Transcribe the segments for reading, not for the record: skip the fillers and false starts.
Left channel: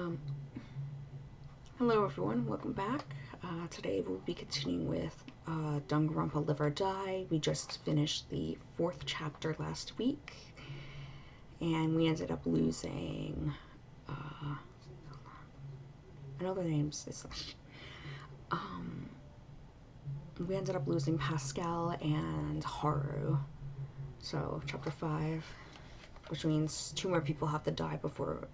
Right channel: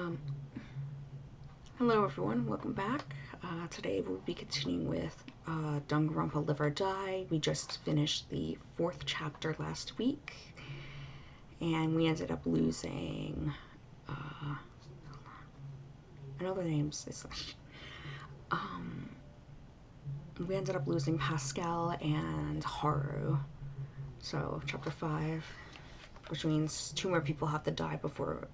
Um, Hello everyone, welcome back. Today we'll be continuing with Danganronpa Live or Die. We just finished the 4th chapter last week, and we ended up losing, I know their names, we ended up losing Pascal and Haru. So, chapter 5, which means 2 more people have to die before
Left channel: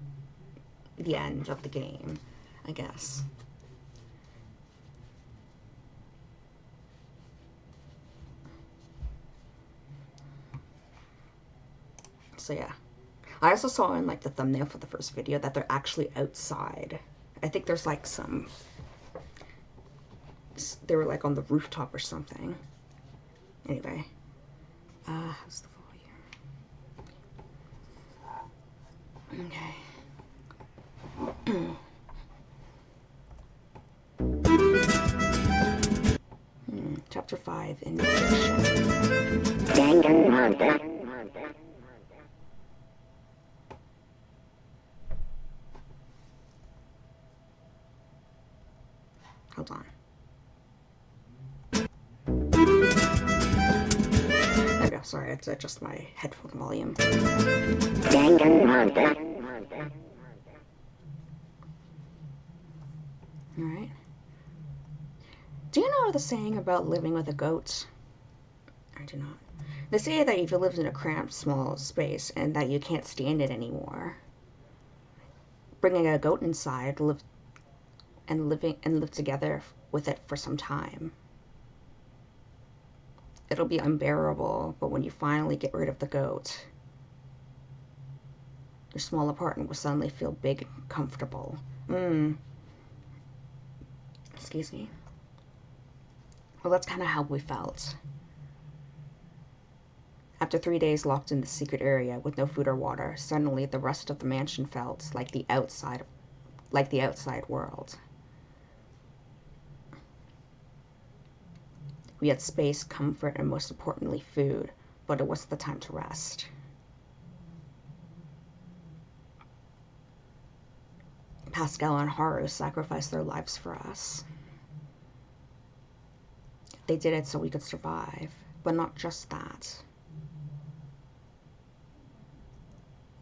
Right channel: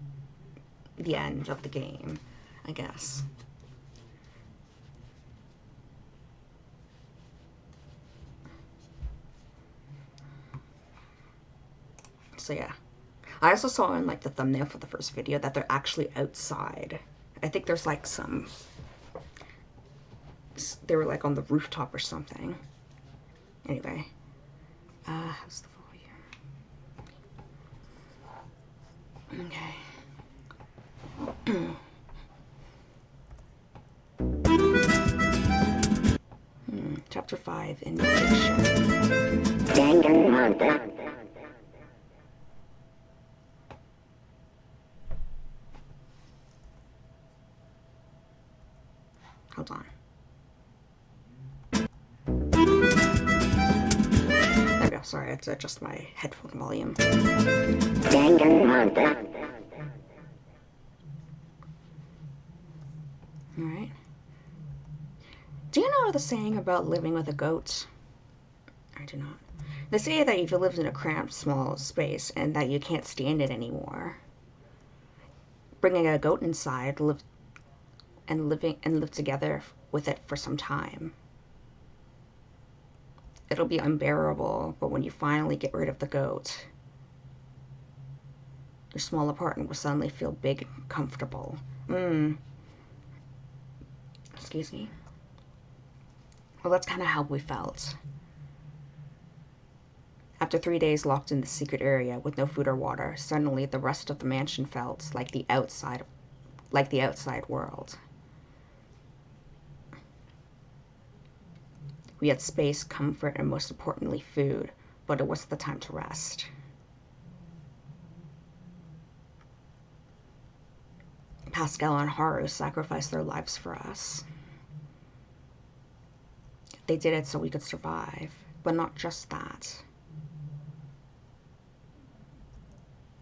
the end of the game, I guess. So yeah. I also saw in like the thumbnail for the first video that they're actually outside. I think there's like they were like on the rooftop or something. Anyway. How's the volume? Okay. Chapter 5 in fiction. Danganronpa. Hold on. There we go. Sorry, I had to adjust my headphone volume. Danganronpa. Alright. Do you know the saying about living with a goat? I do not. They say that if you live in a cramped, small space and that you can't stand it anymore, bringing a goat inside, live together with it for some time. It'll be unbearable, but when you finally get rid of the goat, your small apartment will suddenly feel big and comfortable. Excuse me. Well, that's kind of how we felt. After 3 days locked in the secret area with no food or water, suddenly the rest of the mansion felt like the outside world. We had space, comfort, and most importantly, food, but it wasn't the time to rest. Pascal and Haru sacrificed their lives for us. They did it so we could survive, but not just that.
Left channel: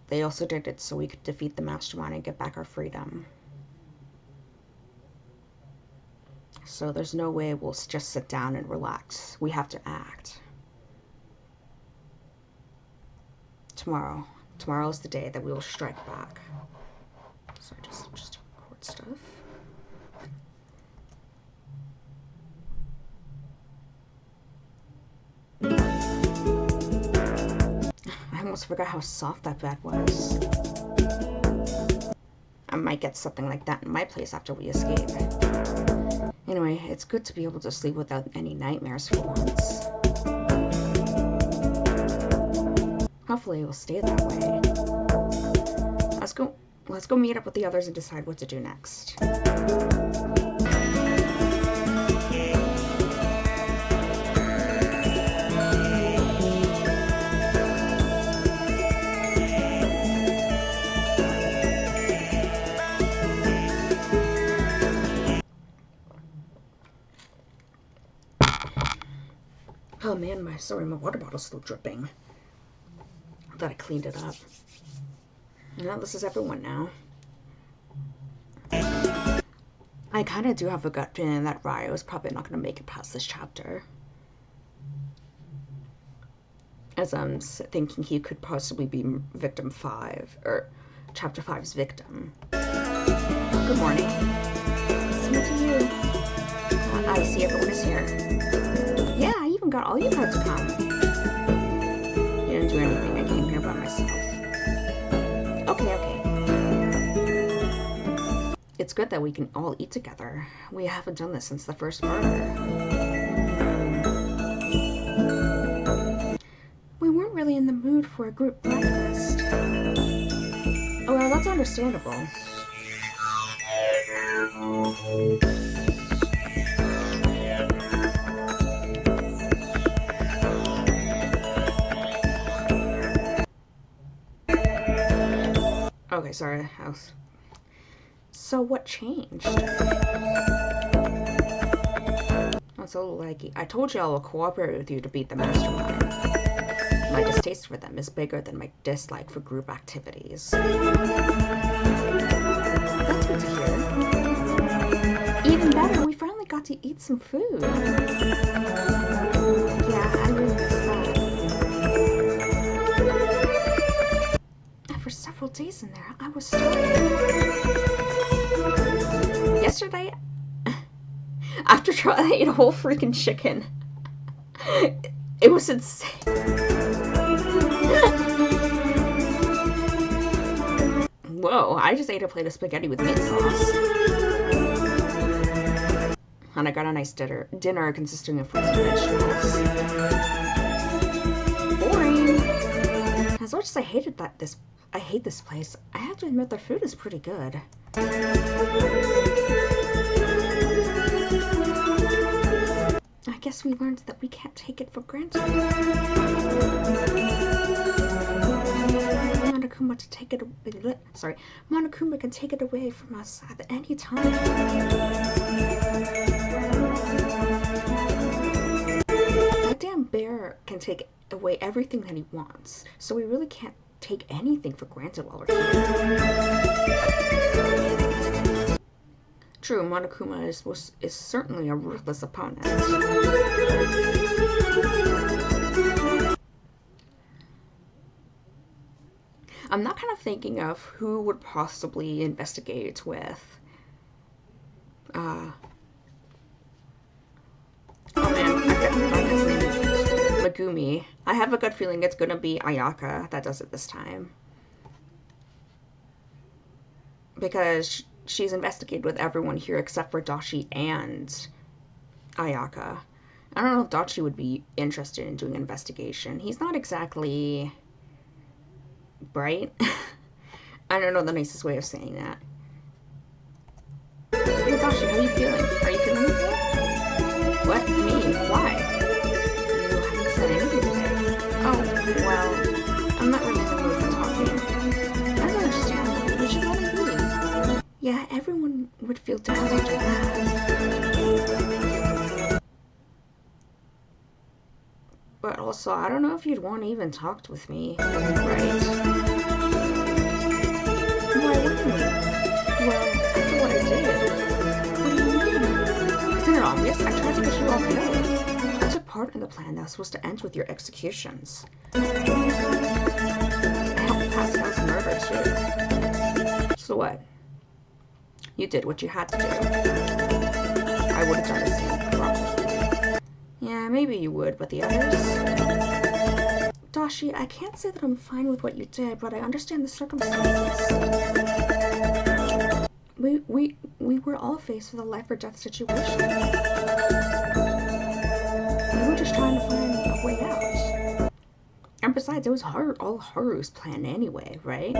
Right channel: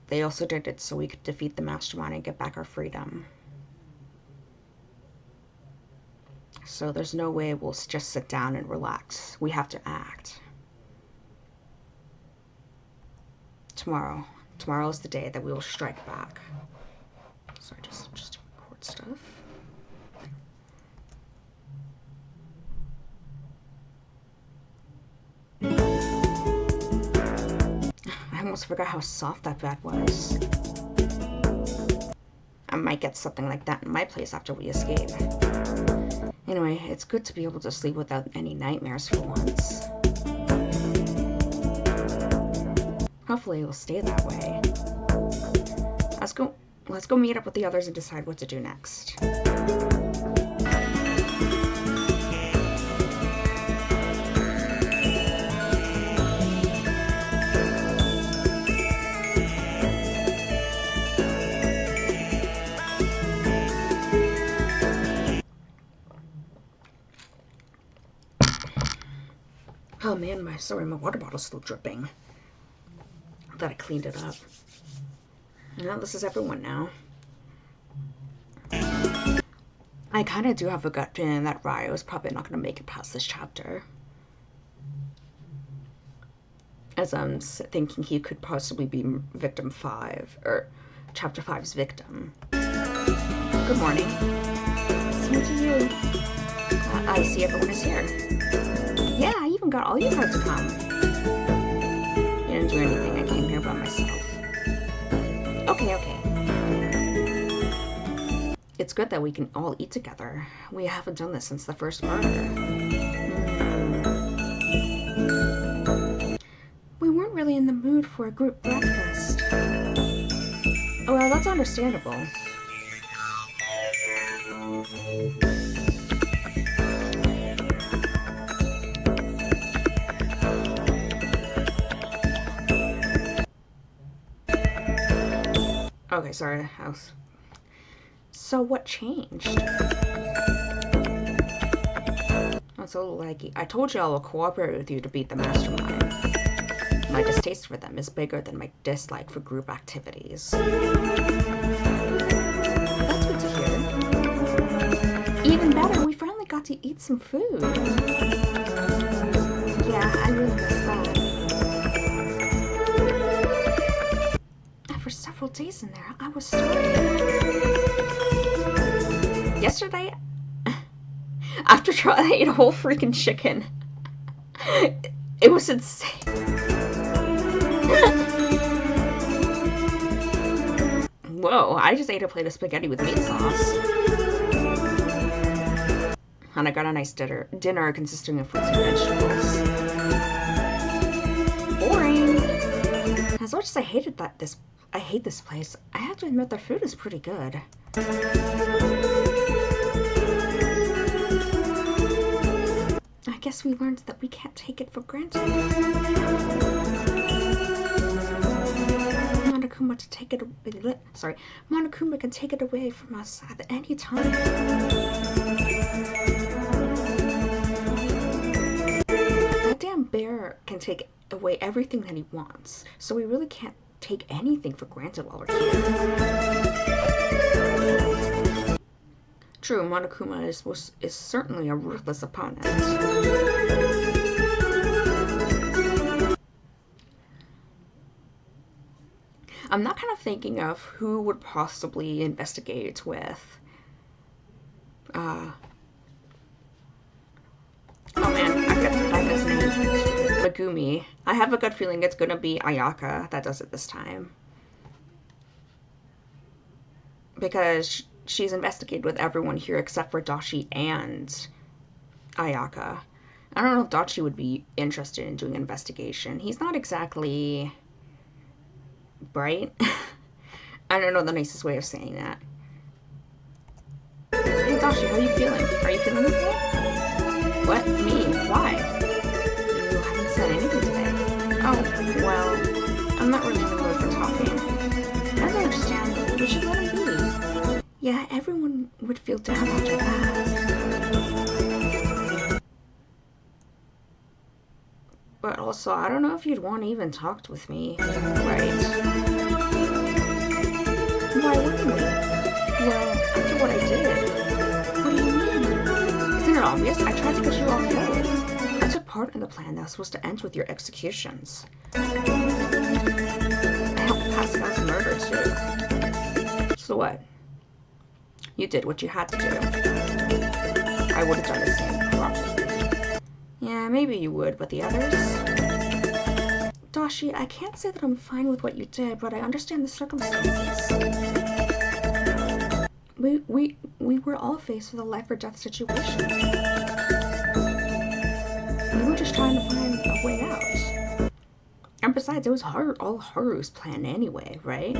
They also did it so we could defeat the mastermind and get back our freedom. So there's no way we'll just sit down and relax. We have to act. Tomorrow is the day that we will strike back. Sorry, just record stuff. I almost forgot how soft that bed was. I might get something like that in my place after we escape. Anyway, it's good to be able to sleep without any nightmares for once. Hopefully it will stay that way. Let's go meet up with the others and decide what to do next. Oh man, my water bottle's still dripping. I thought I cleaned it up. Well, this is everyone now. I kind of do have a gut feeling that Ryo is probably not going to make it past this chapter. As I'm thinking he could possibly be victim 5, or chapter 5's victim. Good morning. Same to you. I see everyone is here. Yeah, I even got all you guys to come. You didn't do anything, I came here by myself. Okay. It's good that we can all eat together. We haven't done this since the first murder. We weren't really in the mood for a group breakfast. Oh, well, that's understandable. Okay, sorry, So what changed? That's a little laggy. I told you I will cooperate with you to beat the mastermind. My distaste for them is bigger than my dislike for group activities. That's good to hear. Even better, we finally got to eat some food. Yeah, I really miss that. For several days in there, I was starving. Yesterday, after trying, I ate a whole freaking chicken. It was insane. Whoa, I just ate a plate of spaghetti with meat sauce. And I got a nice dinner consisting of fruits and vegetables. Boring. As much as I hate this place, I have to admit their food is pretty good. I guess we learned that we can't take it for granted. Monokuma can take it away from us at any time. That damn bear can take away everything that he wants, so we really can't take anything for granted while we're here. True, Monokuma is certainly a ruthless opponent. I'm not kind of thinking of who would possibly investigate with. Oh man, I forgot to find his name. Megumi. I have a good feeling it's gonna be Ayaka that does it this time. Because she's investigated with everyone here except for Dashi and Ayaka. I don't know if Dashi would be interested in doing an investigation. He's not exactly bright. I don't know the nicest way of saying that. Hey Dashi, how are you feeling? Are you feeling okay? What? Me? Why? You haven't said anything today. Oh, well, I'm not really in the mood for talking. That's understandable. We should let him be. Yeah, everyone would feel down after that. But also, I don't know if you'd want to even talk with me, right? Why wouldn't we? Well, after what I did. What do you mean? Isn't it obvious? I tried to get you all killed. I took part in the plan that was supposed to end with your executions. I helped Pascal's murder, too. So what? You did what you had to do. I would have done the same, probably. Yeah, maybe you would, but the others? Dashi, I can't say that I'm fine with what you did, but I understand the circumstances. We were all faced with a life or death situation. We were just trying to find a way out. And besides, it was all Haru's plan anyway, right?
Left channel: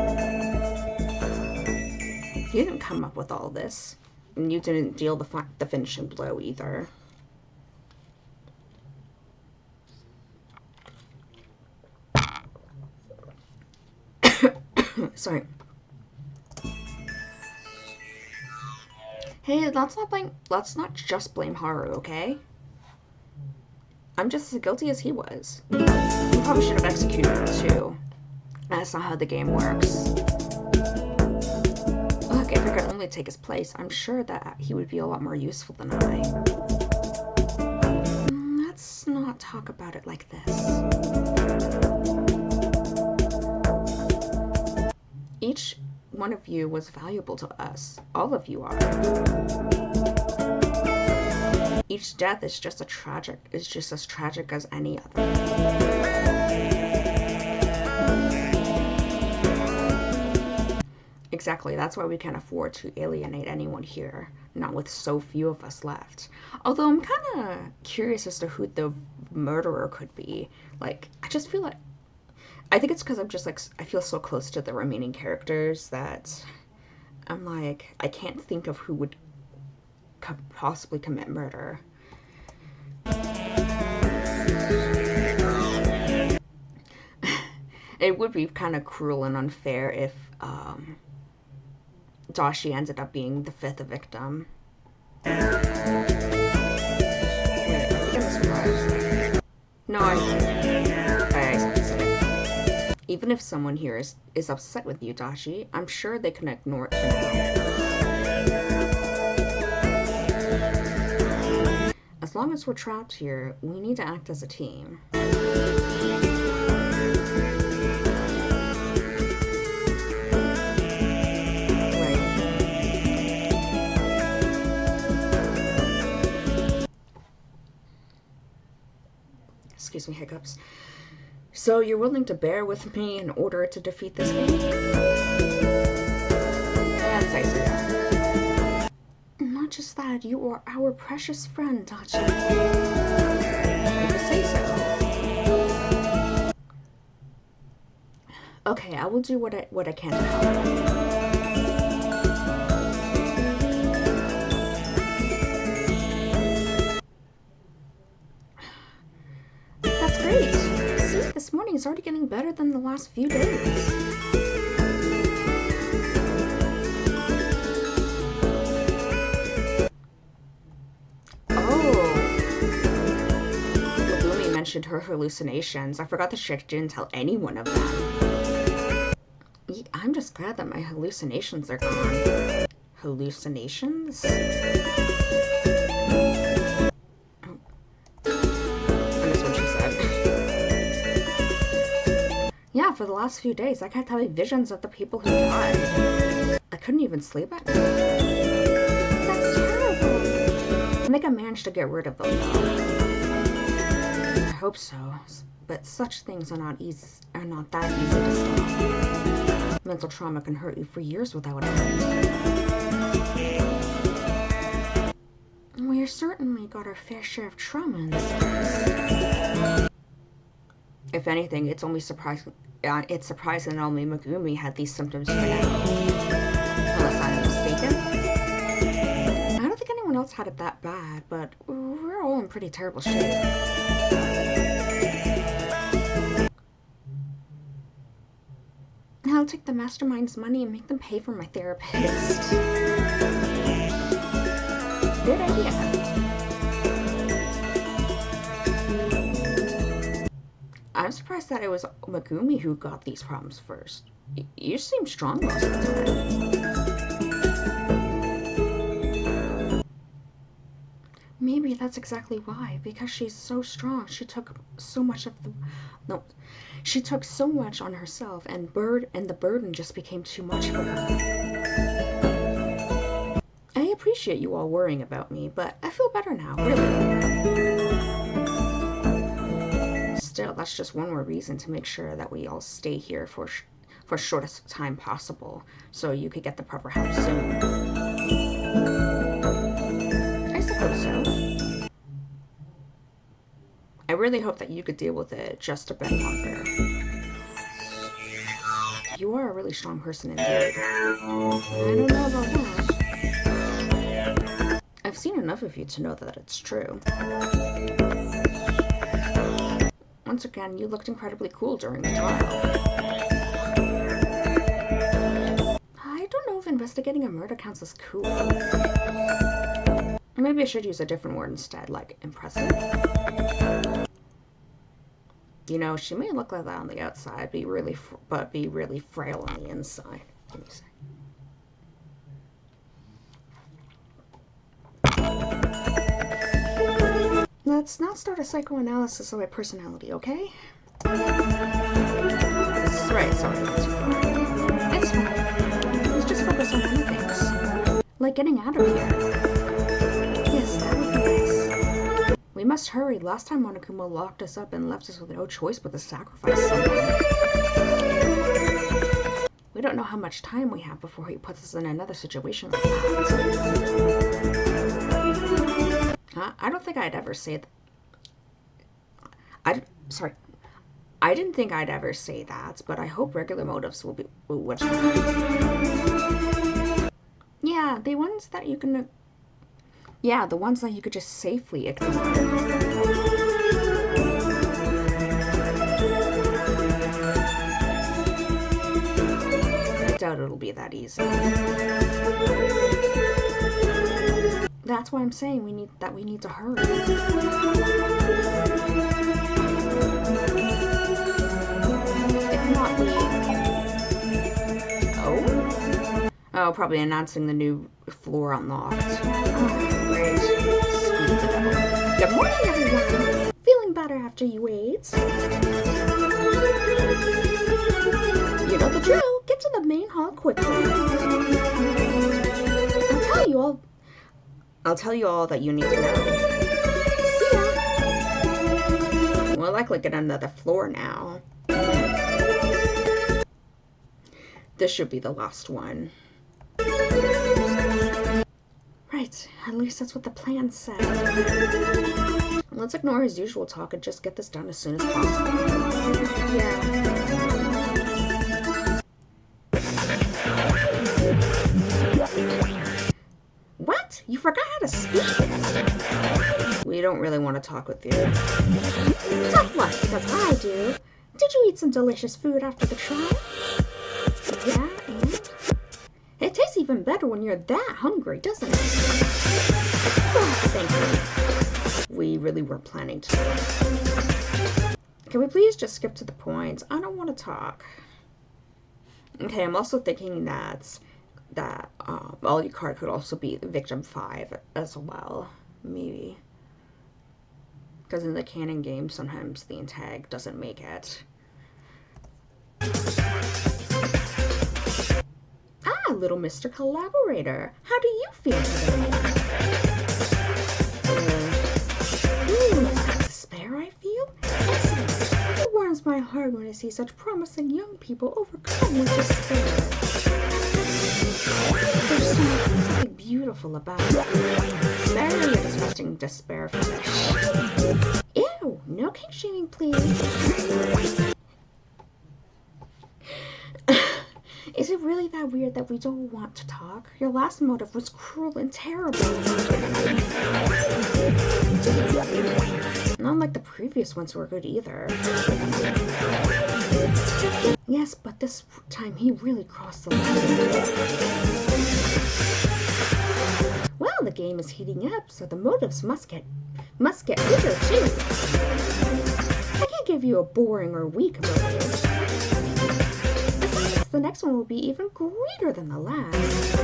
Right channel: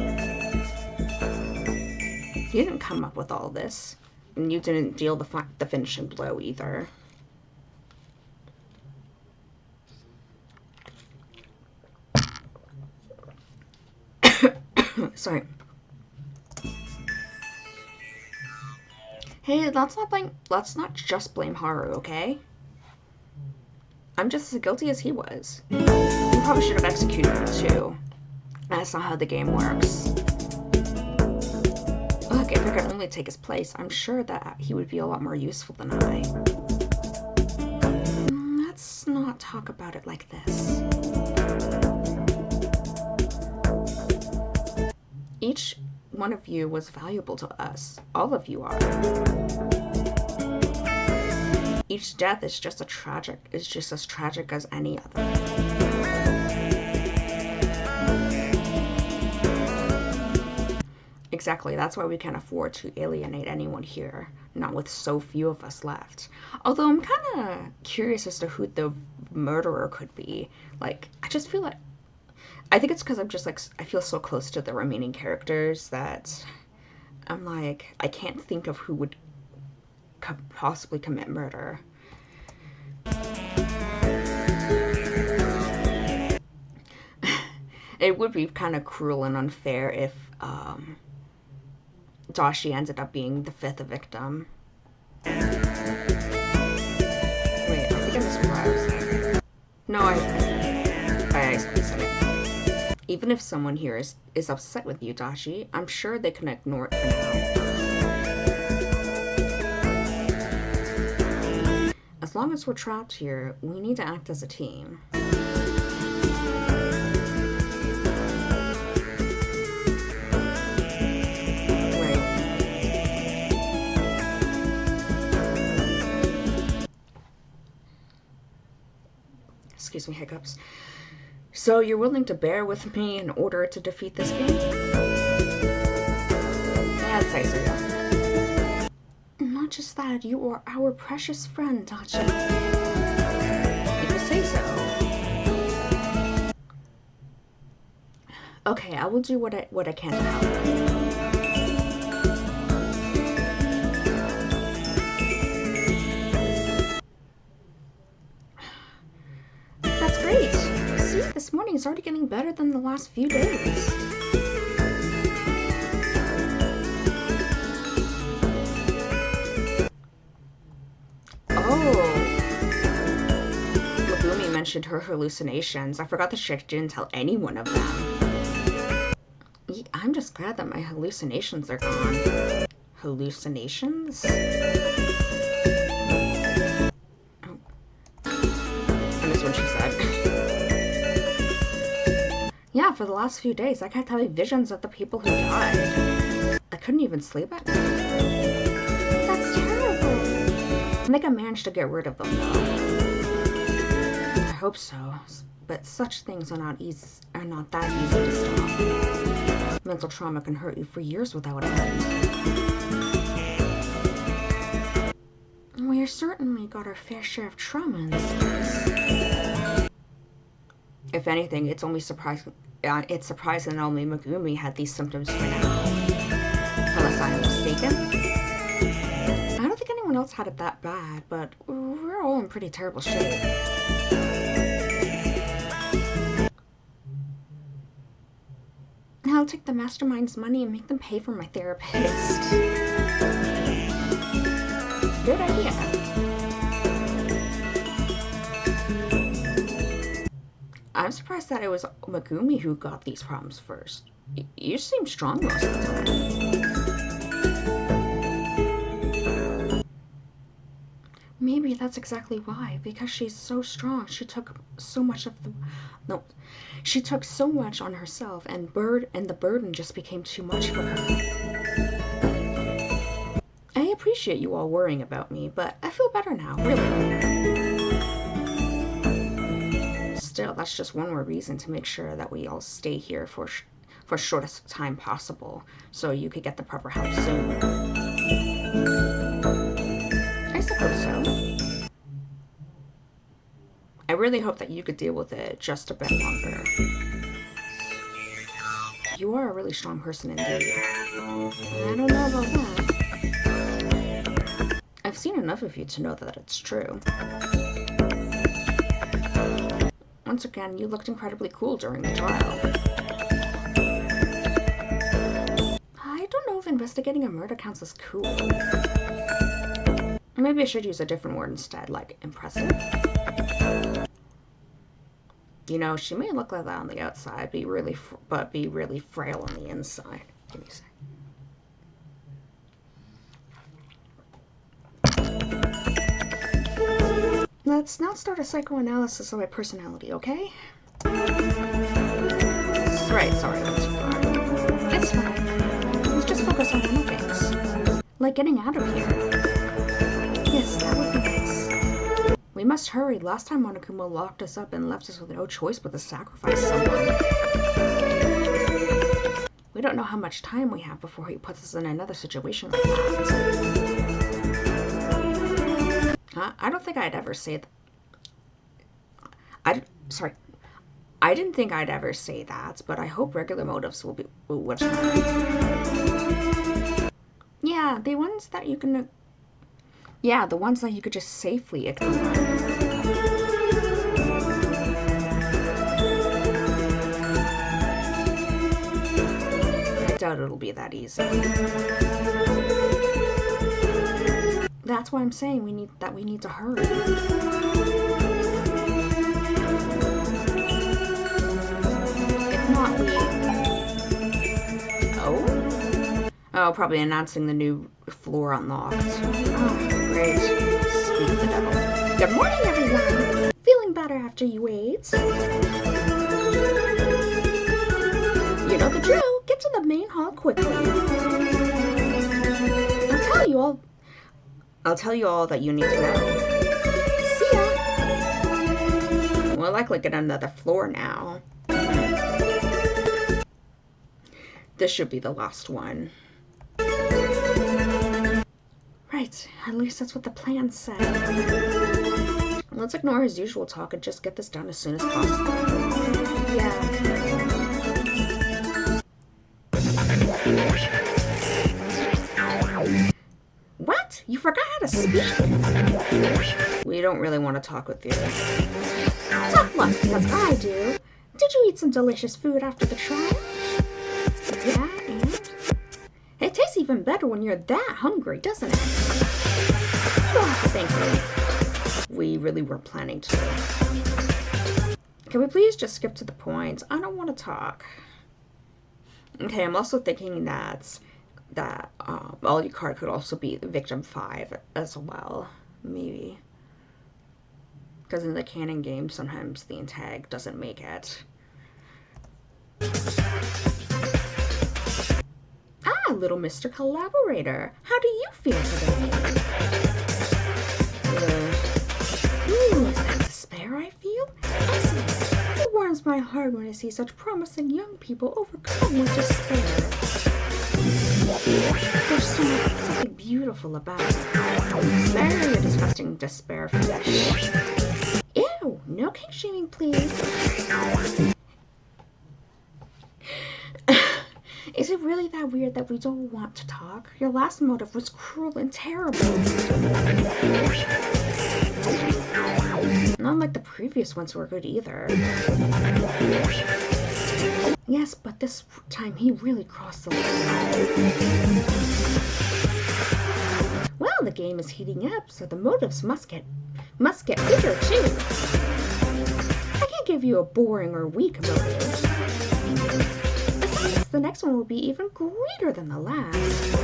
You didn't come up with all this. And you didn't deal the finishing blow either. Sorry. Hey, let's not just blame Haru, okay? I'm just as guilty as he was. You probably should have executed him too. That's not how the game works. Look, if I could only take his place, I'm sure that he would be a lot more useful than I. Let's not talk about it like this. Each one of you was valuable to us. All of you are. Each death is just as tragic as any other. Exactly, that's why we can't afford to alienate anyone here, not with so few of us left. Although I'm kind of curious as to who the murderer could be. Like, I just feel like, I think it's because I'm just like, I feel so close to the remaining characters that I'm like, I can't think of who would possibly commit murder. It would be kind of cruel and unfair if Dashi ended up being the 5th victim. Wait, are we getting surprised? No, I said it. Even if someone here is upset with you, Dashi, I'm sure they can ignore it for now. As long as we're trapped here, we need to act as a team. Excuse me, hiccups. So you're willing to bear with me in order to defeat this game? That's nice of you. Not just that, you are our precious friend, Dachi. If you say so. Okay, I will do what I can to help. This morning is already getting better than the last few days. Oh. Megumi mentioned her hallucinations. I forgot that she didn't tell any one of them. I'm just glad that my hallucinations are gone. Hallucinations? Oh. I missed what she said. Yeah, for the last few days, I kept having visions of the people who died. I couldn't even sleep at night. That's terrible. I think I managed to get rid of them, though. I hope so. But such things are not that easy to stop. Mental trauma can hurt you for years without end. We've certainly got our fair share of trauma in this case. If anything, it's surprising that only Megumi had these symptoms for now. Unless I'm mistaken. I don't think anyone else had it that bad, but we're all in pretty terrible shape. I'll take the mastermind's money and make them pay for my therapist. Good idea. I'm surprised that it was Megumi who got these problems first. You seem strong most of the time. Maybe that's exactly why. Because she's so strong, she took so much on herself, and the burden just became too much for her. I appreciate you all worrying about me, but I feel better now, really. Still, that's just one more reason to make sure that we all stay here for shortest time possible, so you could get the proper help soon. I suppose so. I really hope that you could deal with it just a bit longer. You are a really strong person indeed. I don't know about that. I've seen enough of you to know that it's true. Once again, you looked incredibly cool during the trial. I don't know if investigating a murder counts as cool. Maybe I should use a different word instead, like impressive. You know, she may look like that on the outside, but be really frail on the inside. Give me a sec. Let's not start a psychoanalysis of my personality, okay? Right, sorry, not too far. It's fine. Let's just focus on other things. Like getting out of here. Yes, that would be nice. We must hurry. Last time Monokuma locked us up and left us with no choice but to sacrifice someone. We don't know how much time we have before he puts us in another situation like that. I don't think I'd ever say that. I didn't think I'd ever say that, but I hope regular motives will Yeah, the ones that you can. Yeah, the ones that you could just safely ignore. I doubt it'll be that easy. That's why I'm saying we need to hurry. If not, Oh, probably announcing the new floor unlocked. Oh, great. Speak of the devil. Good morning, everyone. Feeling better after you ate? You know the drill. Get to the main hall quickly. I'll tell you all that you need to know. See ya. We'll likely get another floor now. This should be the last one. Right, at least that's what the plan said. Let's ignore his usual talk and just get this done as soon as possible. Yeah. What? You forgot how to speak? We don't really want to talk with you. Tough luck, because I do. Did you eat some delicious food after the trial? Yeah, and? It tastes even better when you're that hungry, doesn't it? Oh, thank you. We really weren't planning to. Can we please just skip to the point? I don't want to talk. Okay, I'm also thinking that Alucard could also be Victim 5 as well. Maybe. Because in the canon game, sometimes the antag doesn't make it. Little Mr. Collaborator. How do you feel today? Is that despair I feel? Excellent. It warms my heart when I see such promising young people overcome with despair. There's something beautiful about it. Spare your disgusting despair flesh. Ew, no king shaming, please. Is it really that weird that we don't want to talk? Your last motive was cruel and terrible. Not like the previous ones were good either. Yes, but this time he really crossed the line. Well, the game is heating up, so the motives must get bigger too. I can't give you a boring or weak motive. The next one will be even greater than the last.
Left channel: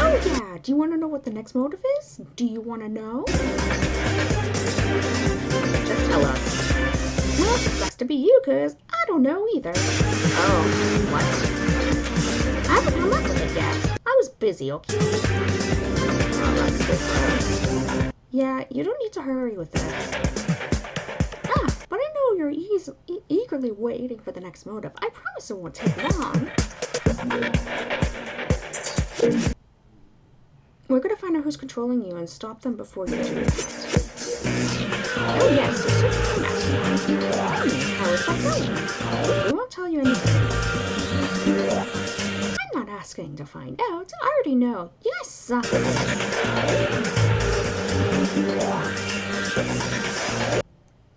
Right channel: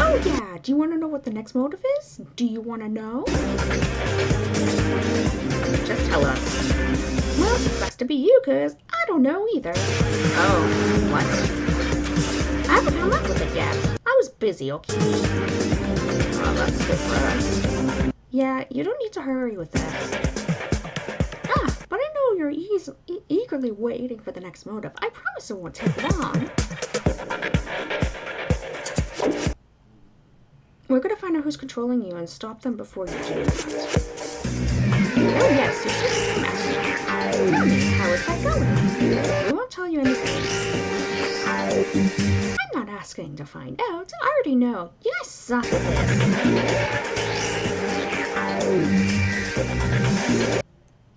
Oh yeah, do you want to know what the next motive is? Do you want to know? Just tell us. Well, it's best to be you, because I don't know either. Oh, what? I haven't come up with it yet. I was busy, okay? Oh, that's good for us. Yeah, you don't need to hurry with this. But I know you're eagerly waiting for the next motive. I promise it won't take long. We're going to find out who's controlling you and stop them before you do that. Oh yes, it's just a mastermind. Tell me, how is that going? We won't tell you anything. I'm not asking to find out. I already know. You guys suck at this.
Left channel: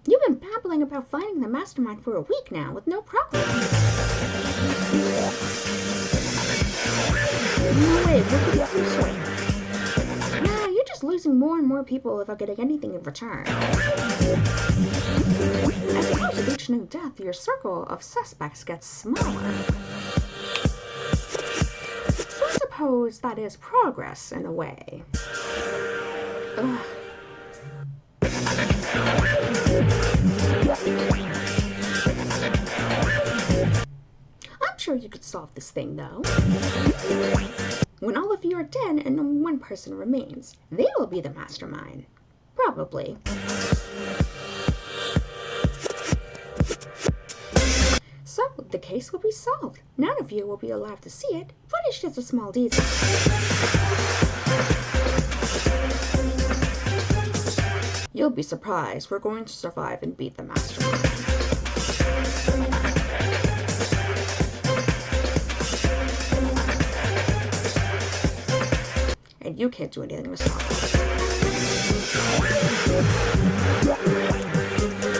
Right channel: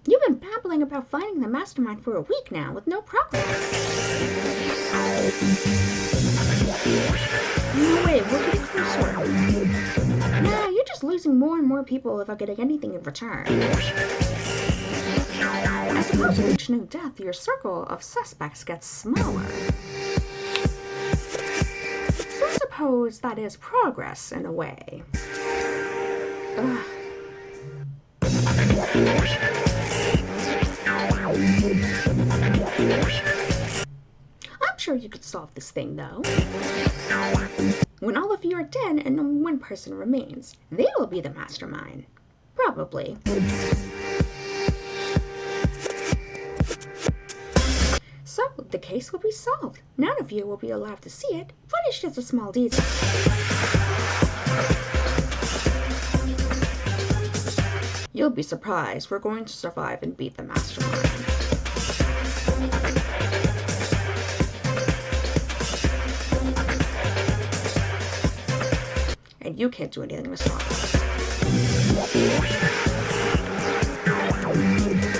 You've been babbling about finding the mastermind for a week now, with no progress. No way, we're getting closer. Nah, you're just losing more and more people without getting anything in return. I suppose with each new death, your circle of suspects gets smaller. So I suppose that is progress in a way. Ugh. I'm sure you could solve this thing, though. When all of you are dead and only one person remains, they will be the mastermind. Probably. So, the case will be solved. None of you will be allowed to see it, but it's just a small detail. You'll be surprised. We're going to survive and beat the mastermind. And you can't do anything to stop us.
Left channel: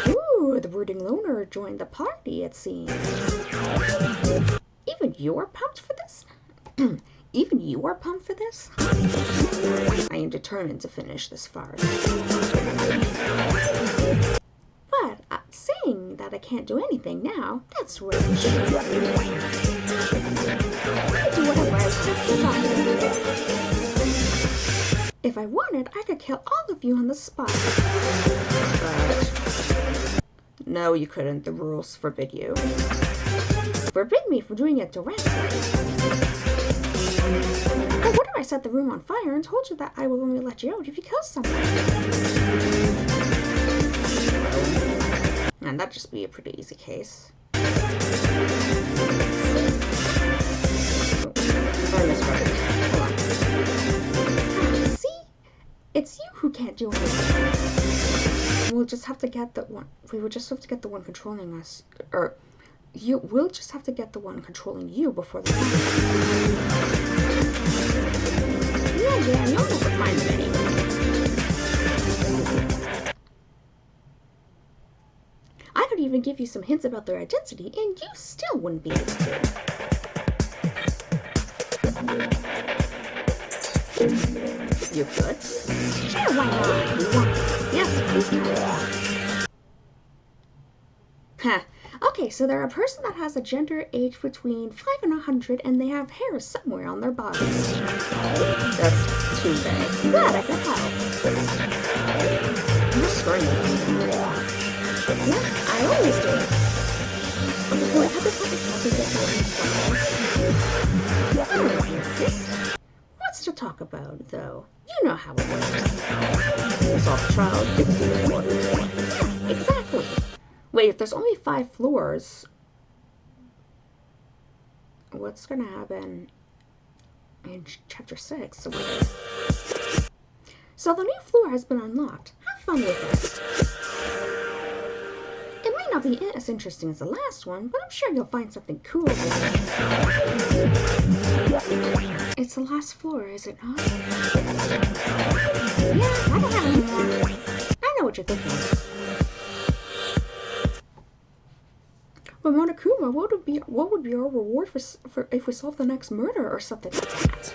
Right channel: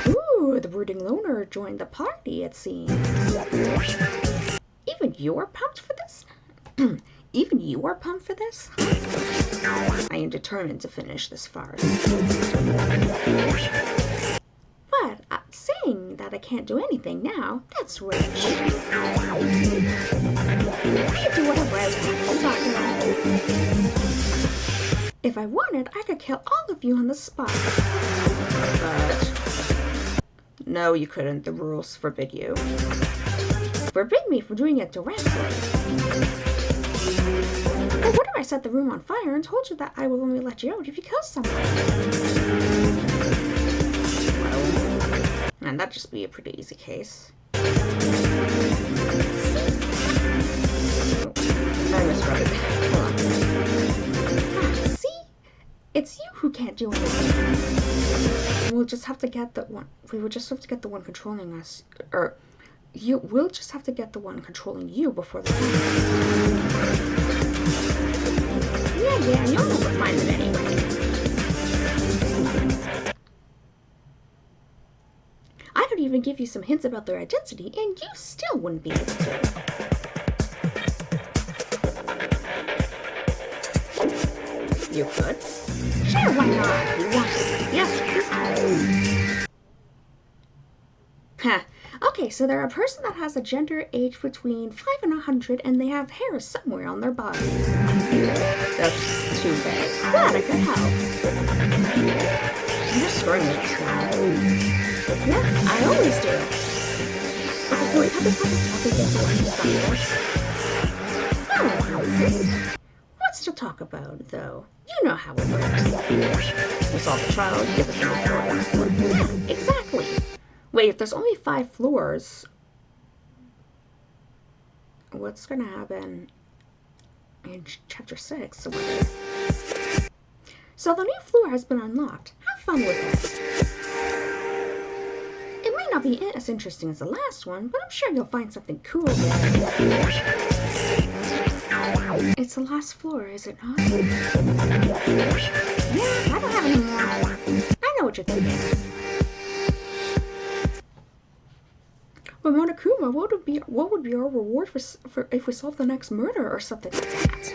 Ooh, the brooding loner join the party, it seems. Even you're pumped for this? Even you are pumped for this? I am determined to finish this farce. But saying that I can't do anything now, that's rich. I do whatever I want. If I wanted, I could kill all of you on the spot. But no, you couldn't. The rules forbid you. Forbid me from doing it directly. But what if I set the room on fire and told you that I will only let you out if you kill someone? Well, and that'd just be a pretty easy case. Oh, I misread it. Hold on. See? It's you who can't do anything. We'll just have to get the one. We would just have to get the one controlling us, or we'll just have to get the one controlling you before the time. Yeah, you'll never find them anyway. I could even give you some hints about their identity, and you still wouldn't be able to. You could? Sure, why not? You want to? Yes, please. Huh. Okay, so they're a person that has a gender age between 5 and 100, and they have hair somewhere on their bodies. That's too vague. Glad I could help. You're screwing with us now. Yeah, I always do. Okay, so wait, how does that get to understand? What's to talk about, though? You know how it works. We solve the trial, give us a report. Yeah, exactly. Wait, if there's only 5 floors, what's gonna happen in chapter 6? So the new floor has been unlocked. Have fun with it. It might not be as interesting as the last one, but I'm sure you'll find something cool there. It's the last floor, is it not? Yeah, I don't have any more. I know what you're thinking. But Monokuma, what would be our reward for if we solve the next murder or something like that?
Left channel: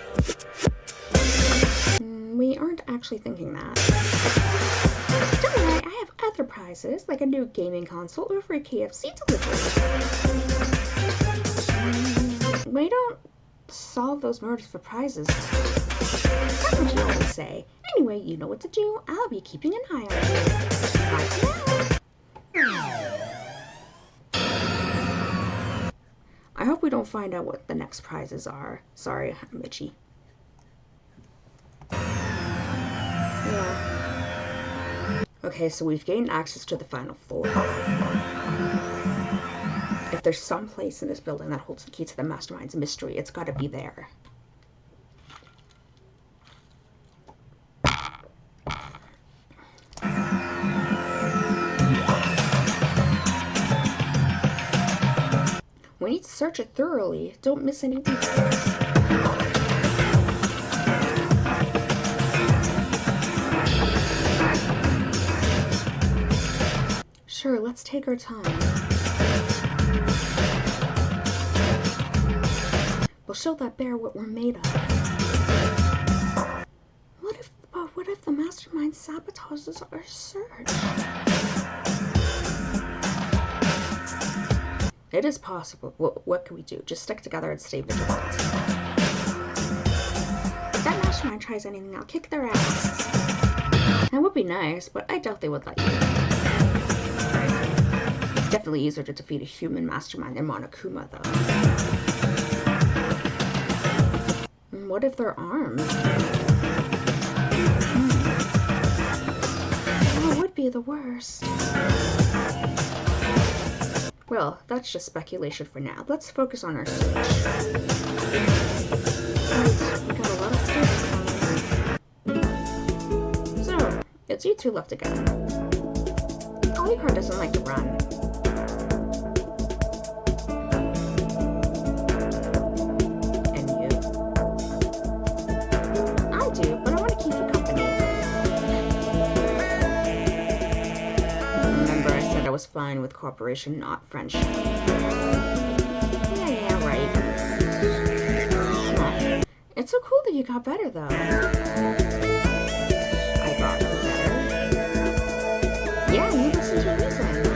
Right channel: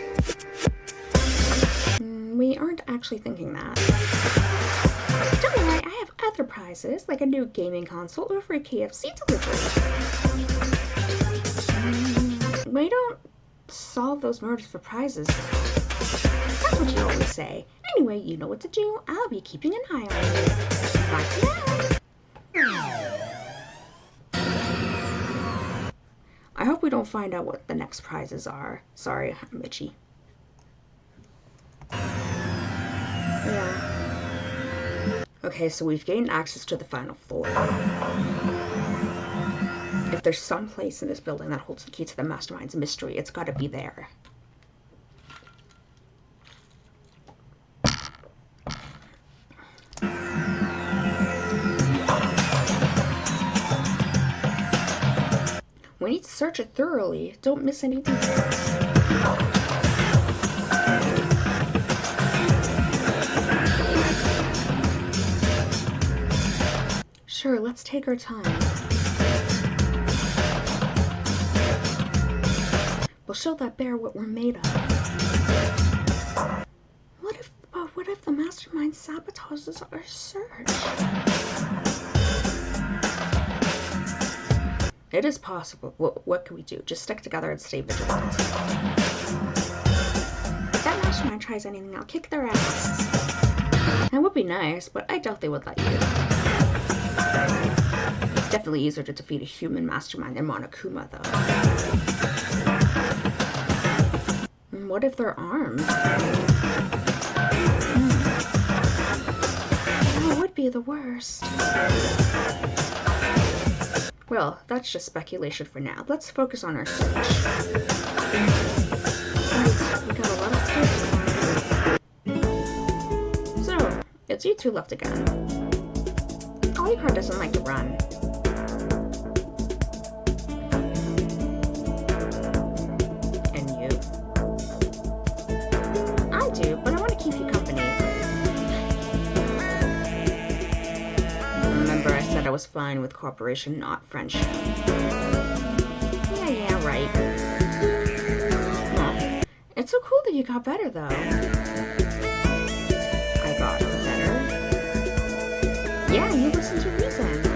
We aren't actually thinking that. Don't worry, I have other prizes, like a new gaming console or free KFC delivery. We don't solve those murders for prizes. That's what you always say. Anyway, you know what to do. I'll be keeping an eye on you. Bye for now. I hope we don't find out what the next prizes are. Sorry, I'm itchy. Yeah. Okay, so we've gained access to the final floor. If there's some place in this building that holds the key to the Mastermind's mystery, it's gotta be there. We need to search it thoroughly. Don't miss any details. Sure, let's take our time. We'll show that bear what we're made of. What if the Mastermind sabotages our search? It is possible. What can we do? Just stick together and stay vigilant. If that Mastermind tries anything, I'll kick their ass. That would be nice, but I doubt they would let you. It's definitely easier to defeat a human Mastermind than Monokuma, though. And what if they're armed? That would be the worst. Well, that's just speculation for now. Let's focus on our search. Right, we got a lot of stuff. So, it's you two left again. Polycar doesn't like to run. And you? I do, but I want to keep you company. Remember, I said I was fine with cooperation, not friendship. Yeah, right. Well, it's so cool that you got better, though. I got better? Yeah, you listened to reason.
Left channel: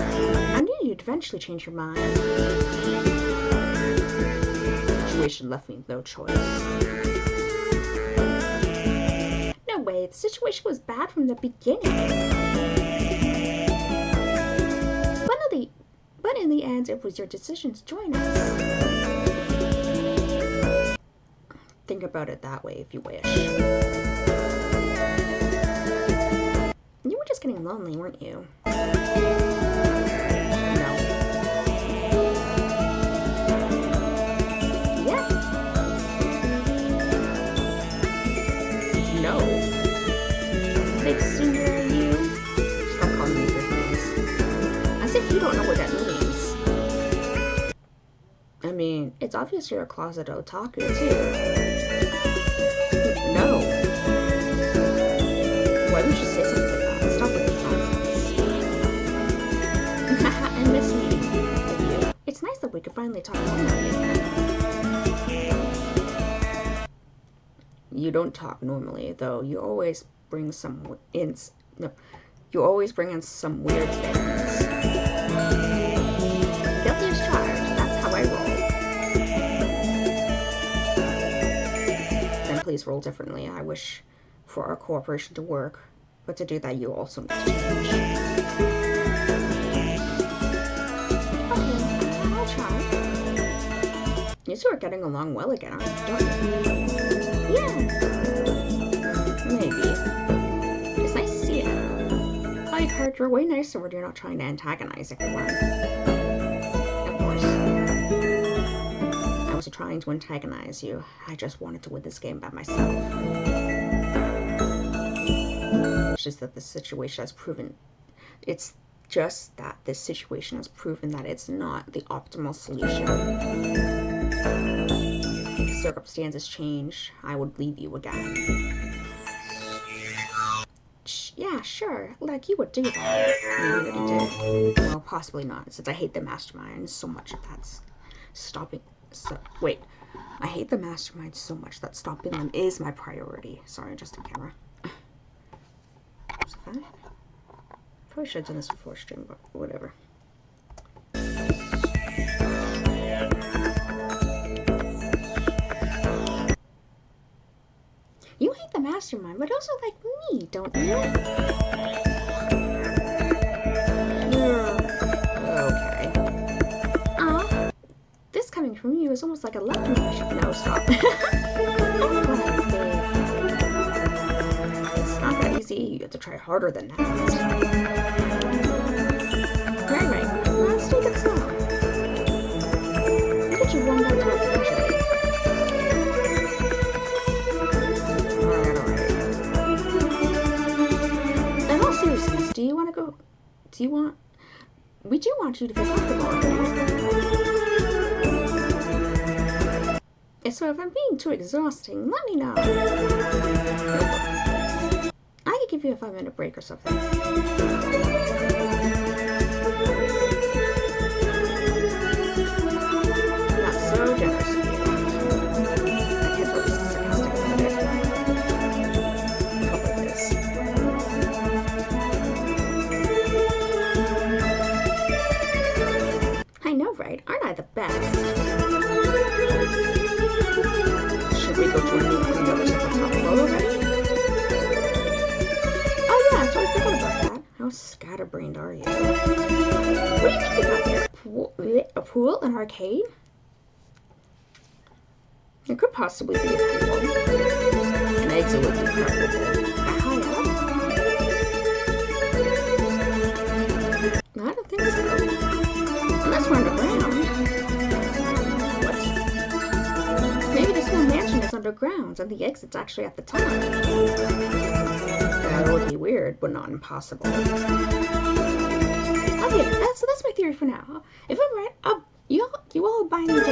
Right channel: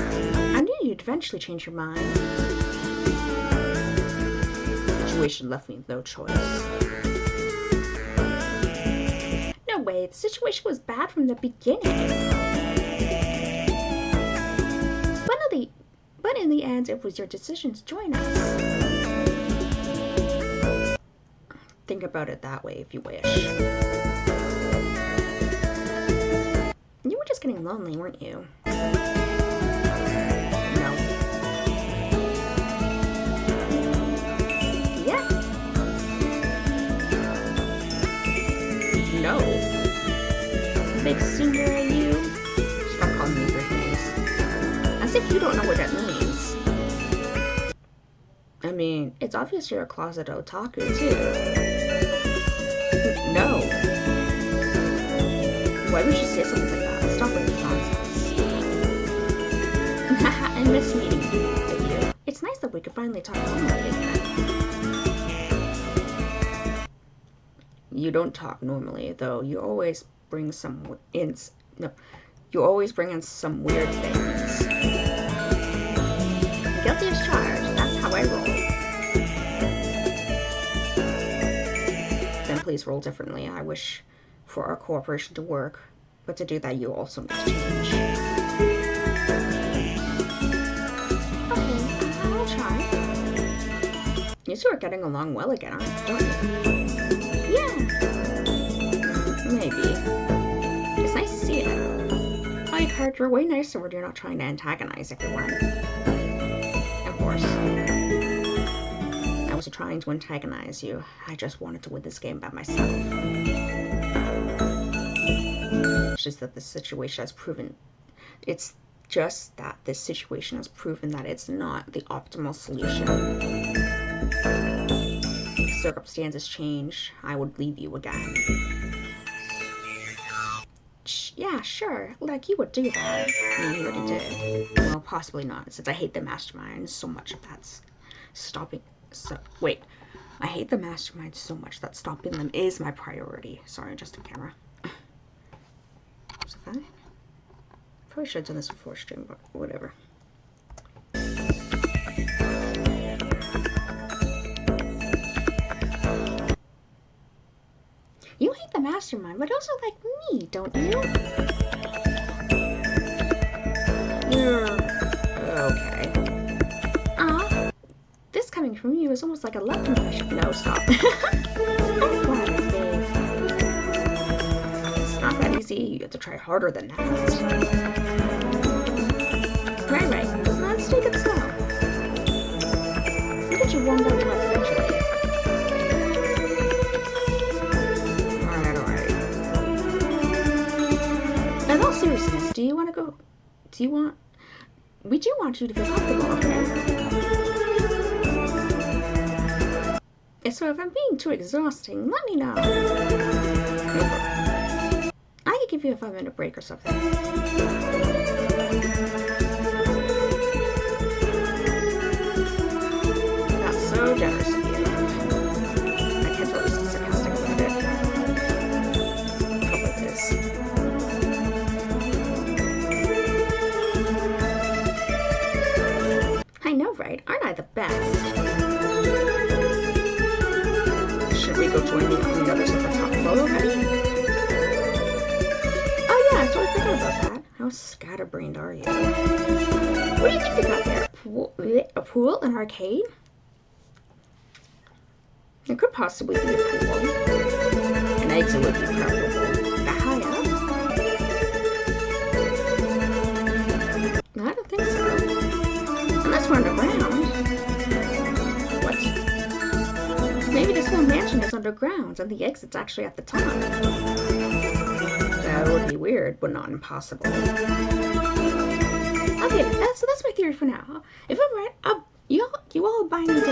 I knew you'd eventually change your mind. The situation left me no choice. No way, the situation was bad from the beginning. But in the end, it was your decision to join us. Think about it that way if you wish. You were just getting lonely, weren't you? No. Yeah. No. Big singer at you? Stop calling me weird names. As if you don't know what that means. I mean, it's obvious you're a closet otaku, too. No. Why would you say something like that? Stop with this nonsense. I miss meeting with you. It's nice that we could finally talk normally again. You don't talk normally, though. You always bring some in some weird things. Guilty as charged. That's how I roll. Then please roll differently. I wish for our cooperation to work, but to do that, you also need to change. Okay, I'll try. You two are getting along well again, don't you? Yeah. Maybe. It's nice to see it. I heard you're way nicer when you're not trying to antagonize everyone. Of course. I wasn't trying to antagonize you. I just wanted to win this game by myself. It's just that this situation has proven that it's not the optimal solution. If circumstances change, I would leave you again. Yeah, sure. Like, you would do that. I mean, you already did. Well, possibly not, since I hate the mastermind so much that that's stopping... I hate the mastermind so much that stopping them is my priority. Sorry, just in camera. Was it fine? Probably should have done this before stream, but whatever. You hate the mastermind, but also like me, don't you? Okay. This coming from you is almost like a love confession. No, stop. I'm glad, babe. It's not that easy. You have to try harder than that. Right. Let's take it slow. Look at you warm down to us eventually. Alright. In all seriousness, we do want you to feel comfortable, okay? So if I'm being too exhausting, let me know. I could give you a 5-minute break or something. That's so generous of you. I can't tell you so sarcastic about it. How about this? I know, right? Aren't I the best? Should we go join me on the other side of the top floor already? Oh yeah, I totally forgot about that. How scatterbrained are you? What do you think you got there? A pool? An arcade? It could possibly be a pool. An exit would be preferable. That high up? I don't think so. Unless we're underground. What? Maybe this whole mansion is underground and the exit's actually at the top. That would be weird, but not impossible. Okay, so that's my theory for now. If I'm right, you all buy me dinner.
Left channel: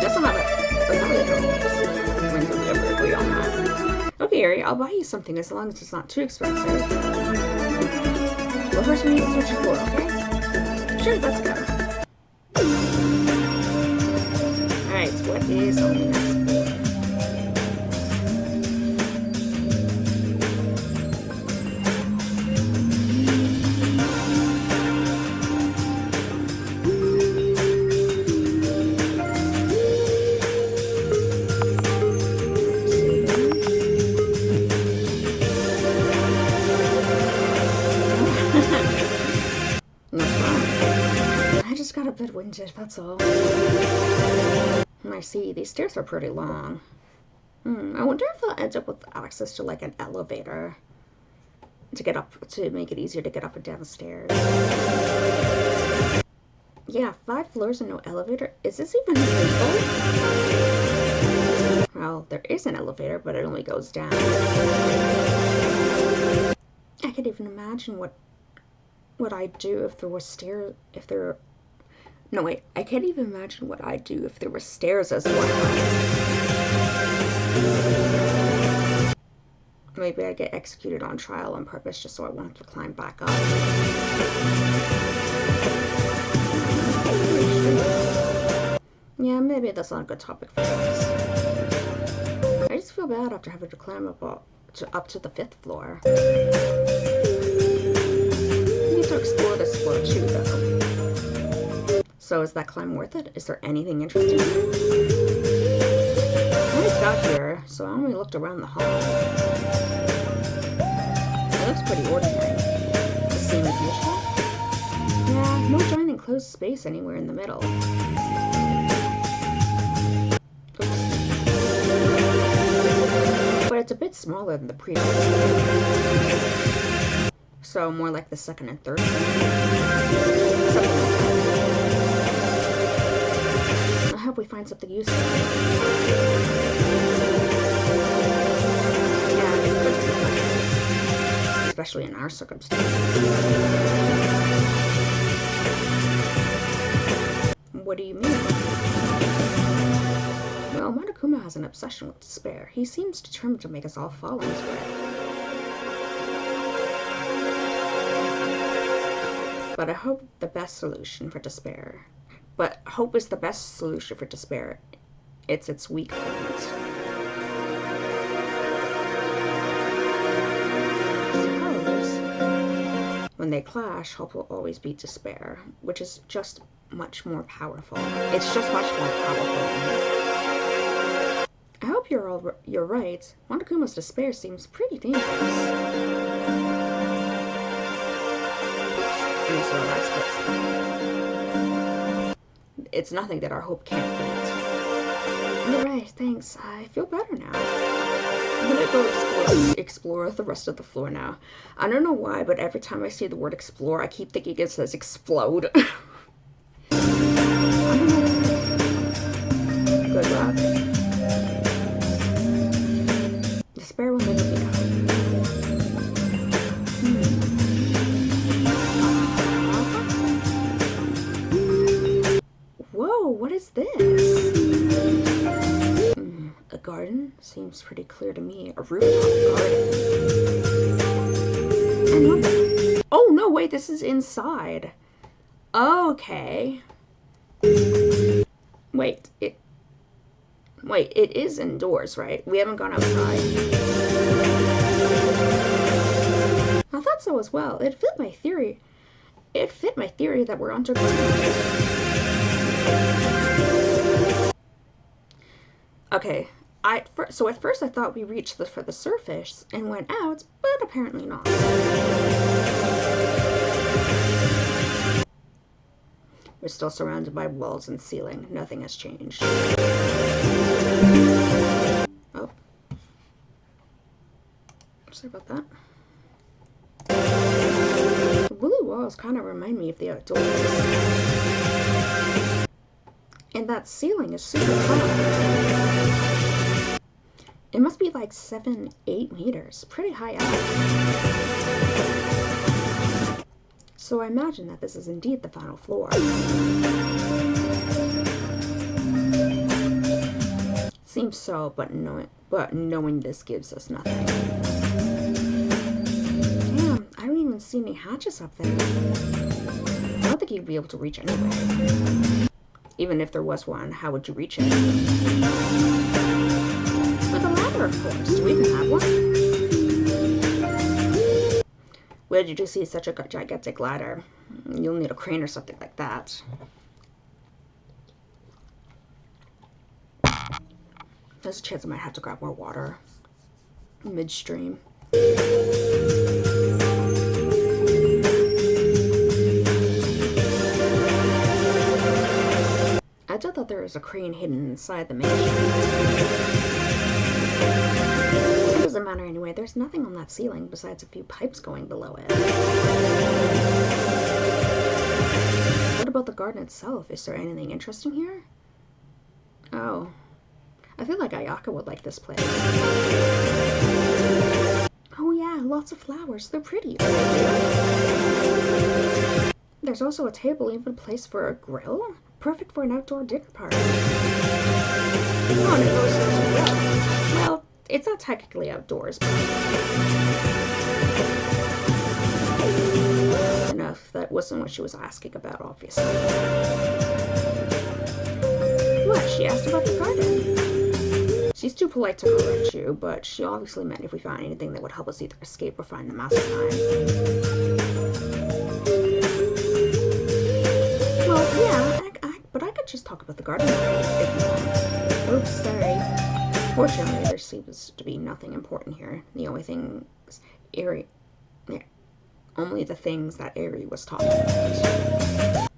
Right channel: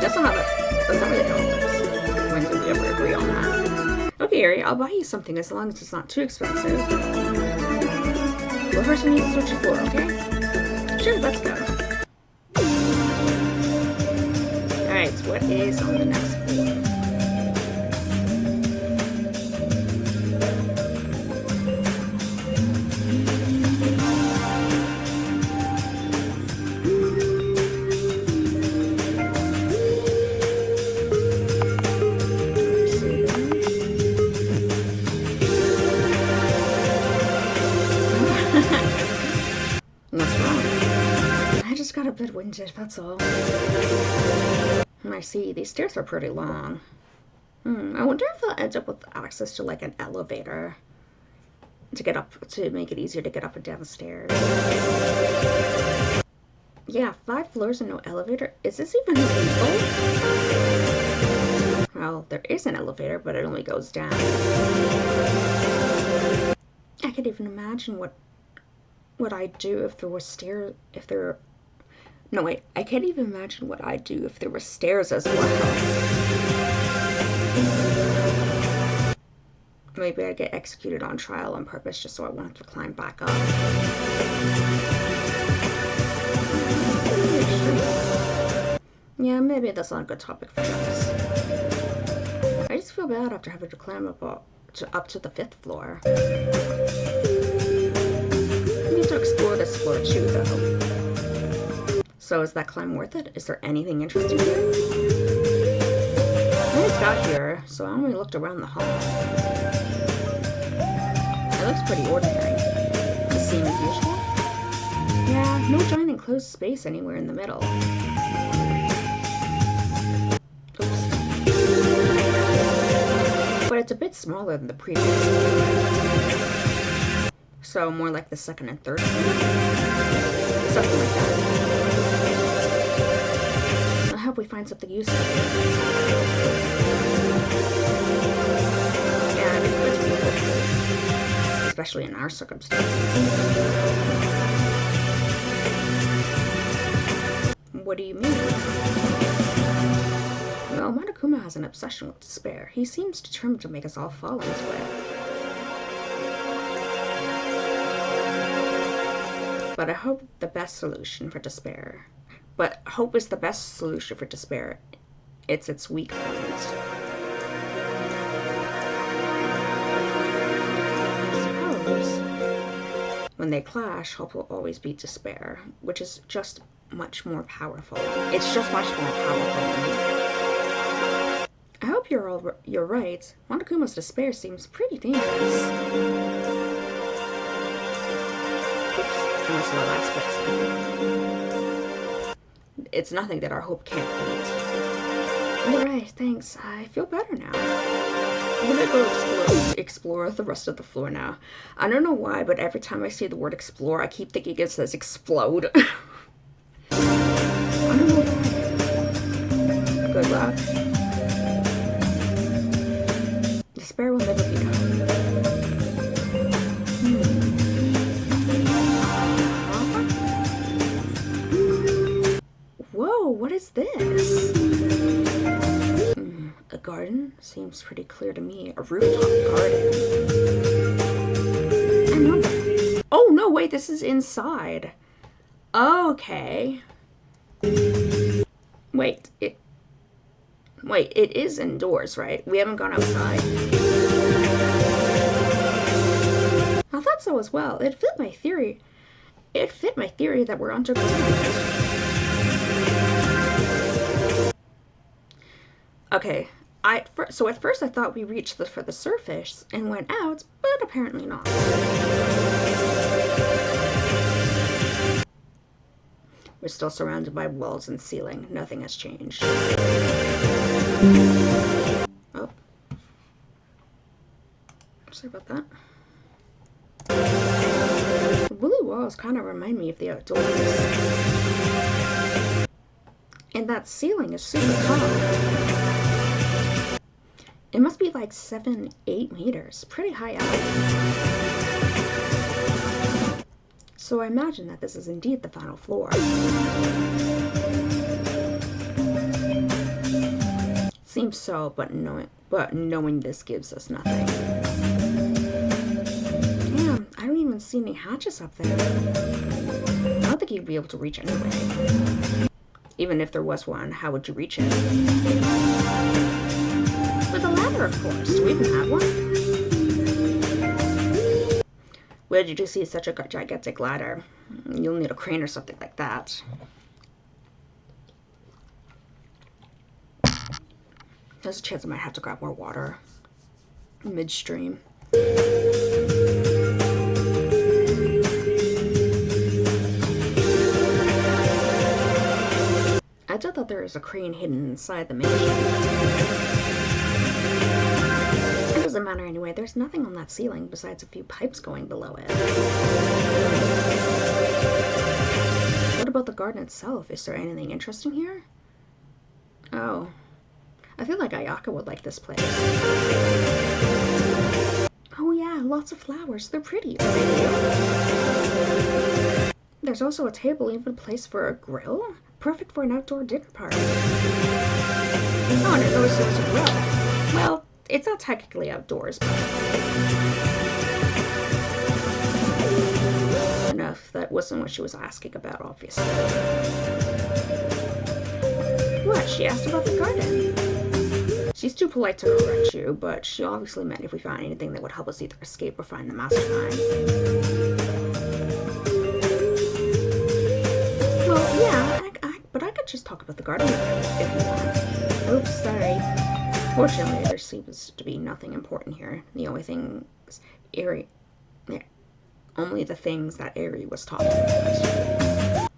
That's not really how it works. When do we ever agree on that? Okay, Ari, I'll buy you something as long as it's not too expensive. But first we need to switch the floor, okay? Sure, let's go. Alright, so what is on the next floor? What's wrong? I just got a bit winded, that's all. I see, these stairs are pretty long. I wonder if they'll end up with access to like an elevator to get up, to make it easier to get up and down the stairs. Yeah, 5 floors and no elevator. Is this even legal? Well, there is an elevator, but it only goes down. I could even imagine what I'd do if there were stairs, no wait, I can't even imagine what I'd do if there were stairs as well. Maybe I'd get executed on trial on purpose just so I won't have to climb back up. Yeah, maybe that's not a good topic for us. I just feel bad after having to climb up to the 5th floor. We need to explore this floor too, though. So is that climb worth it? Is there anything interesting here? I just got here, so I only looked around the hall. It looks pretty ordinary. The same as usual? Yeah, no giant enclosed space anywhere in the middle. Oops. But it's a bit smaller than the previous one. So more like the 2nd and 3rd floor? Something like that. I hope we find something useful. Yeah, it's good to be able to, especially in our circumstances. What do you mean? Well, Monokuma has an obsession with despair. He seems determined to make us all fall into it. But hope is the best solution for despair. It's its weak point. I suppose when they clash, hope will always beat despair, which is just much more powerful. It's just much more powerful. I hope you're right. Monokuma's despair seems pretty dangerous. Oops, I missed the last bit. It's nothing that our hope can't beat. You're right, thanks. I feel better now. I'm gonna go explore the rest of the floor now. I don't know why, but every time I see the word explore, I keep thinking it says explode. I don't know why. Good luck. Despair will never be known. Whoa, what is this? A garden? Seems pretty clear to me. A rooftop garden. I know that. Oh, no, wait, this is inside. Okay. Wait, it is indoors, right? We haven't gone outside. I thought so as well. It fit my theory. That we're underground. Okay, so at first I thought we reached for the surface and went out, but apparently not. We're still surrounded by walls and ceiling. Nothing has changed. Oh. Sorry about that. The blue walls kind of remind me of the outdoors. And that ceiling is super tall. It must be like 7-8 meters. Pretty high up. So I imagine that this is indeed the final floor. Seems so, but knowing this gives us nothing. Damn, I don't even see any hatches up there. I don't think think you'd be able to reach anyway. Even if there was one, how would you reach it? With a ladder, of course. Do we even have one? Where did you see such a gigantic ladder? You'll need a crane or something like that. There's a chance I might have to grab more water midstream. I just thought there was a crane hidden inside the mansion. It doesn't matter anyway. There's nothing on that ceiling besides a few pipes going below it. What about the garden itself? Is there anything interesting here? Oh. I feel like Ayaka would like this place. Oh yeah, lots of flowers. They're pretty. Are they real? There's also a table, even a place for a grill. Perfect for an outdoor dinner party. Oh, and it always shows a grill. Well, it's not technically outdoors, but... enough. That wasn't what she was asking about, obviously. What? She asked about the garden. She's too polite to correct you, but she obviously meant if we found anything that would help us either escape or find the mastermind. Well, yeah, but I could just talk about the garden if you want. Oops, sorry. Fortunately, there seems to be nothing important here. The only things only the things that Aerie was talking about.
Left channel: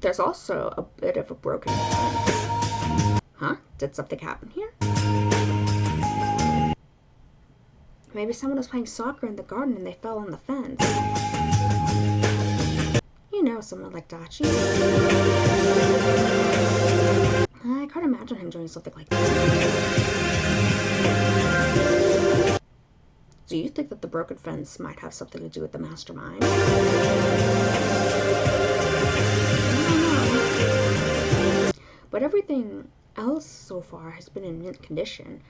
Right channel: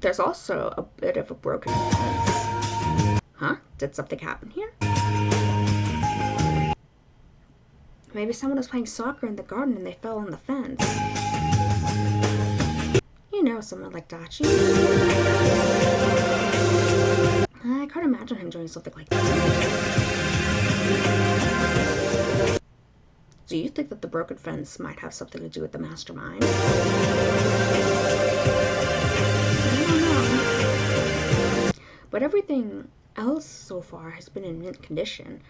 There's also a bit of a broken fence. Huh? Did something happen here? Maybe someone was playing soccer in the garden and they fell on the fence. You know, someone like Dachi. I can't imagine him doing something like that. Do you think that the broken fence might have something to do with the mastermind? I don't know. But everything else so far has been in mint condition,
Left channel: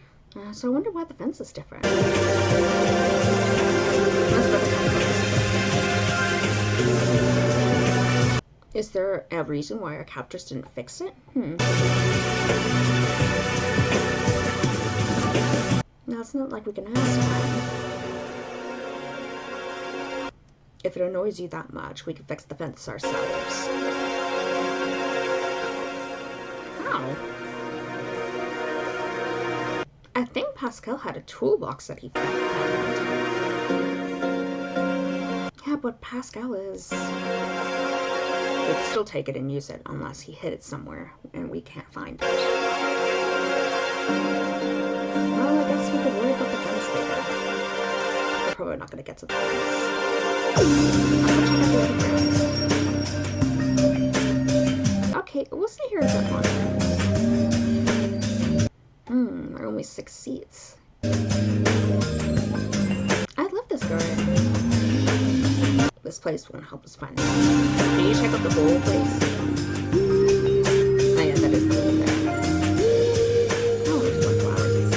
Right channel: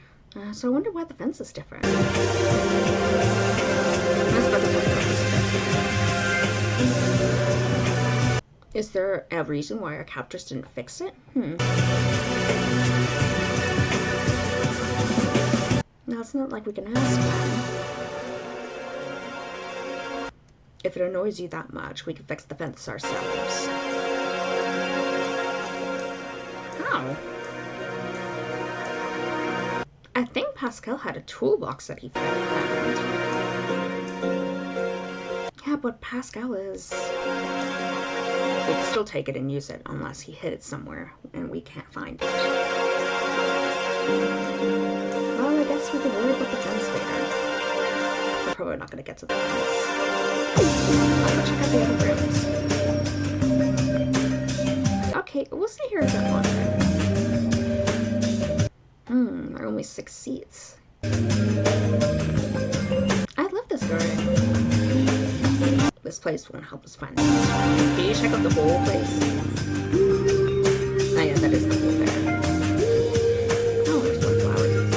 so I wonder why the fence is different. That's about the time for this. Is there a reason why our captors didn't fix it? Now it's not like we can ask them. If it annoys you that much, we can fix the fence ourselves. How? I think Pascal had a toolbox that he found. Yeah, but Pascal is... We can still take it and use it unless he hid it somewhere and we can't find it. Well, I guess we could worry about the fence later. We're probably not going to get to the fence. I'll go check out the other rooms. Okay, we'll stay here a bit longer. There are only 6 seats. I love this garden. This place won't help us find it. Can you check out the whole place? Oh yeah, that is the whole there. Oh, there's more flowers.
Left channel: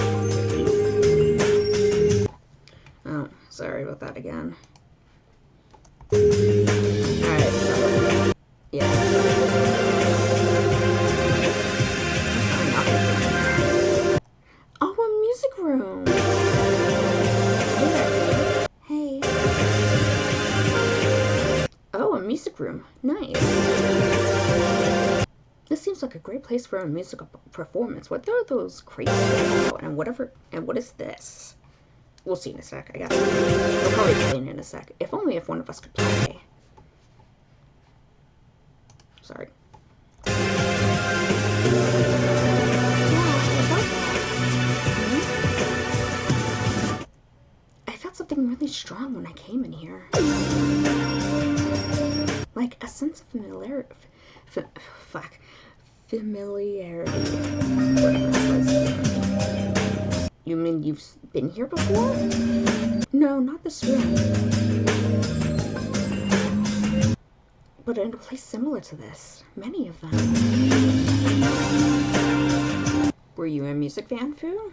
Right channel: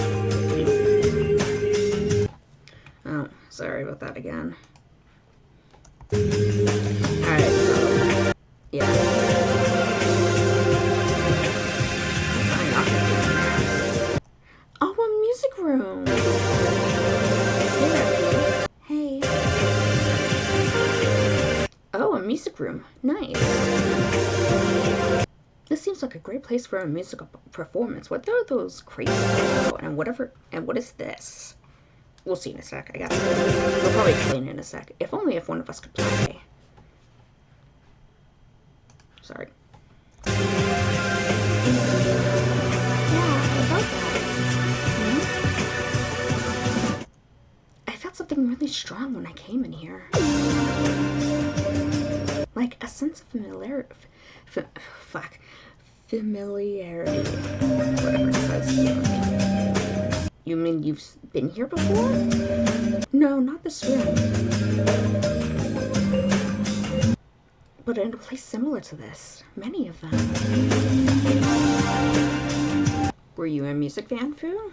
Oh, sorry about that again. Alright, so... yeah. Oh, a music room! Hey there, lady. Hey. Oh, a music room. Nice. This seems like a great place for a musical performance. What are those crates for? And what is this? We'll see in a sec, I guess. We'll probably explain in a sec. If only if one of us could play. Sorry. Yeah, about that. I felt something really strong when I came in here. Like a sense of familiarity. Familiarity. Whatever it says here. You mean you've been here before? No, not this room. But in a place similar to this. Many of them. Were you a music fan, Fu?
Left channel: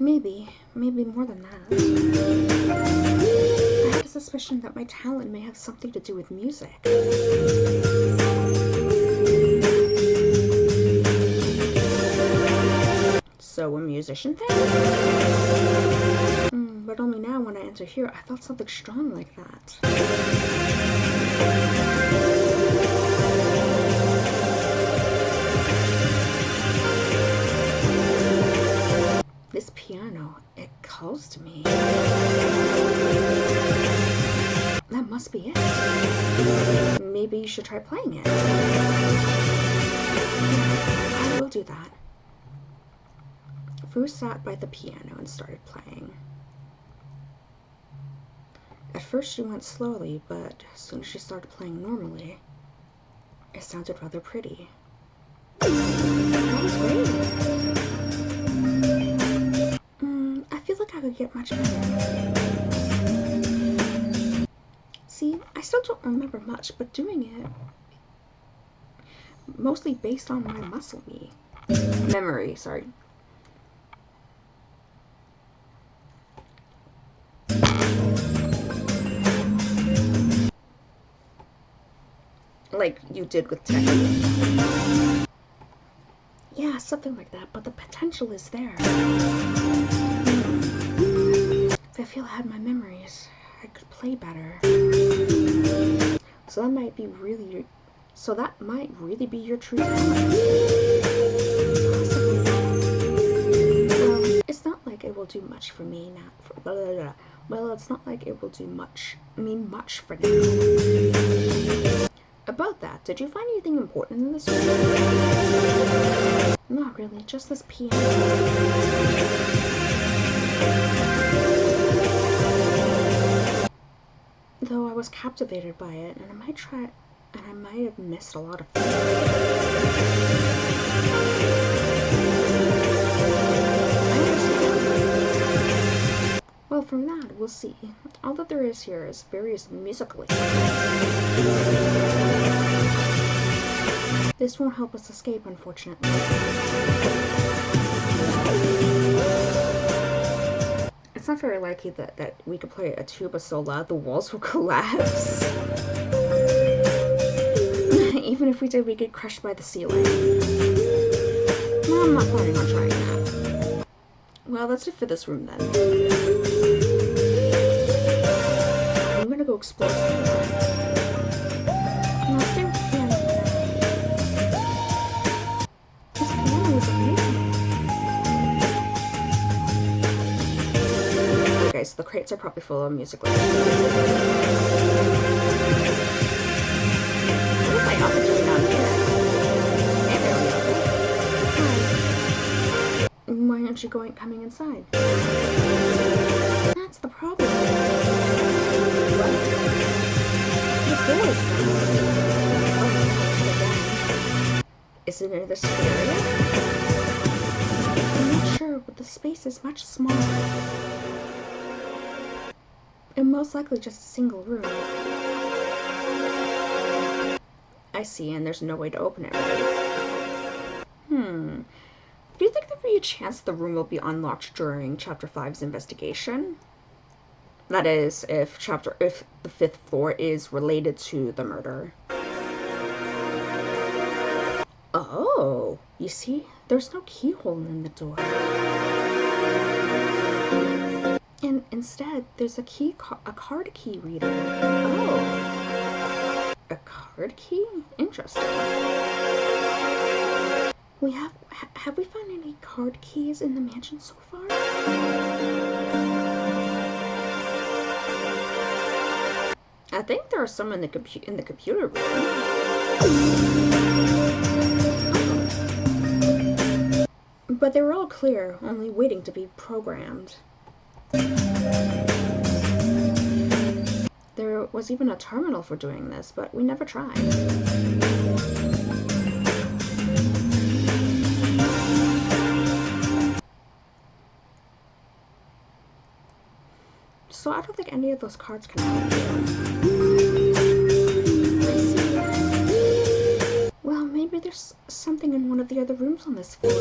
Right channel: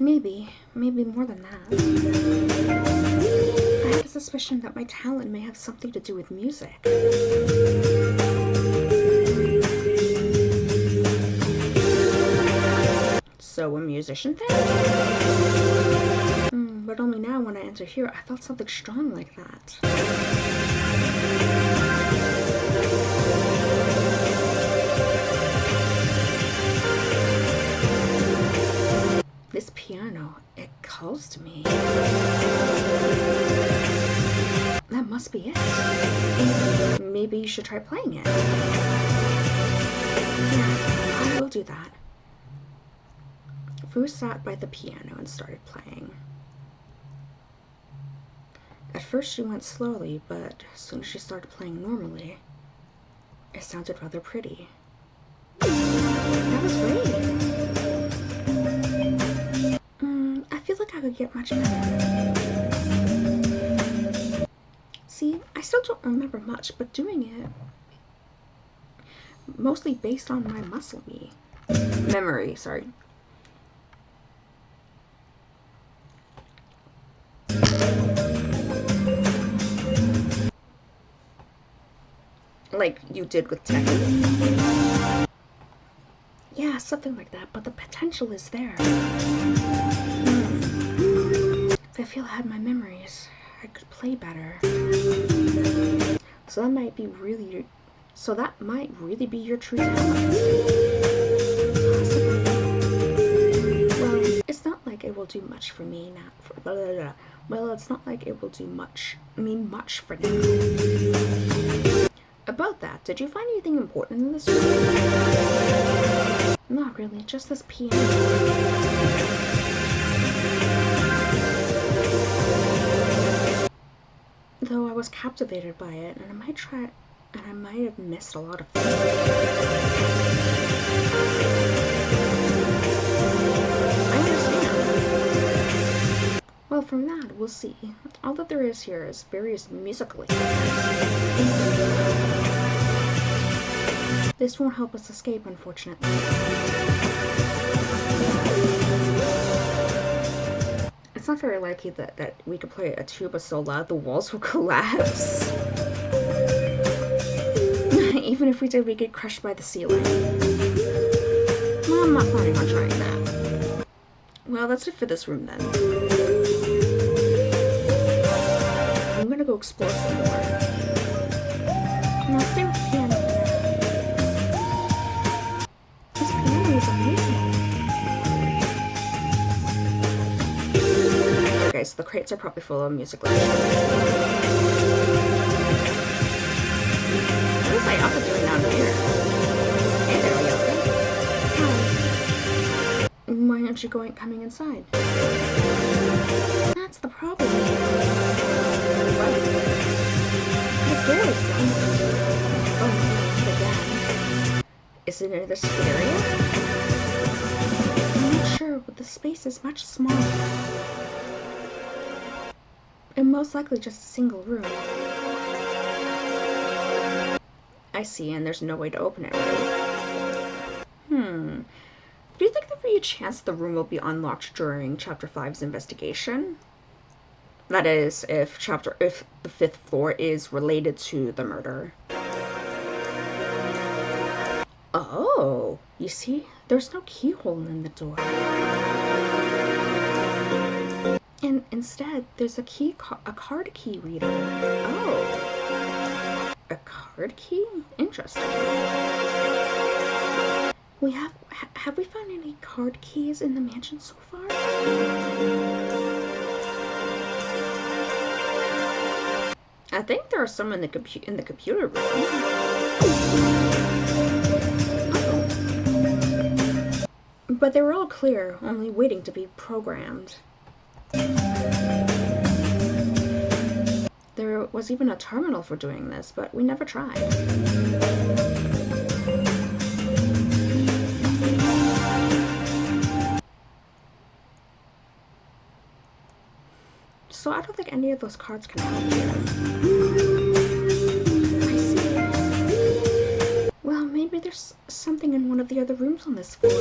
Maybe more than that. I had a suspicion that my talent may have something to do with music. So a musician thing? But only now when I enter here, I felt something strong like that. This piano, it calls to me. That must be it. Maybe you should try playing it. Yeah, I will do that. Fu sat by the piano and started playing. At first she went slowly, but as soon as she started playing normally, it sounded rather pretty. That was great. I feel like I could get much better. See, I still don't remember much, but doing it mostly based on my memory, sorry. Like you did with technique. Yeah, something like that, but the potential is there. If I feel I had my memories, I could play better. So that might really be your true talent. Possibly. Well, it's not like it will do much for me now. Well, it's not like it will do much for now. About that, did you find anything important in this room? Not really, just this piano. Though I was captivated by it, and I might have missed a lot of things. I understand. Well, from that, we'll see. All that there is here is various musical instruments. This won't help us escape, unfortunately. It's not very likely that we could play a tuba so loud the walls will collapse. Even if we did, we'd get crushed by the ceiling. Well, I'm not planning on trying that. Well, that's it for this room then. I'm gonna go explore some more. And I'll stay with the piano for now. This piano is amazing. Okay, so the crates are probably full of musical instruments. What is Ayaka doing down here? Hey there, Ayaka. Hi. Why aren't you coming inside? That's the problem. What? The door is locked. Oh no, again. Is it in this area? I'm not sure, but the space is much smaller. And most likely just a single room. I see, and there's no way to open it, right? Do you think there'd be a chance the room will be unlocked during Chapter 5's investigation? That is, if the 5th floor is related to the murder. Oh, you see, there's no keyhole in the door. And instead, there's a card key reader. Oh. A card key? Interesting. Have we found any card keys in the mansion so far? I think there are some in the computer room. Oh. But they were all clear, only waiting to be programmed. There was even a terminal for doing this, but we never tried. So I don't think any of those cards can help you. I see. Well, maybe there's something in one of the other rooms on this floor.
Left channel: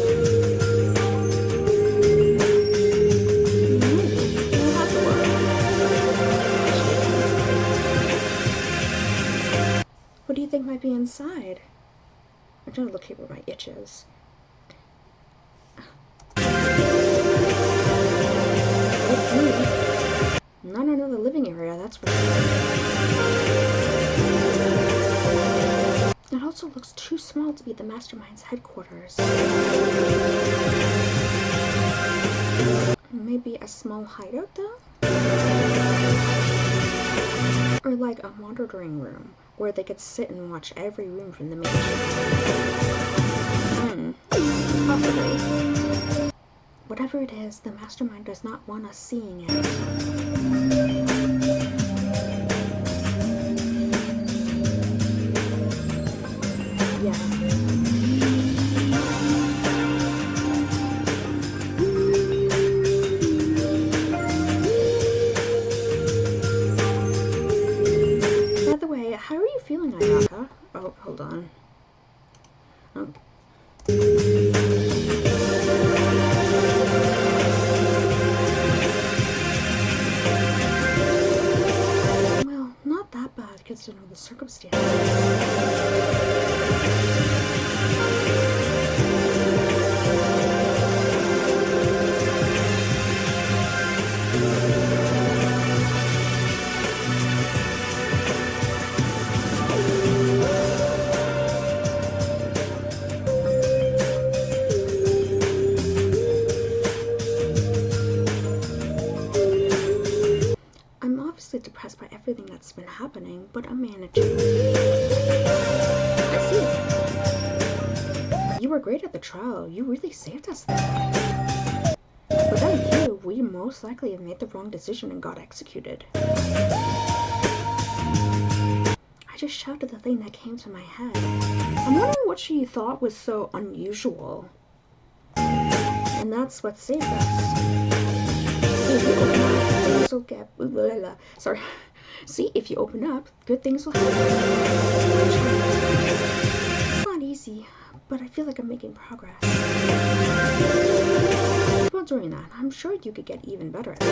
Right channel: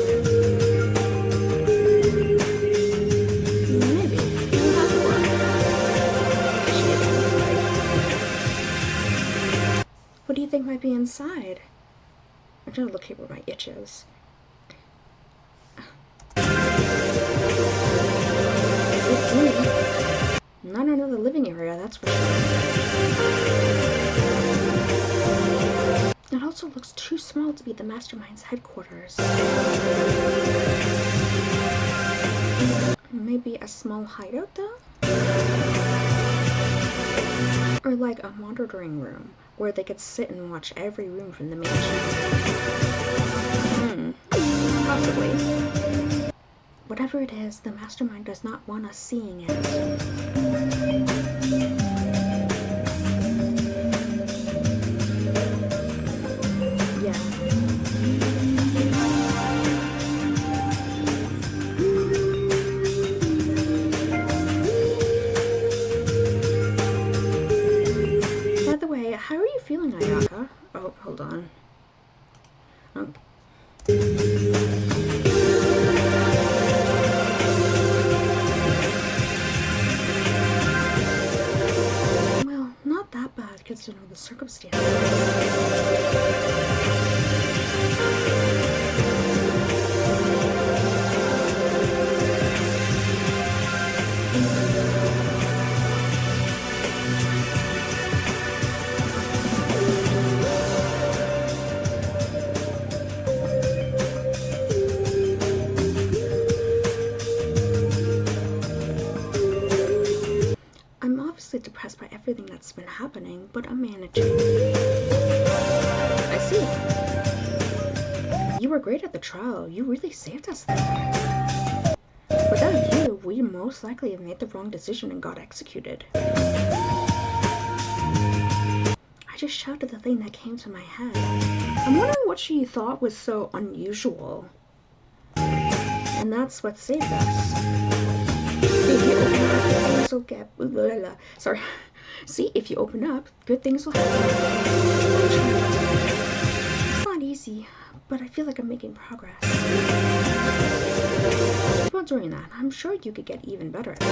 Maybe. We'll have to look. you think might be inside? I'm trying to locate where my itch is. It's me. Not another living area, that's for sure. It also looks too small to be the mastermind's headquarters. Maybe a small hideout, though? Or like a monitoring room, where they could sit and watch every room from the mansion. Possibly. Whatever it is, the mastermind does not want us seeing it. Yeah. By the way, how are you feeling, Ayaka? Oh, hold on. Okay. Well, not that bad considering the circumstances. I'm obviously depressed by everything that's been happening, but I'm managing. I see. You were great at the trial. You really saved us there. Without you, we most likely have made the wrong decision and got executed. I just shouted the thing that came to my head. I'm wondering what she thought was so unusual. And that's what saved us. See, if you open up, good things will get... Sorry. See, if you open up, good things will happen. It's not easy, but I feel like I'm making progress. Keep on doing that. I'm sure you could get even better at it.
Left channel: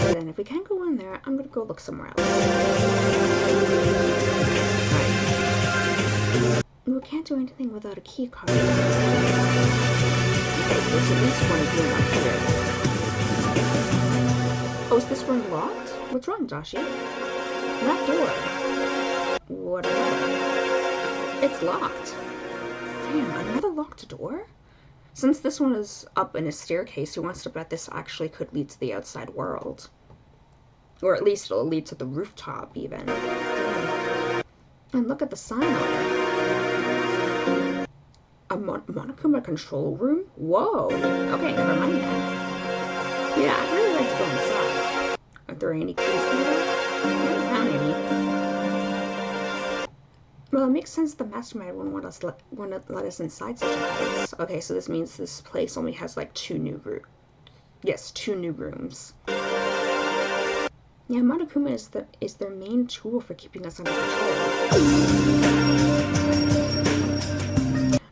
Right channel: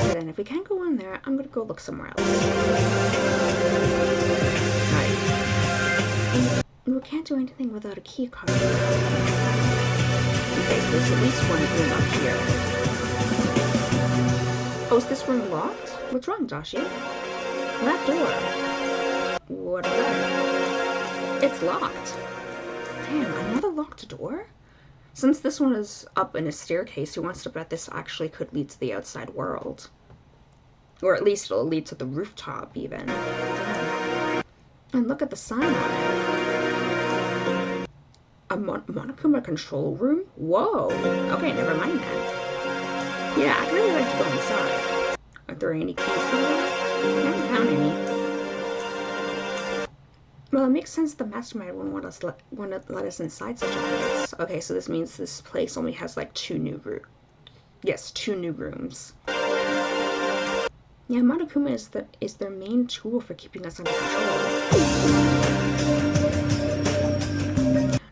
Okay then, if we can't go in there, I'm gonna go look somewhere else. Alright. We can't do anything without a key card. Okay, so there's at least one room up here. Oh, is this room locked? What's wrong, Dashi? That door. What is that? It's locked. Damn, another locked door? Since this one is up in a staircase, who wants to bet this actually could lead to the outside world? Or at least it'll lead to the rooftop, even. Damn. And look at the sign on it. A Monokuma control room? Whoa! Okay, never mind then. Yeah, I'd really like to go inside. Are there any keys here? I haven't found any. Well, it makes sense the mastermind wouldn't want to let us inside such a place. Okay, so this means this place only has like two new rooms. Yes, 2 new rooms. Yeah, Monokuma is their main tool for keeping us under control.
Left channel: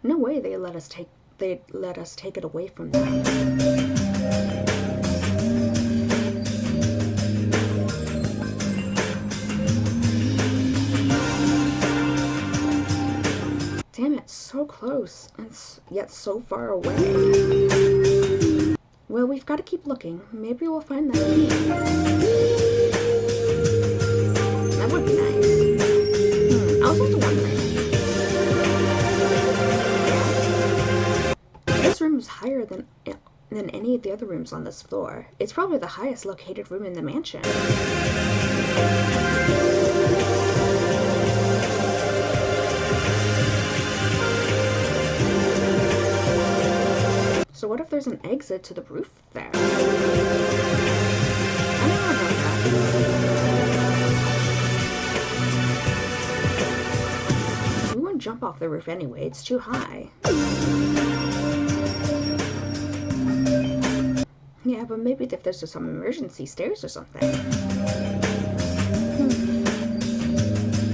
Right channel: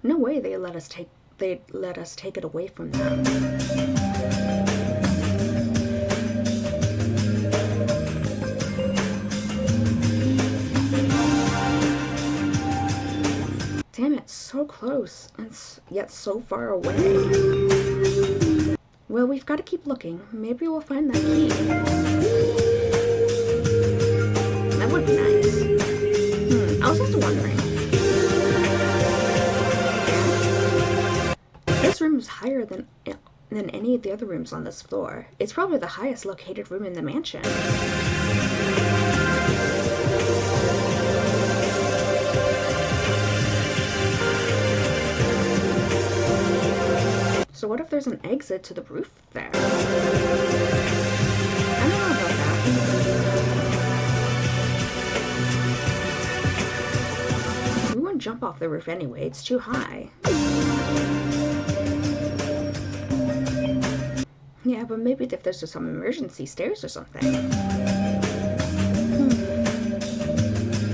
No way they'd let us take it away from them. Damn it, so close, and yet so far away. Well, we've got to keep looking. Maybe we'll find that key. That would be nice. I was also wondering. This room is higher than any of the other rooms on this floor. It's probably the highest located room in the mansion. So what if there's an exit to the roof there? I don't know about that. We wouldn't jump off the roof anyway, it's too high. Yeah, but maybe if there's some emergency stairs or something.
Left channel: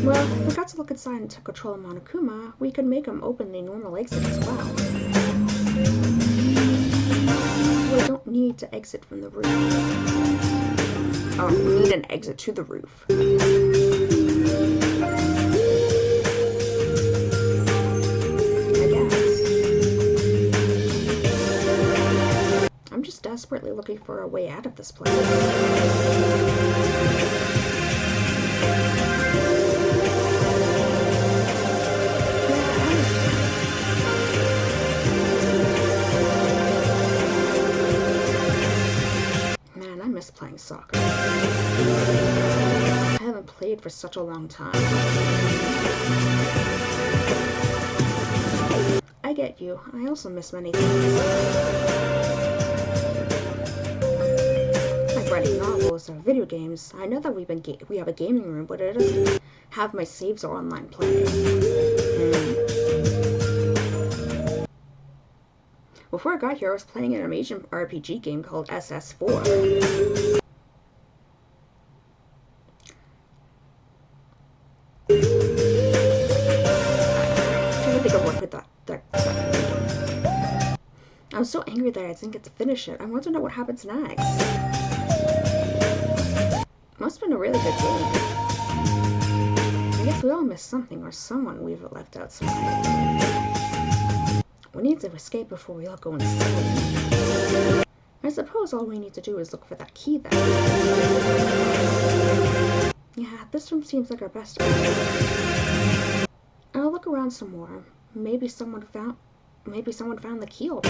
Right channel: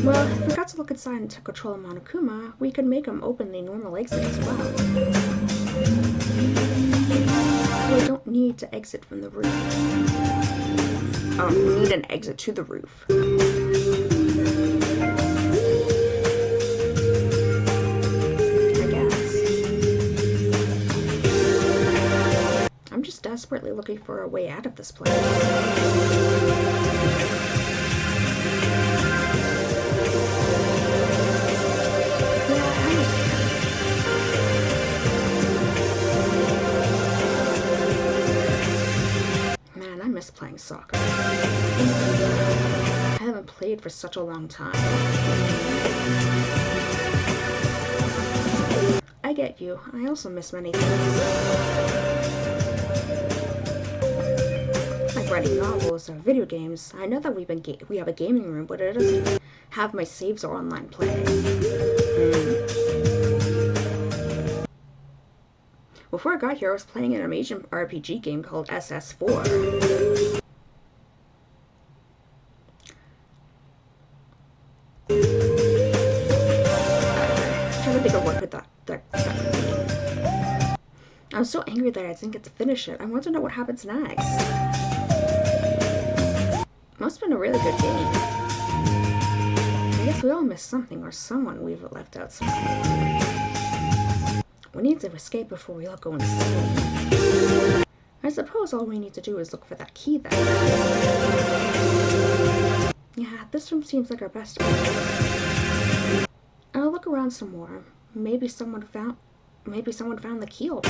Well, if we got to look inside and to control Monokuma, we could make him open the normal exit as well. So I don't need to exit from the room. Oh, we need an exit to the roof. I guess. I'm just desperately looking for a way out of this place. Man, I miss playing soccer. I haven't played for such a long time. I get you. I also miss many things. Like writing novels or video games. I know that we have a gaming room, but it doesn't have my saves or online play. Before I got here, I was playing an Asian RPG game called SS4. I'm trying to think of what could that mean. I was so angry that I didn't get to finish it. I want to know what happens next. Must have been a really good game. I guess we all missed something or someone we've left outside. We need to escape before we all go insane. I suppose all we need to do is look for that key then. Yeah, this room seems like our best bet. I'll look around some more. Maybe someone found the key already.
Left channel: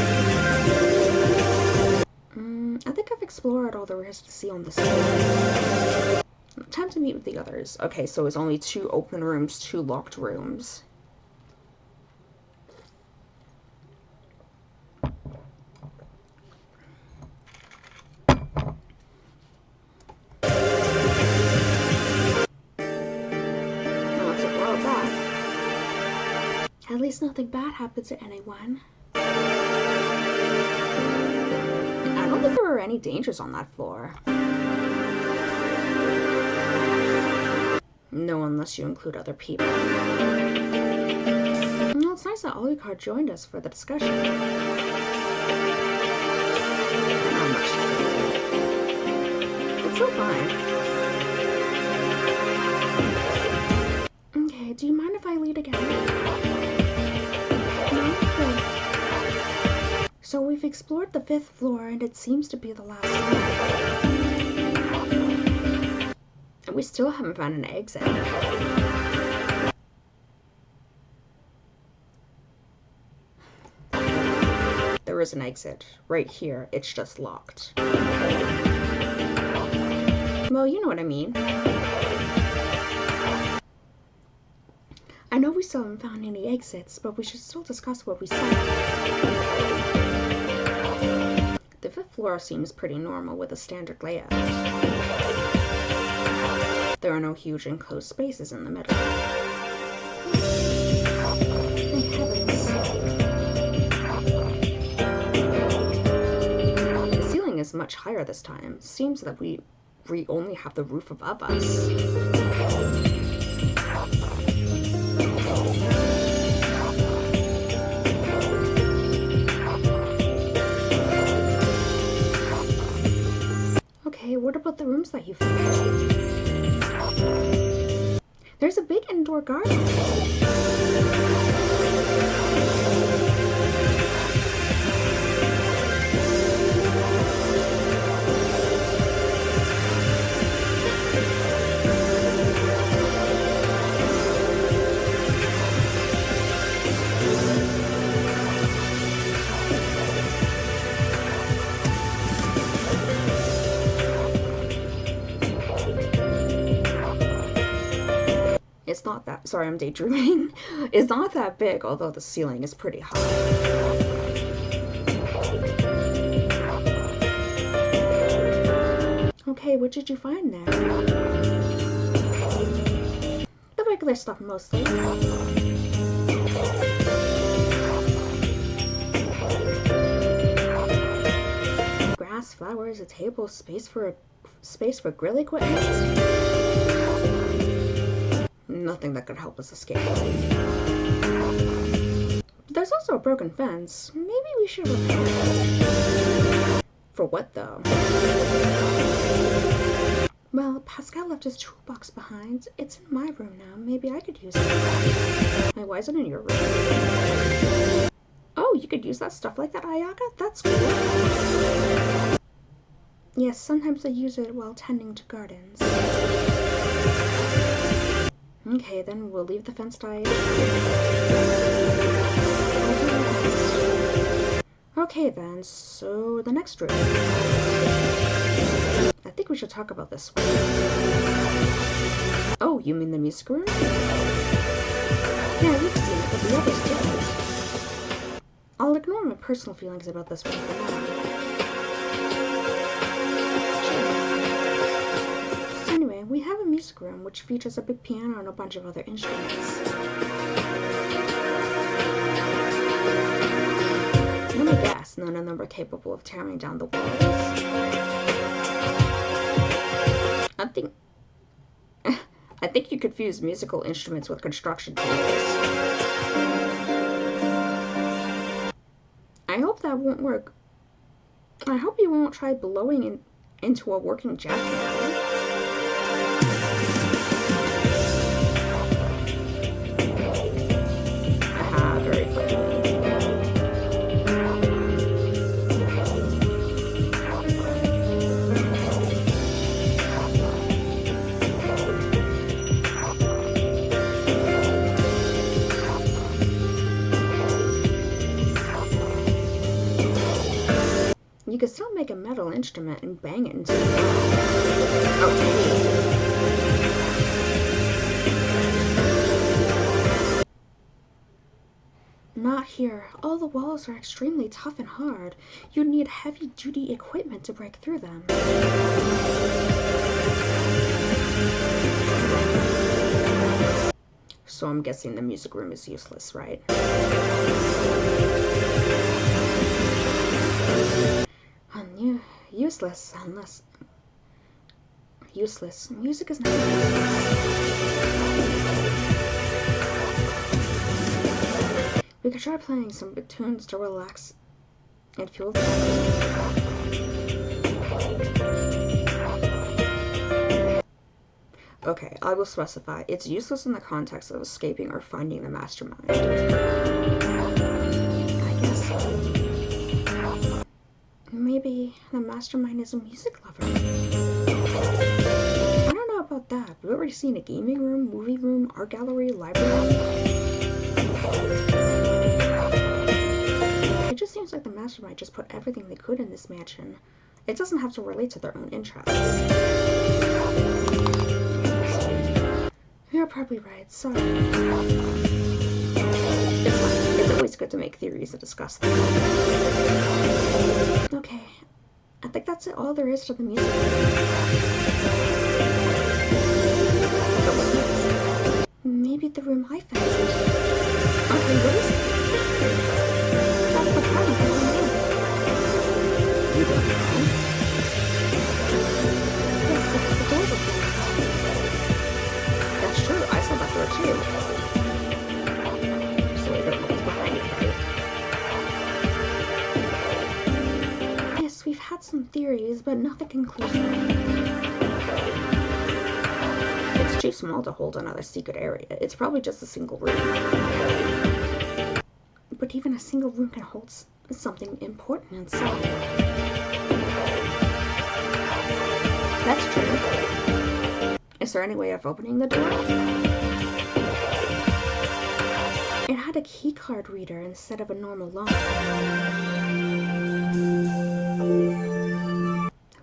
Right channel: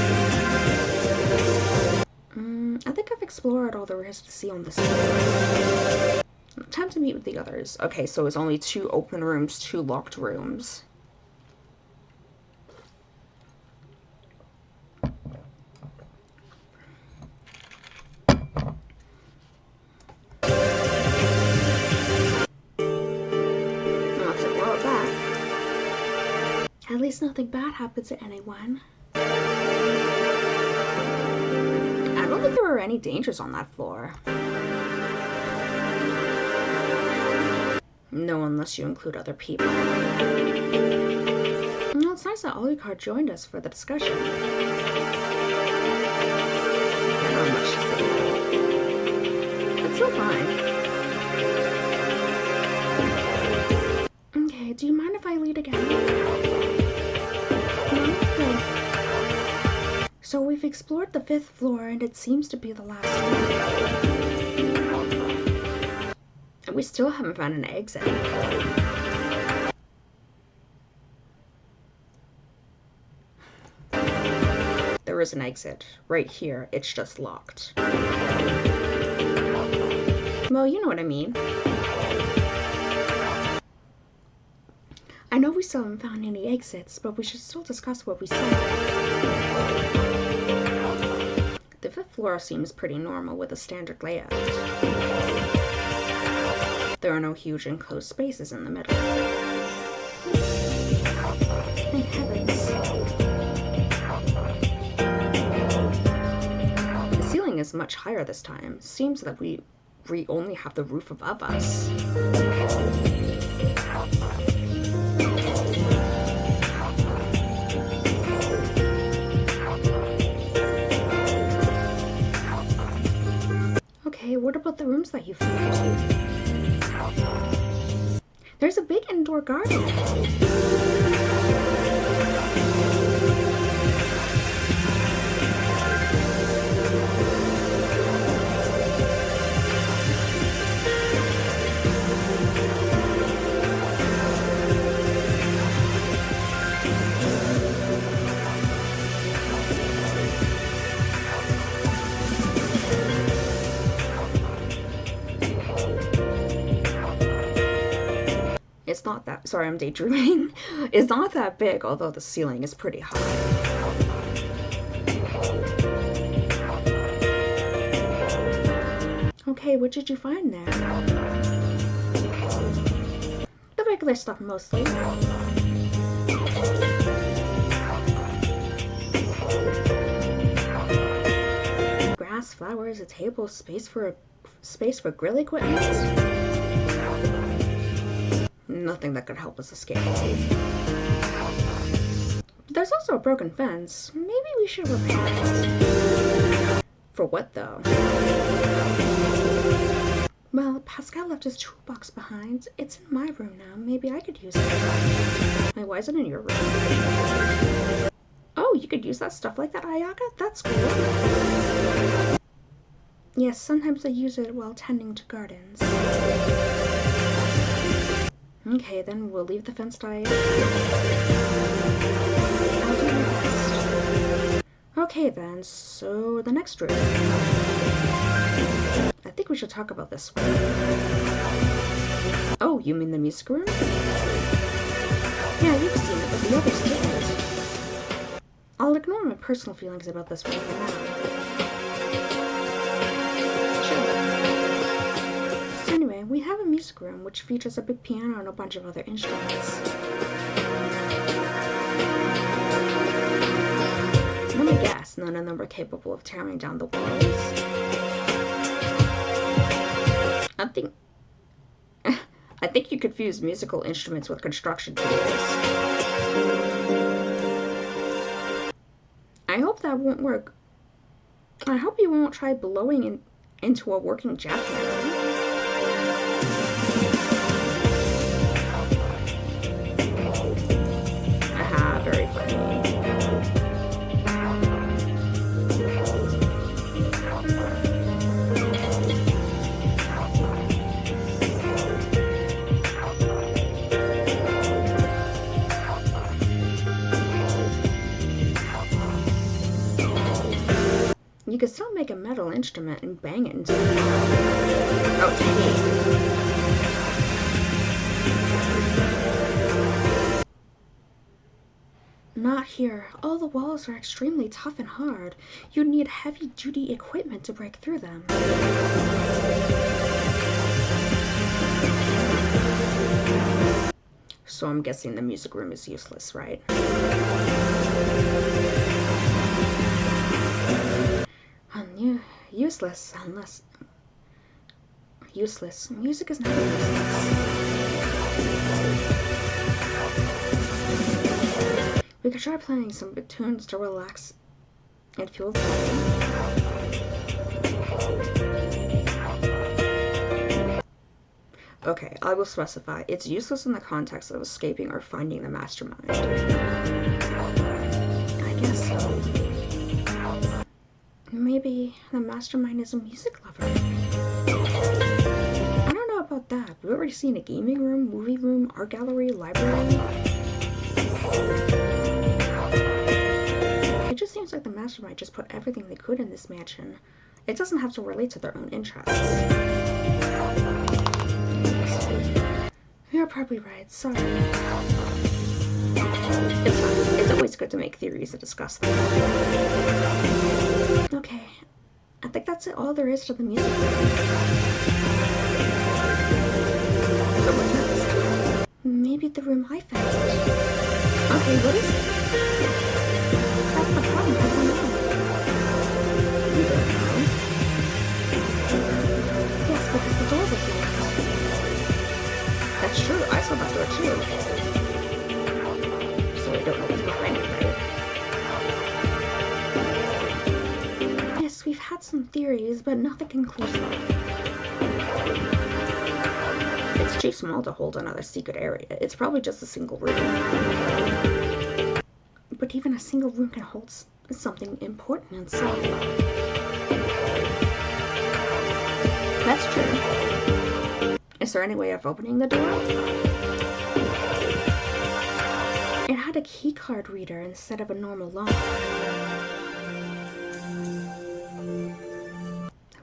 I think I've explored all there is to see on this floor. Time to meet with the others. Okay, so it's only 2 open rooms, 2 locked rooms. At least nothing bad happened to anyone. I don't think there were any dangers on that floor. No, unless you include other people. Well, it's nice that Alucard joined us for the discussion. I don't have much to say though. It's still fine. Okay, do you mind if I lead again? So we've explored the 5th floor, and it seems to be the last one. And we still haven't found an exit. There is an exit right here. It's just locked. Well, you know what I mean. I know we still haven't found any exits, but we should still discuss what we saw. The 5th floor seems pretty normal with a standard layout. There are no huge enclosed spaces in the middle. Thank heavens. The ceiling is much higher this time. Seems that we only have the roof above us. What about the rooms that you found? There's a big indoor garden. It's not that, sorry, I'm daydreaming. It's not that big, although the ceiling is pretty high. Okay, what did you find there? The regular stuff mostly. Grass, flowers, a table, space for grill equipment. Nothing that could help us escape. There's also a broken fence. Maybe we should repair it. For what, though? Well, Pascal left his toolbox behind. It's in my room now. Maybe I could use it. Wait, why is it in your room? Oh, you could use that stuff like that, Ayaka? That's cool. Yes, sometimes I use it while tending to gardens. Okay, then we'll leave the fence die. I'll do my best. Okay then, so the next room. I think we should talk about this one. Oh, you mean the music room? Yeah, you've seen it, but the others didn't. I'll ignore my personal feelings about this one for now. Sure. So anyway, we have a music room which features a big piano and a bunch of other instruments. Let me guess, none of them were capable of tearing down the walls? I think you confuse musical instruments with construction tools. I hope that won't work. I hope you won't try blowing into a working jackhammer. Aha, very funny. You could still make a metal instrument and bang it into the wall. Oh, tiny. Not here. All the walls are extremely tough and hard. You'd need heavy-duty equipment to break through them. So I'm guessing the music room is useless, right? Useless unless... Useless. Music is never useless. We could try playing some good tunes to relax and fuel the body. Okay, I will specify. It's useless in the context of escaping or finding the mastermind. I guess so. Maybe the mastermind is a music lover. I don't know about that. Have you ever seen a gaming room, movie room, art gallery, library? It just seems like the mastermind just put everything they could in this mansion. It doesn't have to relate to their own interests. You're probably right. Sorry. It's fine. It's always good to make theories and discuss them. Okay. I think that's all there is to the music room. So what's next? Maybe the room I found. Okay, what is it? That's the problem. I don't know. You don't know? Yes, because the door was locked. That's true. I saw that door too. So I don't know what's behind it, right? Yes, we've had some theories, but nothing conclusive. It's too small to hold another secret area. It's probably just a single room. But even a single room can hold something important inside. That's true. Is there any way of opening the door? It had a keycard reader instead of a normal lock.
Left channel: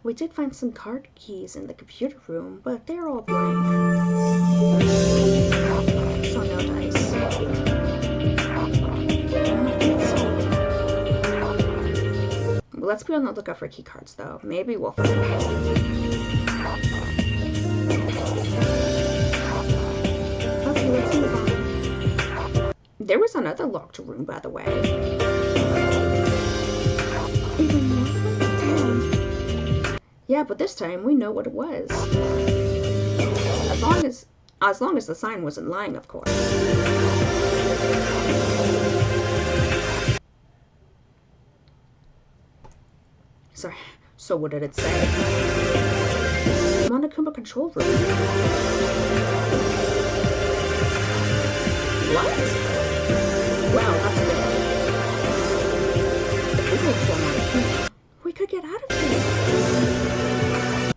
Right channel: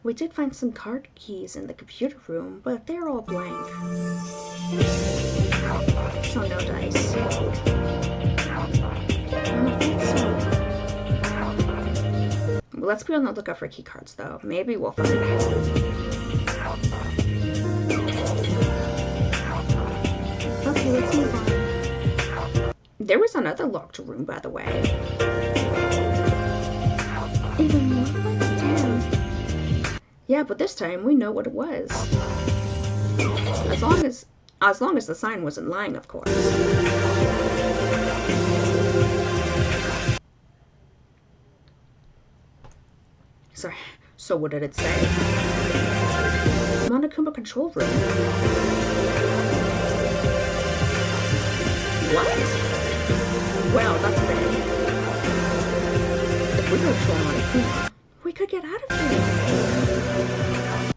We did find some card keys in the computer room, but they're all blank. So no dice. I don't think so. Let's be on the lookout for keycards, though. Maybe we'll find it. Okay, let's move on. There was another locked room, by the way. Even more? Damn. Yeah, but this time we know what it was. As long as the sign wasn't lying, of course. Sorry. So what did it say? Monokuma control room. What? Wow, that's big. If we go to Monokuma, we could get out of here.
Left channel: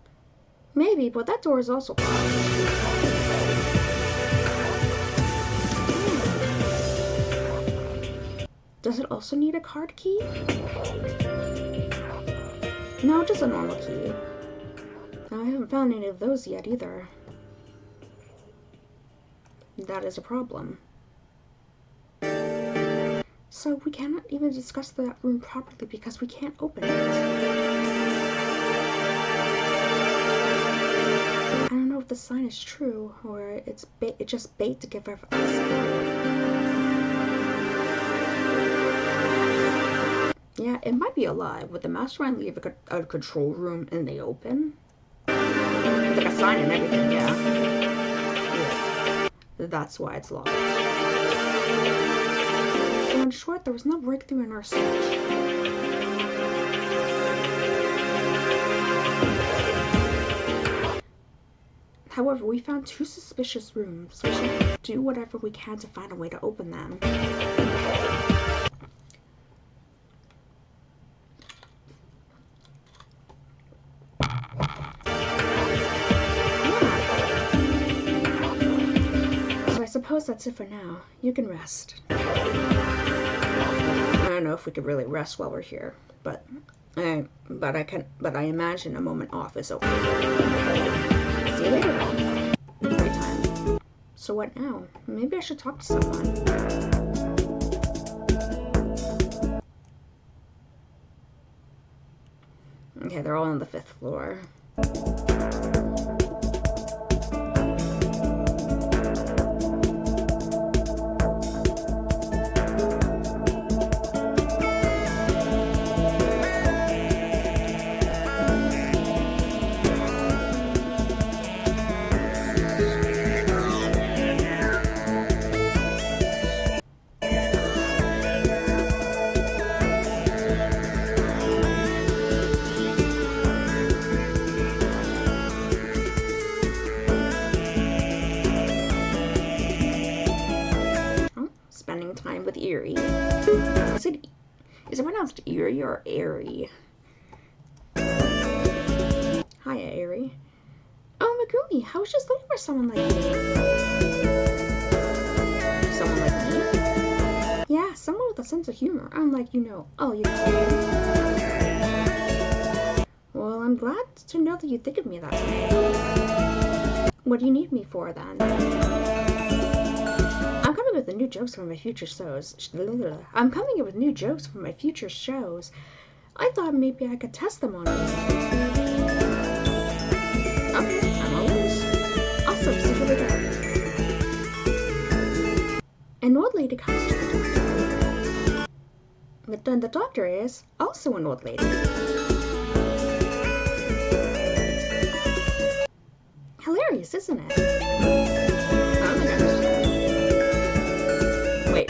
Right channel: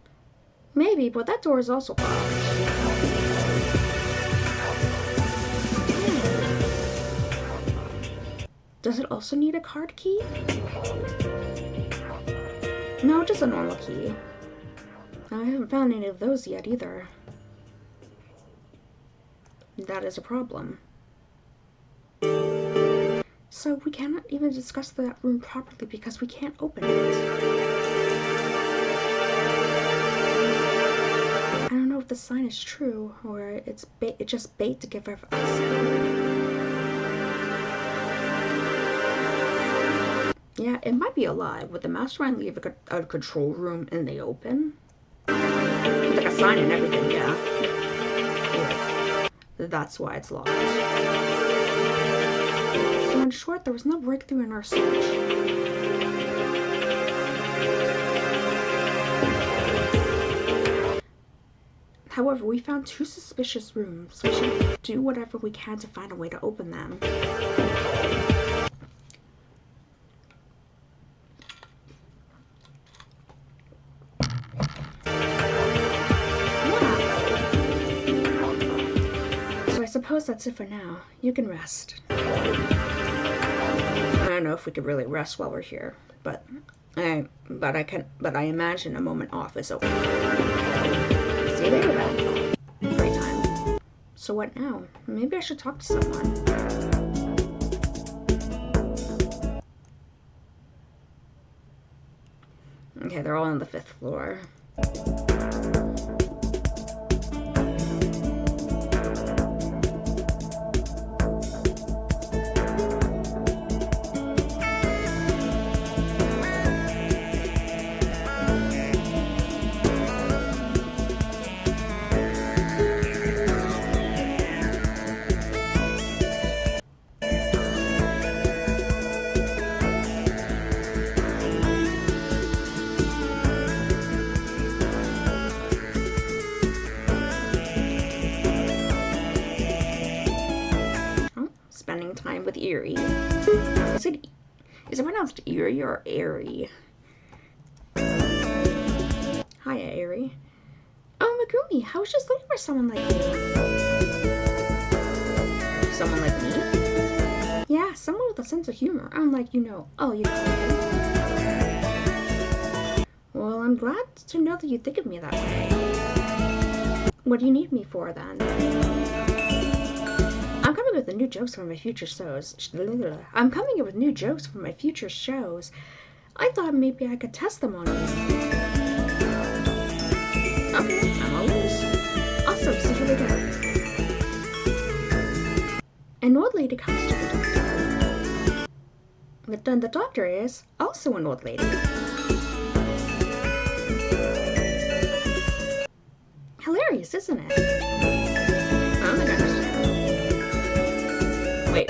Maybe, but that door is also locked. Does it also need a card key? No, just a normal key. I haven't found any of those yet either. That is a problem. So we cannot even discuss that room properly because we can't open it. I don't know if the sign is true or it's just bait to give us hope. Yeah, it might be a lie. Would the mastermind leave a control room in the open? With like a sign and everything, yeah. That's why it's locked. So in short, there was no breakthrough in our search. However, we found 2 suspicious rooms. We should do whatever we can to find a way to open them. I suppose that's it for now. You can rest. I don't know if we could really rest while we're here, but I imagine a moment off is okay. See you later then. Great time. So what now? Maybe I should talk to someone. Okay, they're all on the 5th floor. Time with Eerie. Is it pronounced Eerie or Airy? Hiya, Airy. Oh, Megumi, I was just looking for someone like you. Someone like me? Yeah, someone with a sense of humor. Unlike, all you call. Well, I'm glad to know that you think of me that way. What do you need me for, then? I'm coming with new jokes for my future shows. I thought maybe I could test them on you. Okay, I'm all ears. Awesome, so here we go. An old lady comes to the doctor. But then the doctor is also an old lady. Hilarious, isn't it? I don't think I understand. Wait.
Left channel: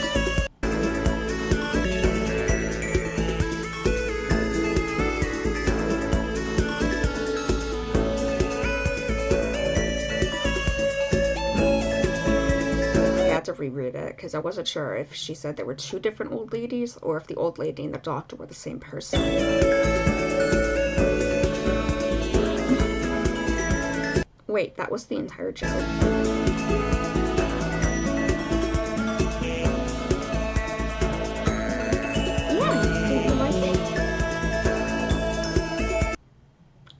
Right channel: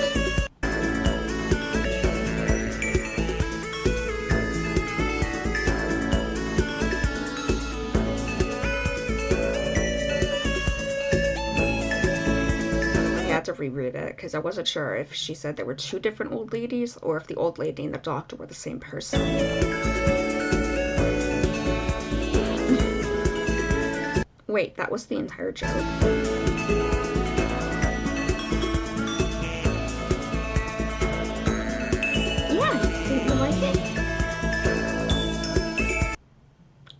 I had to reread it because I wasn't sure if she said there were 2 different old ladies or if the old lady and the doctor were the same person. Wait, that was the entire joke?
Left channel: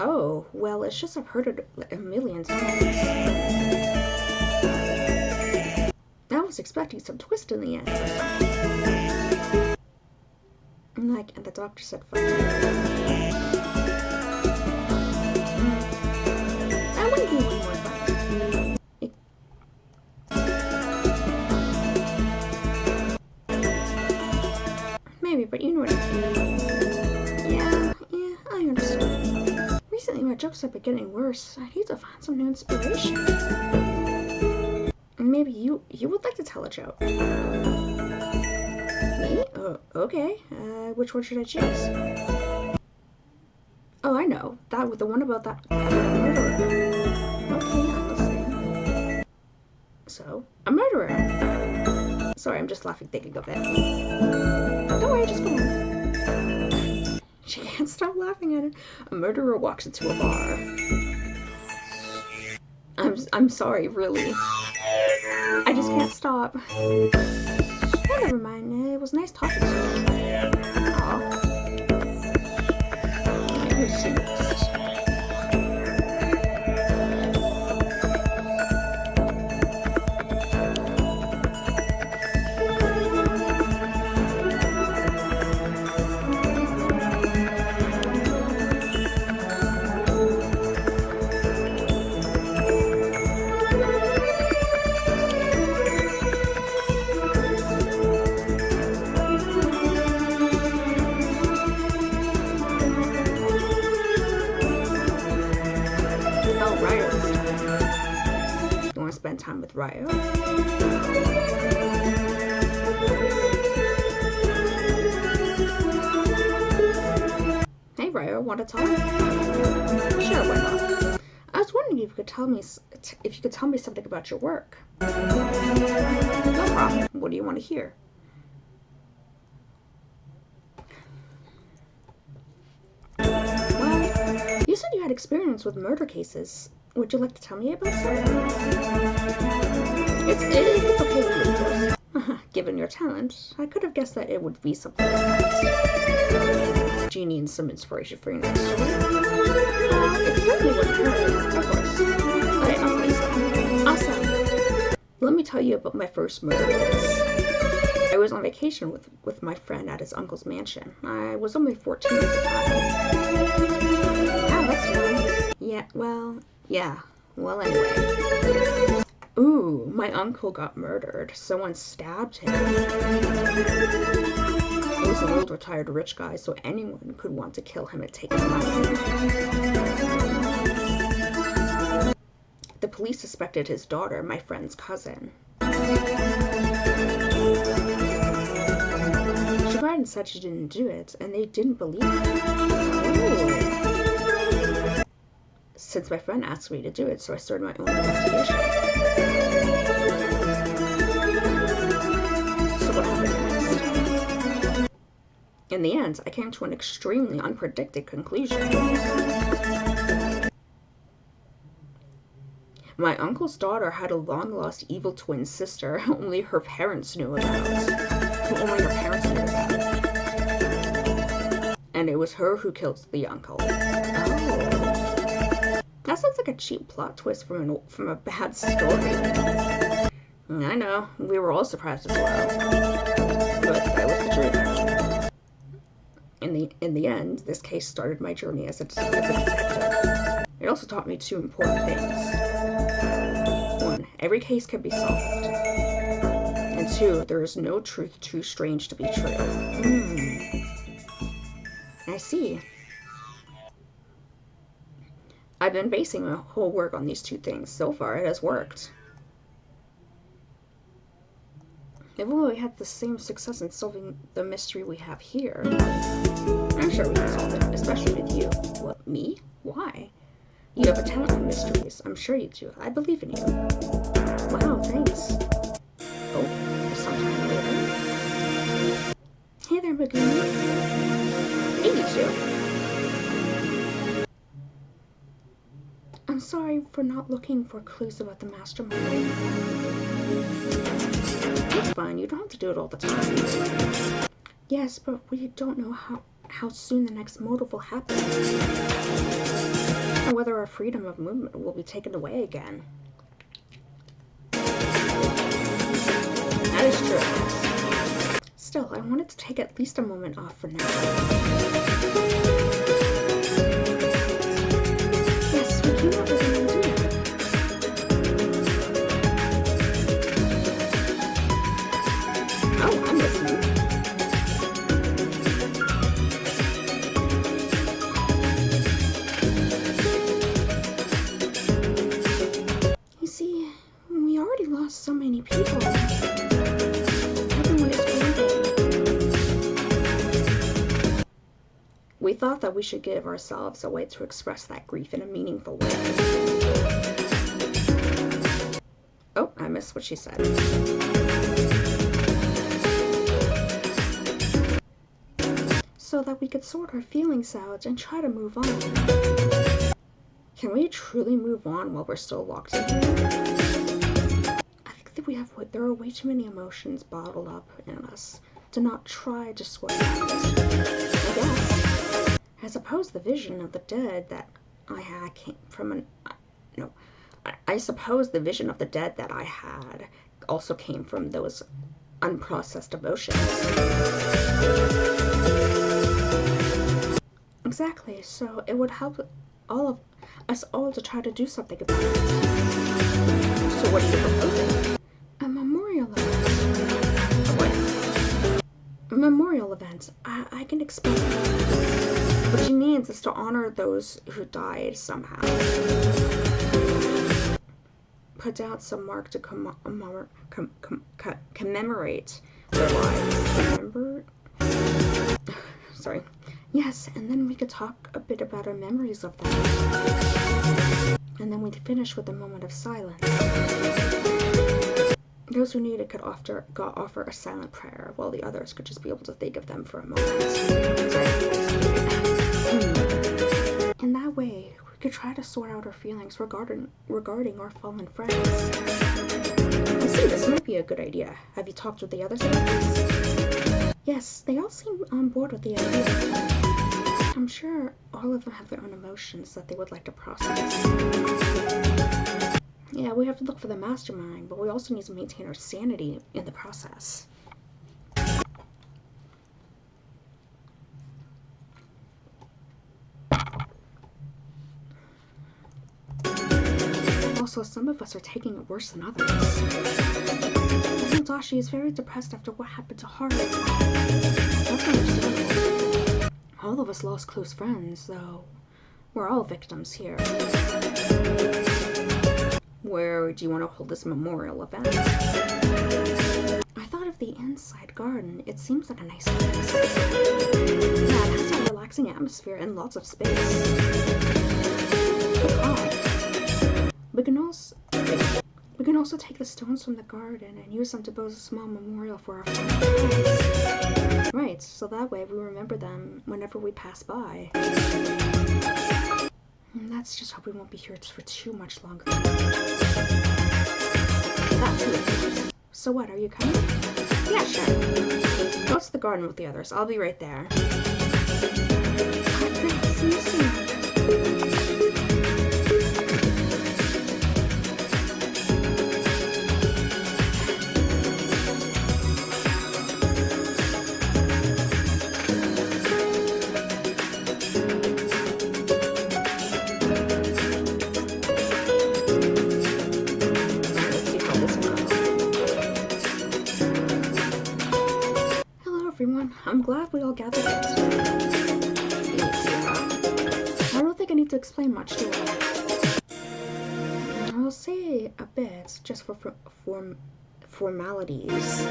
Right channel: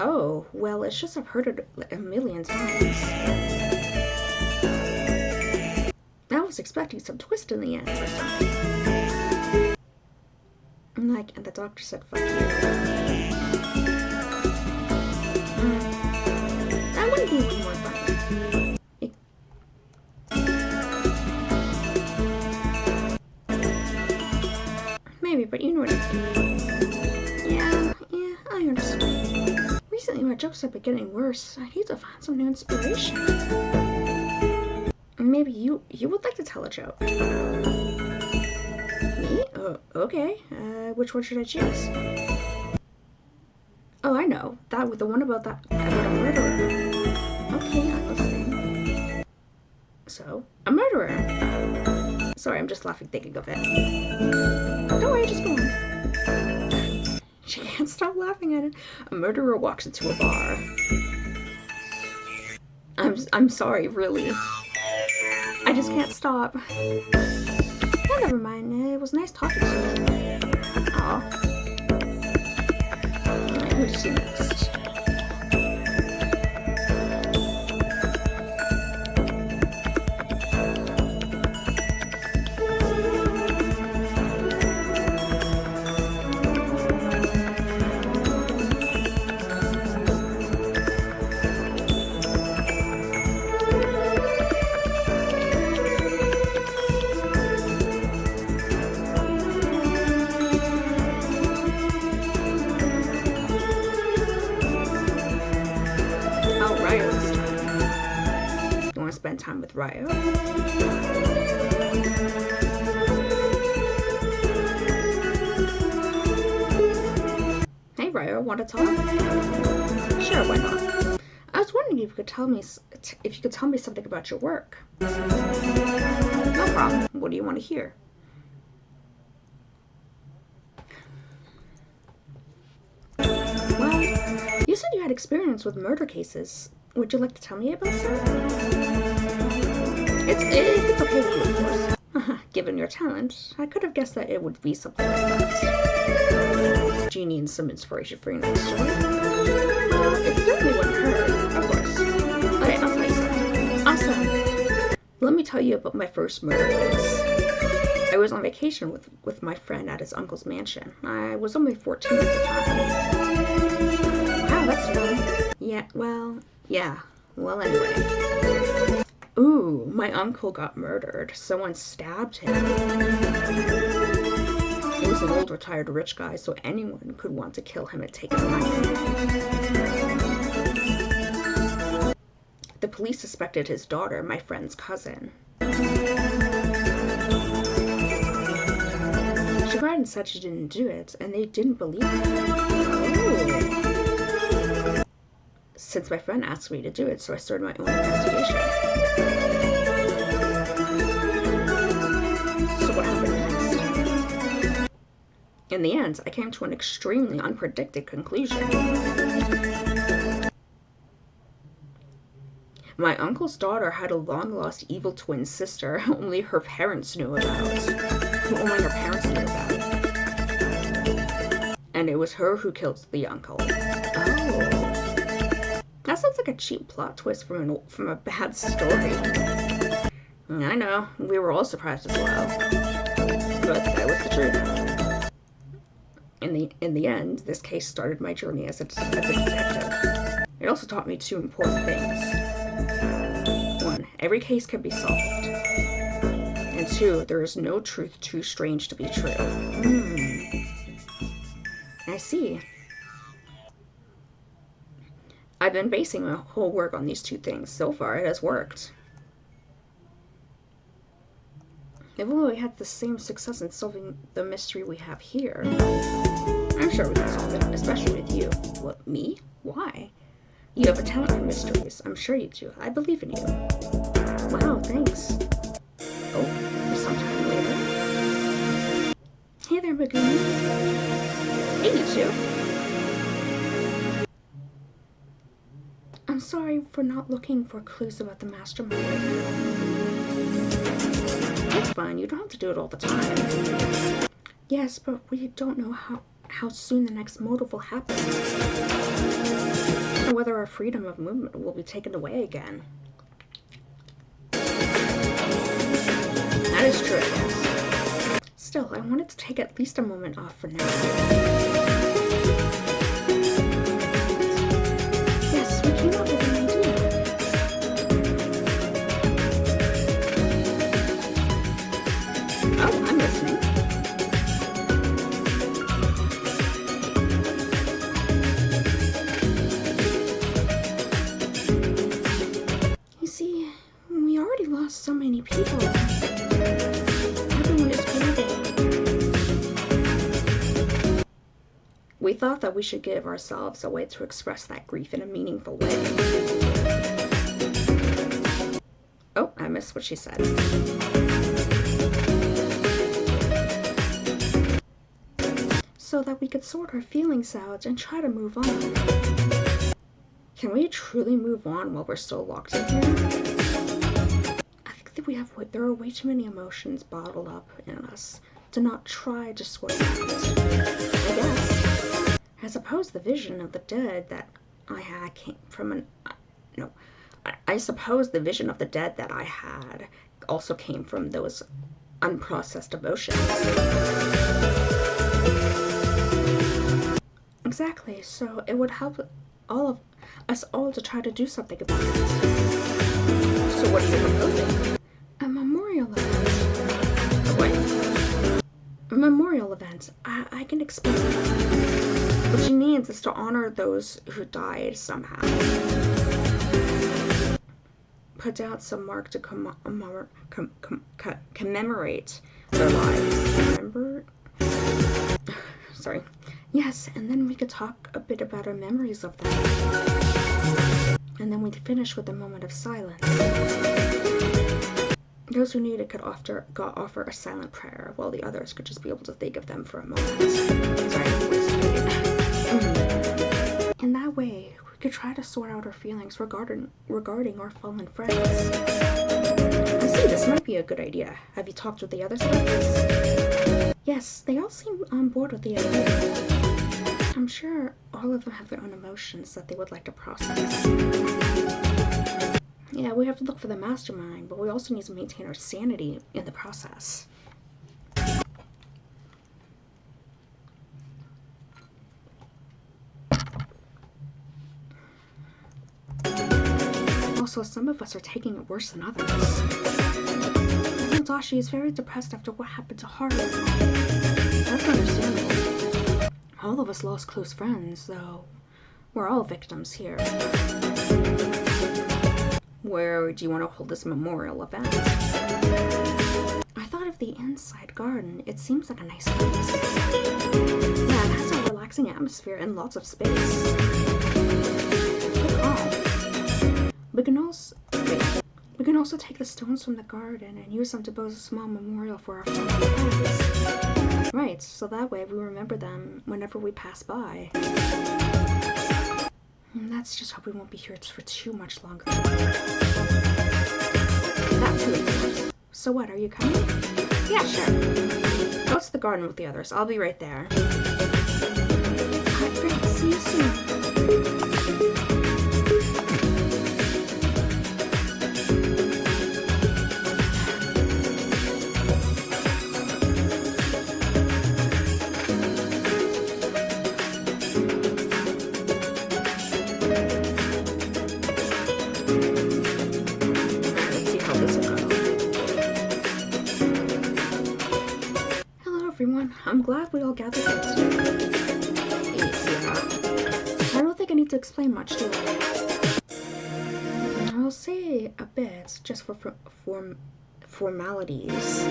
Oh, well, it's just I've heard it a million times. I was expecting some twist in the end or something. And the doctor said, fuck you. That wouldn't be one more fun. Maybe, but you know what I mean. Yeah, I understand. Recently, my jokes have been getting worse. I need to find some new inspiration. Maybe you would like to tell a joke. Me? Oh, okay. Which one should I choose? Oh, I know. The one about about a murderer. Okay, I'm listening. So, a murderer. Sorry, I'm just laughing thinking of it. Don't worry, just go on. She can't stop laughing at it. A murderer walks into a bar. I'm sorry, really. I just can't stop. Oh, never mind. It was nice talking to you. Aw. Who's she next? Spend time with Ryo. Hey Ryo, want to talk? Sure, why not? I was wondering if you could tell me something about your work. No problem. What do you want to hear? Well, you said you had experience with murder cases. Would you like to tell me about some? It's okay with you, of course. Given your talent, I could have guessed that it would be something like that. Do you need some inspiration for your next story? It certainly wouldn't hurt, of course. Okay, I'll tell you something. Awesome. Let me tell you about my first murder case. I was on vacation with my friend at his uncle's mansion. I was only 14 at the time. Wow, that's young. Yeah, well, anyway. Ooh, my uncle got murdered. Someone stabbed him. He was an old retired rich guy, so anyone could want to kill him and take his money. The police suspected his daughter, my friend's cousin. She cried and said she didn't do it, and they didn't believe her. Ooh. Since my friend asked me to do it, so I started my own investigation. So what happened next? In the end, I came to an extremely unpredicted conclusion. My uncle's daughter had a long-lost evil twin sister who only her parents knew about. And it was her who killed the uncle. Oh. That sounds like a cheap plot twist from a bad story. I know, we were all surprised as well. But that was the truth. In the end, this case started my journey as a detective. It also taught me two important things. One, every case can be solved. And two, there is no truth too strange to be true. I see. I've been basing my whole work on these two things. So far, it has worked. If only we had the same success in solving the mystery we have here. I'm sure we can solve it, especially with you. What, me? Why? You have a talent for mysteries. I'm sure you do. I believe in you. Wow, thanks. Oh, sometime later. Hey there, Megumi. Hey, you two. I'm sorry for not looking for clues about the mastermind right now. It's fine, you don't have to do it all the time. Yes, but we don't know how soon the next motive will happen. Or whether our freedom of movement will be taken away again. That is true, yes. Still, I wanted to take at least a moment off for now. Came up with an idea. Oh, I'm listening. You see, we already lost so many people. Everyone is grieving. We thought that we should give ourselves a way to express that grief in a meaningful way. Oh, I missed what she said. So that we could sort our feelings out and try to move on. Can we truly move on while we're still locked in here? I think that there are way too many emotions bottled up in us to not try to sort it out. I guess. I suppose the vision of the dead that I had came from I suppose the vision of the dead that I had also came from those unprocessed emotions. Exactly, so it would help all of us all to try to do something about it. So what are you proposing? A memorial event. A what? A memorial event. I can explain. What she means is to honor those who died somehow. Put out some mark to commemorate their lives. Remember? Sorry. Yes, and then we could talk a bit about our memories of them. And then we'd finish with a moment of silence. Those who need it could offer a silent prayer, while the others could just be able to think of them for a moment. Sorry. In that way, we could try to sort out our feelings regarding our fallen friends. I see, this might be a good idea. Have you talked with the others about this? Yes, they all seem on board with the idea. I'm sure all of them have their own emotions that they would like to process. Yeah, we have to look for the mastermind, but we also need to maintain our sanity in the process. Also, some of us are taking it worse than others. Dashi is very depressed after what happened to Haru. That's understandable. All of us lost close friends, though. We're all victims here. Where do you want to hold this memorial event? I thought of the inside garden. It seems like a nice place. Yeah, it has a relaxing atmosphere and lots of space. But calm. We can also take the stones from the garden and use them to build a small memorial for our fallen friends. Right, so that way we remember them whenever we pass by. And let's just hope we won't be here for too much longer. That too, of course. So what, are you coming? Yeah, sure. Go to the garden with the others. I'll be right there. Alright, great. See you soon. I'm glad we all gathered here today. Yeah. I don't think I need to explain much, do I? I'll say a bit, just for formalities.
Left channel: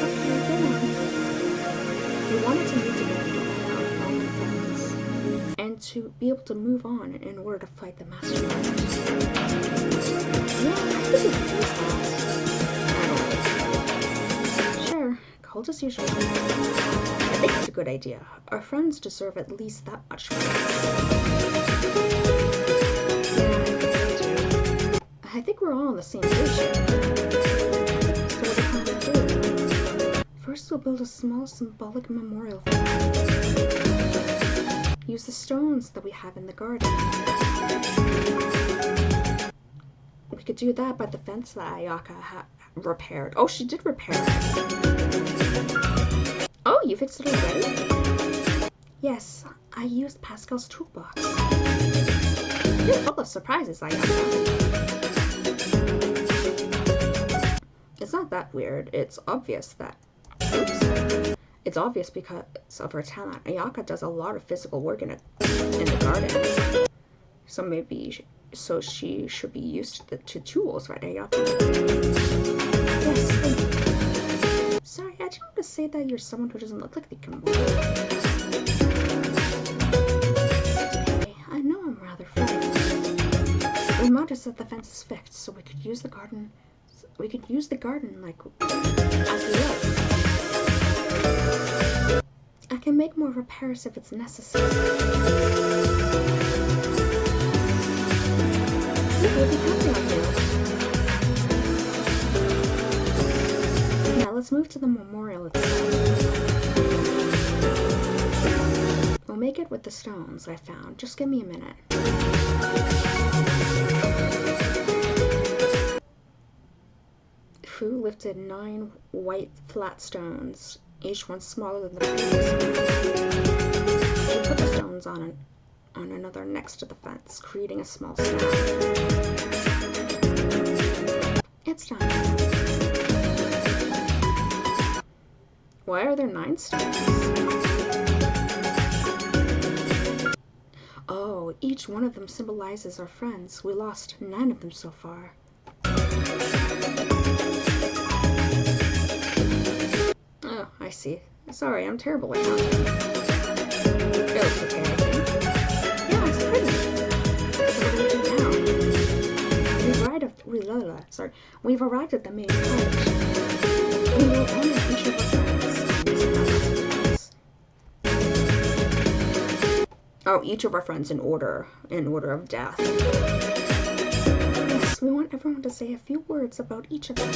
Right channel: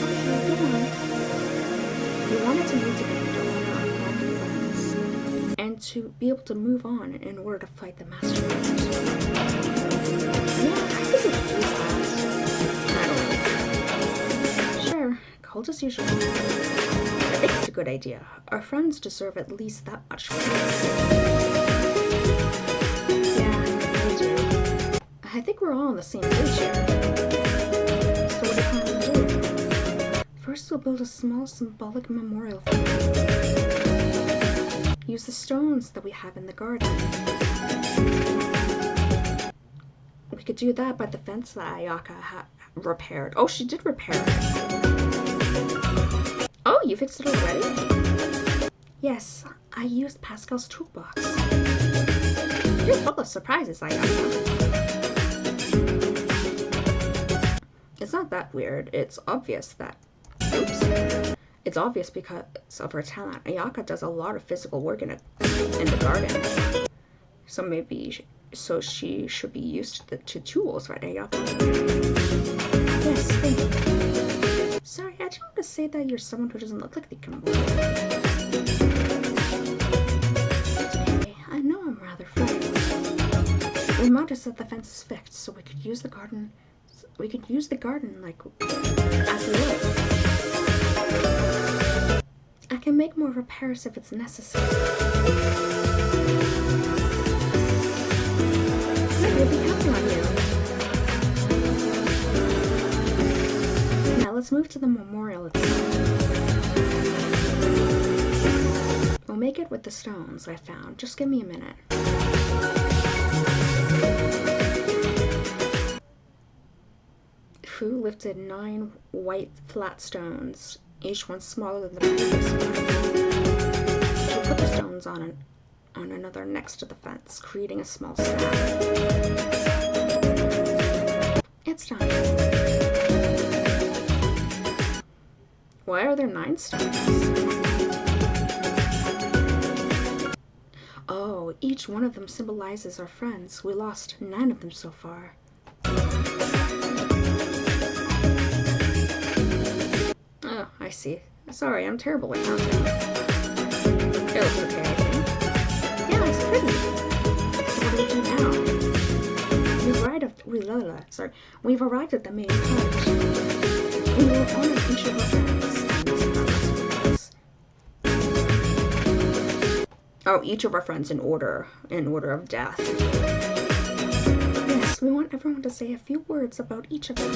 Okay, go on. We wanted to meet together to honor our fallen friends, and to be able to move on in order to fight the mastermind. Yeah, I think we could use that. I don't know. Sure. Cold as usual. I think it's a good idea. Our friends deserve at least that much from us. Yeah, they do. I think we're all on the same page here. So what do you plan to do? First, we'll build a small symbolic memorial for them. Use the stones that we have in the garden. We could do that by the fence that Ayaka repaired. Oh, she did repair it. Oh, you fixed it already? Yes, I used Pascal's toolbox. You're full of surprises, Ayaka. It's not that weird. It's obvious that... Oops. It's obvious because of her talent. Ayaka does a lot of physical work in the garden. So she should be used to tools, right, Ayaka? Yes, thank you. Sorry, I didn't want to say that you're someone who doesn't look like they can work. other friend. Remind us that the fence is fixed, so we could use the garden. We could use the garden like as we live. I can make more repairs if it's necessary. Look, we'll be counting on you. Now let's move to the memorial itself. We'll make it with the stones I found. Just give me a minute. Fu lifted 9 white flat stones, each one smaller than the previous one. She put the stones on another next to the fence, creating a small staff. It's done. Why are there 9 stones? Oh, each one of them symbolizes our friends. We lost 9 of them so far. Oh, I see. Sorry, I'm terrible at counting. It looks okay, I think. Yeah, it's pretty. So what do we do now? We've arrived at the main part. We will honor each of our friends. Oh, each of our friends in order of death. Yes, we want everyone to say a few words about each of them.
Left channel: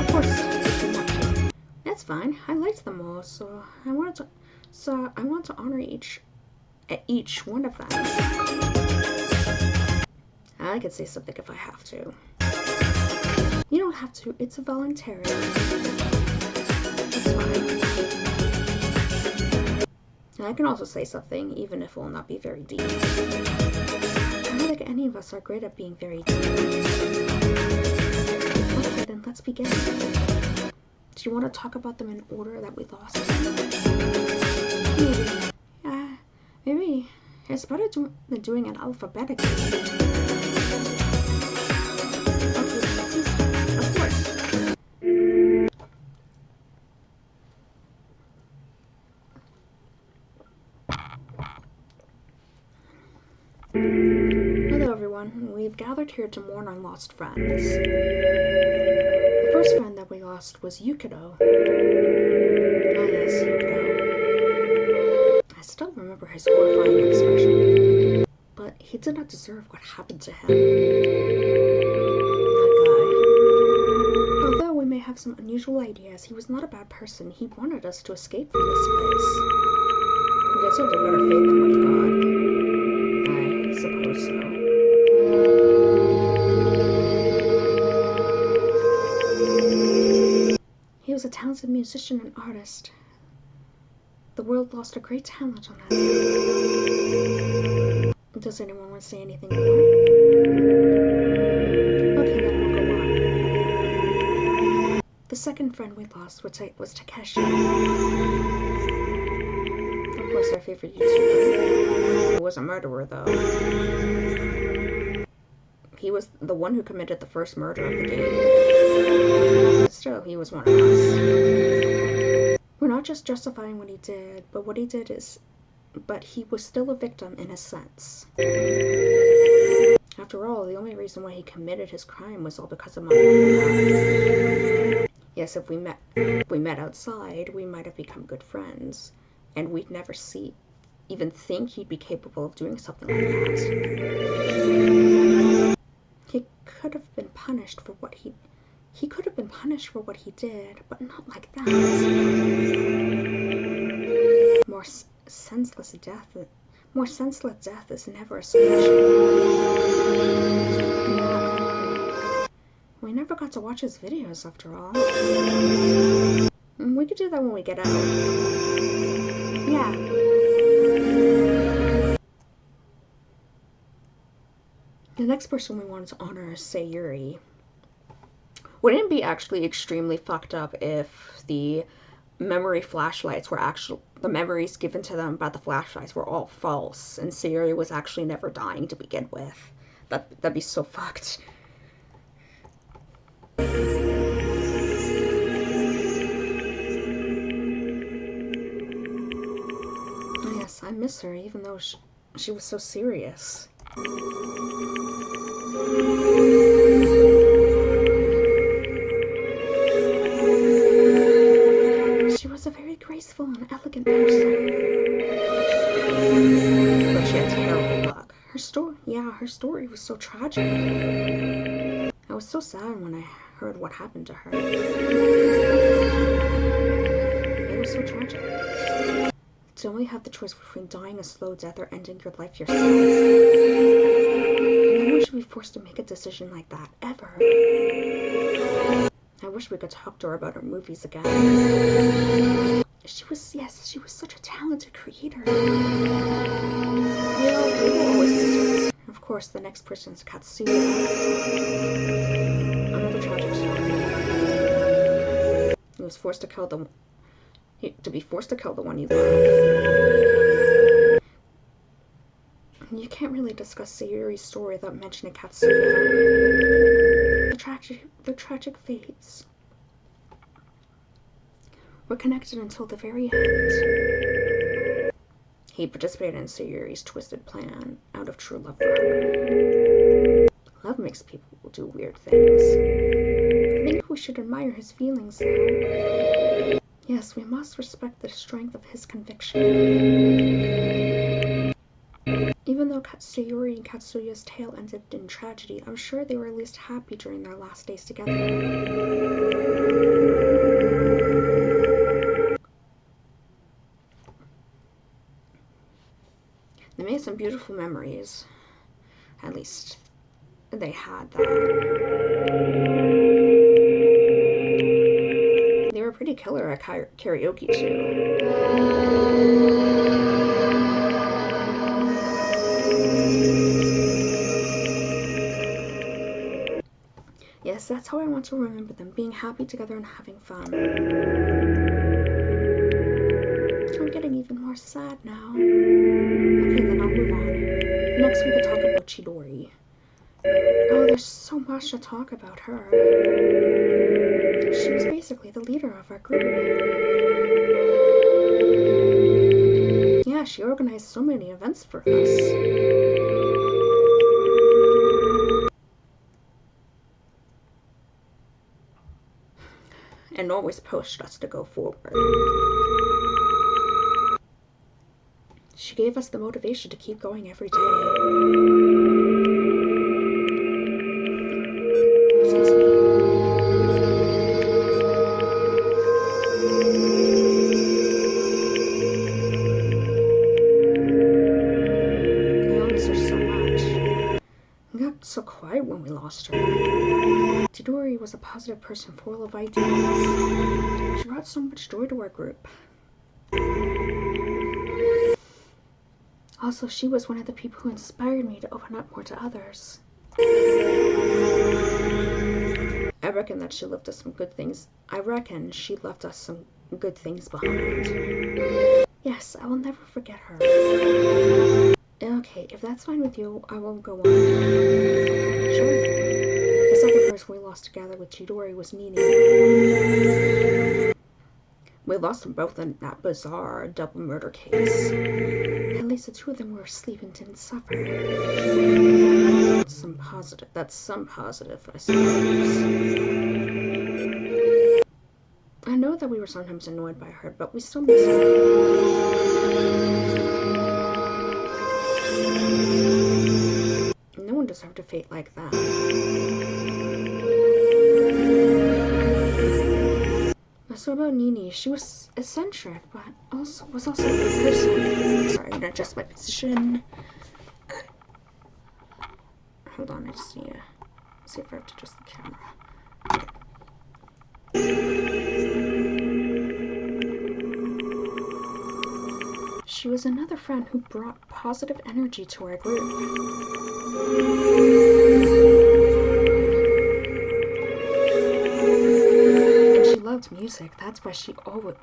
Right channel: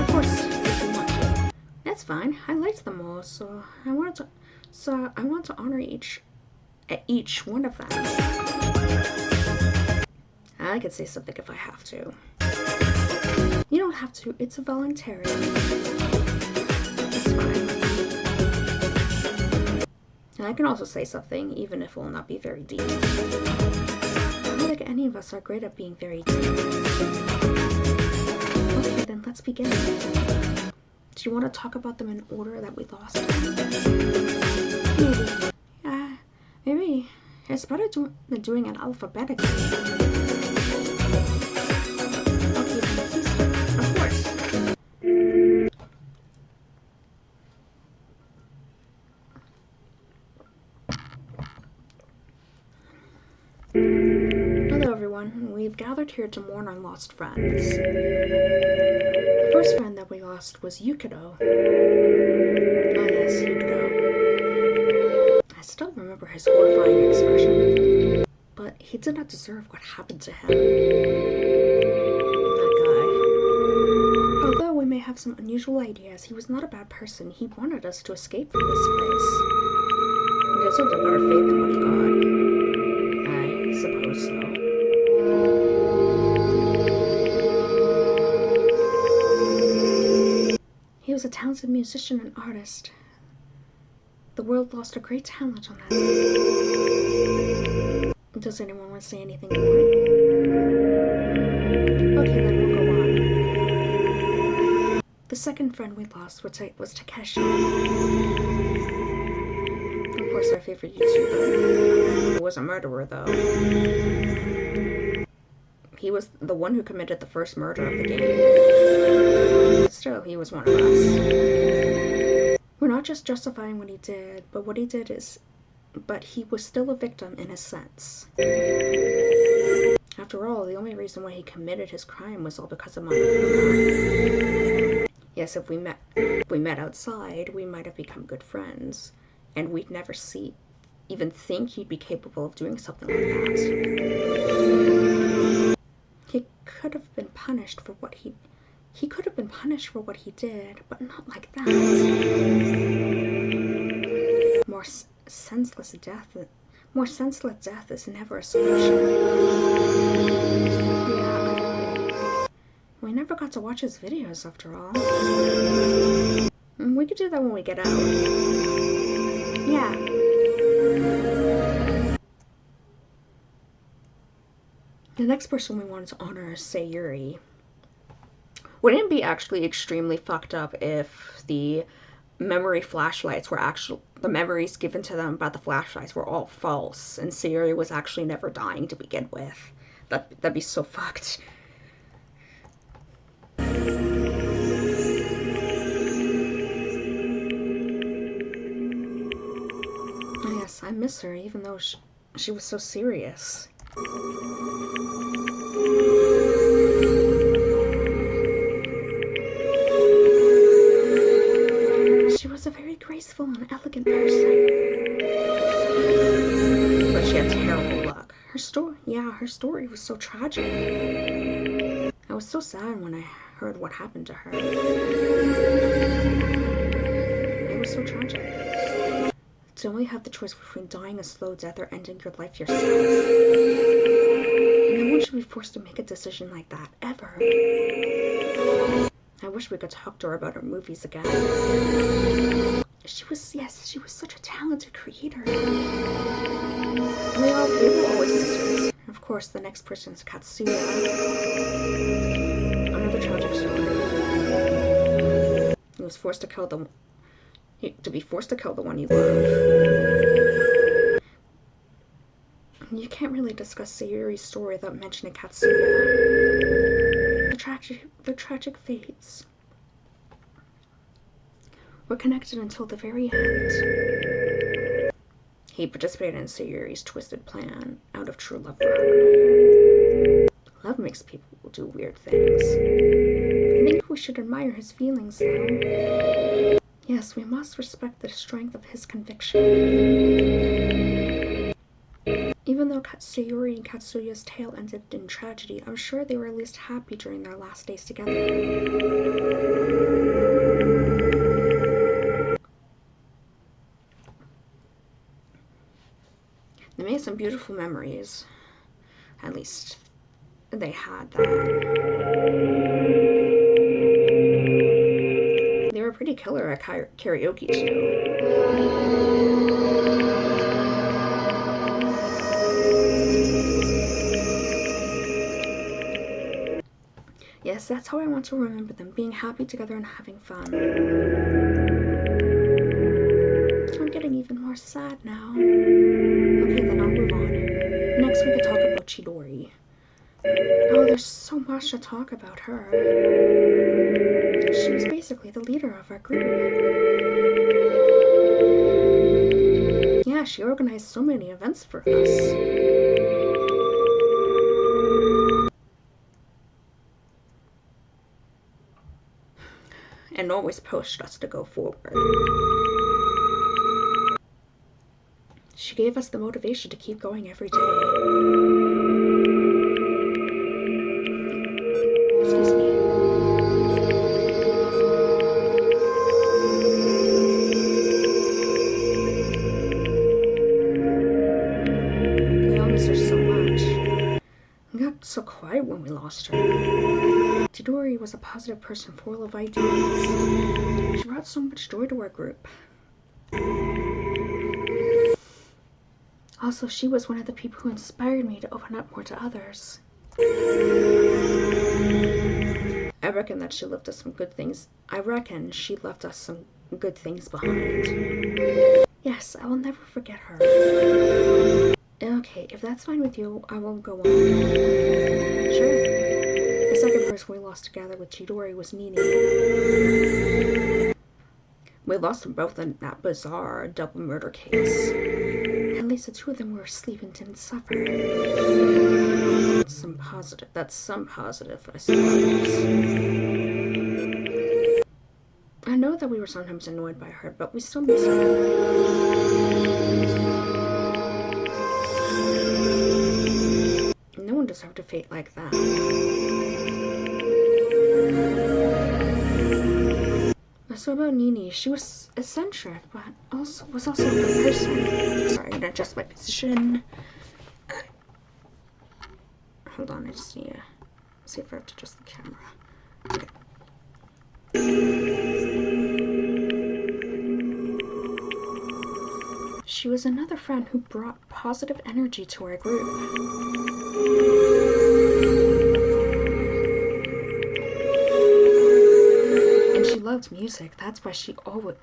Of course, if you want to. That's fine. I liked them all, so I want to honor each one of them. I could say something if I have to. You don't have to. It's voluntary. It's fine. And I can also say something, even if it will not be very deep. I don't think any of us are great at being very deep. Okay, then let's begin. Do you want to talk about them in order that we lost them? Maybe. Yeah, maybe. It's better than doing it alphabetically. Okay, then please. Of course. Hello everyone, we've gathered here to mourn our lost friends. The first friend that we lost was Yukito. Oh yes, Yukito. I still remember his horrifying expression. But he did not deserve what happened to him. That guy. Although we may have some unusual ideas, he was not a bad person. He wanted us to escape from this place. He deserved a better fate than what he got. I suppose so. He was a talented musician and artist. The world lost a great talent on that day. Does anyone want to say anything more? Okay, then we'll go on. The second friend we lost was Takeshi. Of course, our favorite YouTuber. He was a murderer, though. He was the one who committed the first murder of the game. But still, he was one of us. We're not just justifying what he did, but what he did is... But he was still a victim in a sense. After all, the only reason why he committed his crime was all because of Monokuma. Yes, if we met outside, we might have become good friends. And we'd never even think he'd be capable of doing something like that. He could have been punished for what he did, but not like that. More senseless death is never a solution. Yeah, I agree. We never got to watch his videos after all. We could do that when we get out. Yeah. The next person we wanted to honor is Sayuri. Wouldn't it be actually extremely fucked up if the memory flashlights were the memories given to them by the flashlights were all false and Sayuri was actually never dying to begin with? That'd be so fucked. Yes, I miss her, even though She was so serious. She was a very graceful and elegant person. But she had terrible luck. Her story was so tragic. I was so sad when I heard what happened to her. It was so tragic. To only have the choice between dying a slow death or ending your life yourself. No one should be forced to make a decision like that, ever. I wish we could talk to her about her movies again. She was such a talented creator. We will always miss her. Of course, the next person is Katsuya. Another tragic story. He was forced to kill the one you love. You can't really discuss Sayuri's story without mentioning Katsuya. The tragic fates were connected until the very end. He participated in Sayuri's twisted plan out of true love for her. Love makes people do weird things. I think we should admire his feelings, though. Yes, we must respect the strength of his conviction. Even though Sayuri and Katsuya's tale ended in tragedy, I'm sure they were at least happy during their last days together. They made some beautiful memories. At least they had that. They were pretty killer at karaoke, too. Yes, that's how I want to remember them, being happy together and having fun. I'm getting even more sad now. Okay, then I'll move on. Next, we could talk about Chidori. Oh, there's so much to talk about her. She was basically the leader of our group. Yeah, she organized so many events for us. And always pushed us to go forward. She gave us the motivation to keep going every day. Excuse me. I all miss her so much. We got so quiet when we lost her. Chidori was a positive person full of ideas. She brought so much joy to our group. Also, she was one of the people who inspired me to open up more to others. I reckon she left us some good things behind. Yes, I will never forget her. Okay, if that's fine with you, I will go on. Sure. The second person we lost together with Chidori was Nini. We lost them both in that bizarre double murder case. At least the two of them were asleep and didn't suffer. That's some positive, I suppose. I know that we were sometimes annoyed by her, but we still miss her. No one deserved a fate like that. So about Nini, she was eccentric, but was also a good person. Sorry, I'm gonna adjust my position. Hold on, I just need to see if I have to adjust the camera. Okay. She was another friend who brought positive energy to our group. And she loved music. That's why she always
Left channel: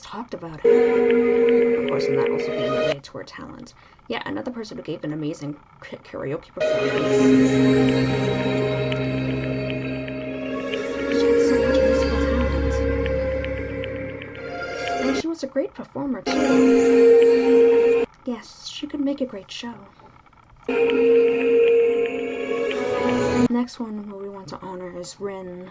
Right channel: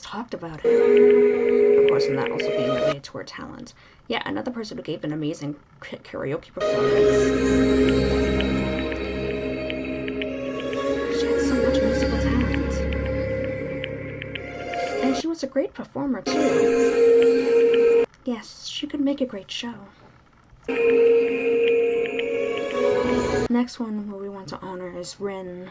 talked about it. Of course, and that also being related to her talent. Yeah, another person who gave an amazing karaoke performance. She had so much musical talent. And she was a great performer, too. Yes, she could make a great show. Next one where we want to honor is Rin.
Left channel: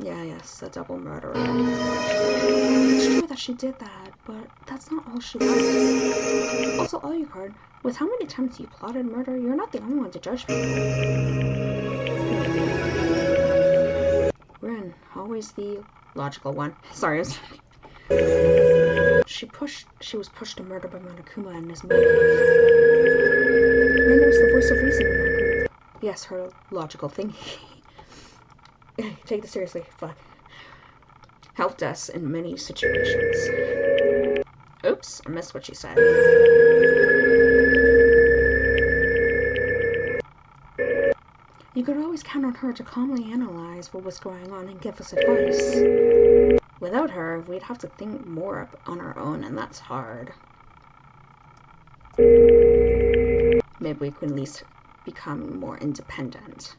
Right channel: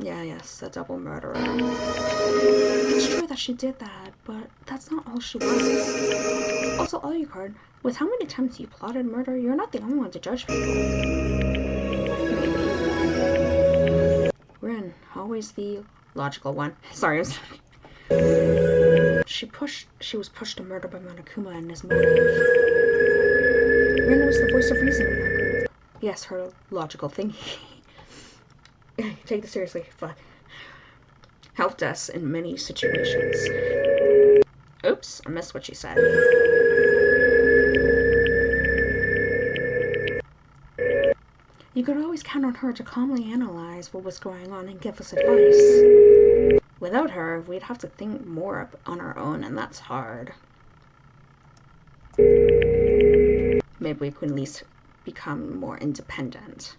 Yes, a double murderer. It's true that she did that, but that's not all she was. Also, Alucard, with how many times you plotted murder, you're not the only one to judge people. Maybe. Rin, always the logical one. Sorry, She was pushed to murder by Monokuma and his motive. Rin was the voice of reason in our group. Yes, her logical thinking. Take this seriously, fuck. Helped us in many situations. Oops, I missed what she said. You could always count on her to calmly analyze what was going on and give us advice. Without her, we'd have to think more on our own, and that's hard. Maybe we could at least become more independent.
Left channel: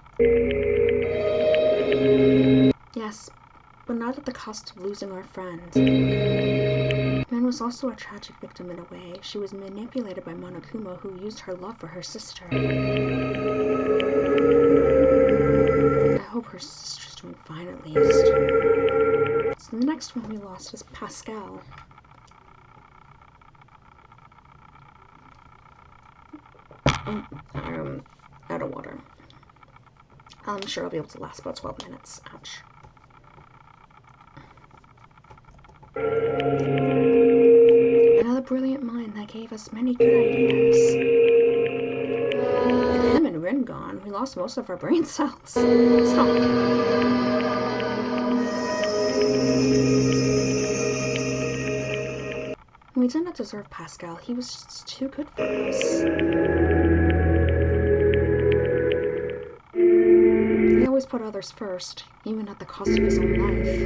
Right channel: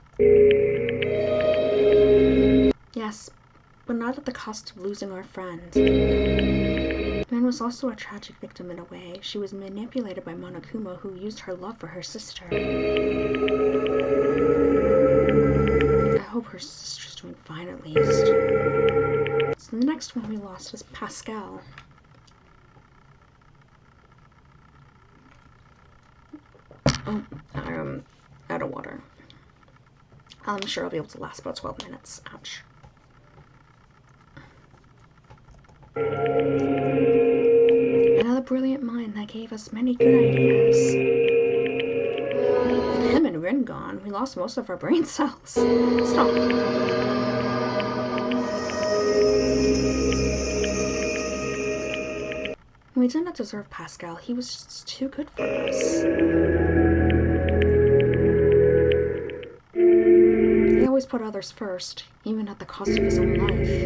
Yes, but not at the cost of losing our friend. Min was also a tragic victim in a way. She was manipulated by Monokuma, who used her love for her sister. I hope her sister's doing fine at least. So the next one we lost is Pascal. Oh, I'm out of water. I'm sure I'll be able to last about 12 minutes. Ouch. Another brilliant mind that gave us many good ideas. With him and Rin gone, we lost most of our brain cells. Stop. We didn't deserve Pascal. He was just too good for us. He always put others first, even at the cost of his own life.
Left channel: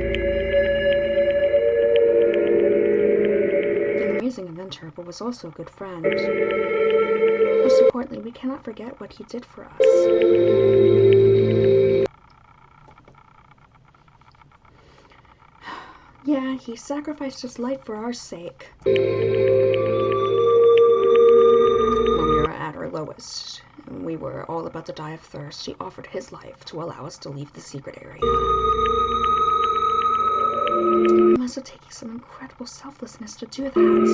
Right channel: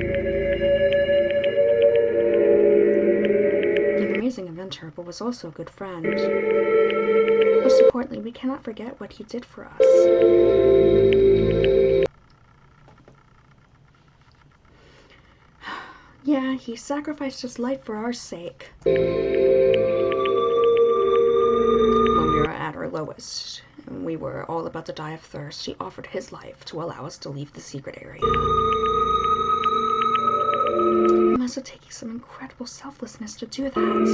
An amazing inventor, but was also a good friend. Most importantly, we cannot forget what he did for us. Yeah, he sacrificed his life for our sake. When we were at our lowest, and we were all about to die of thirst, he offered his life to allow us to leave the secret area. It must have taken some incredible selflessness to do that.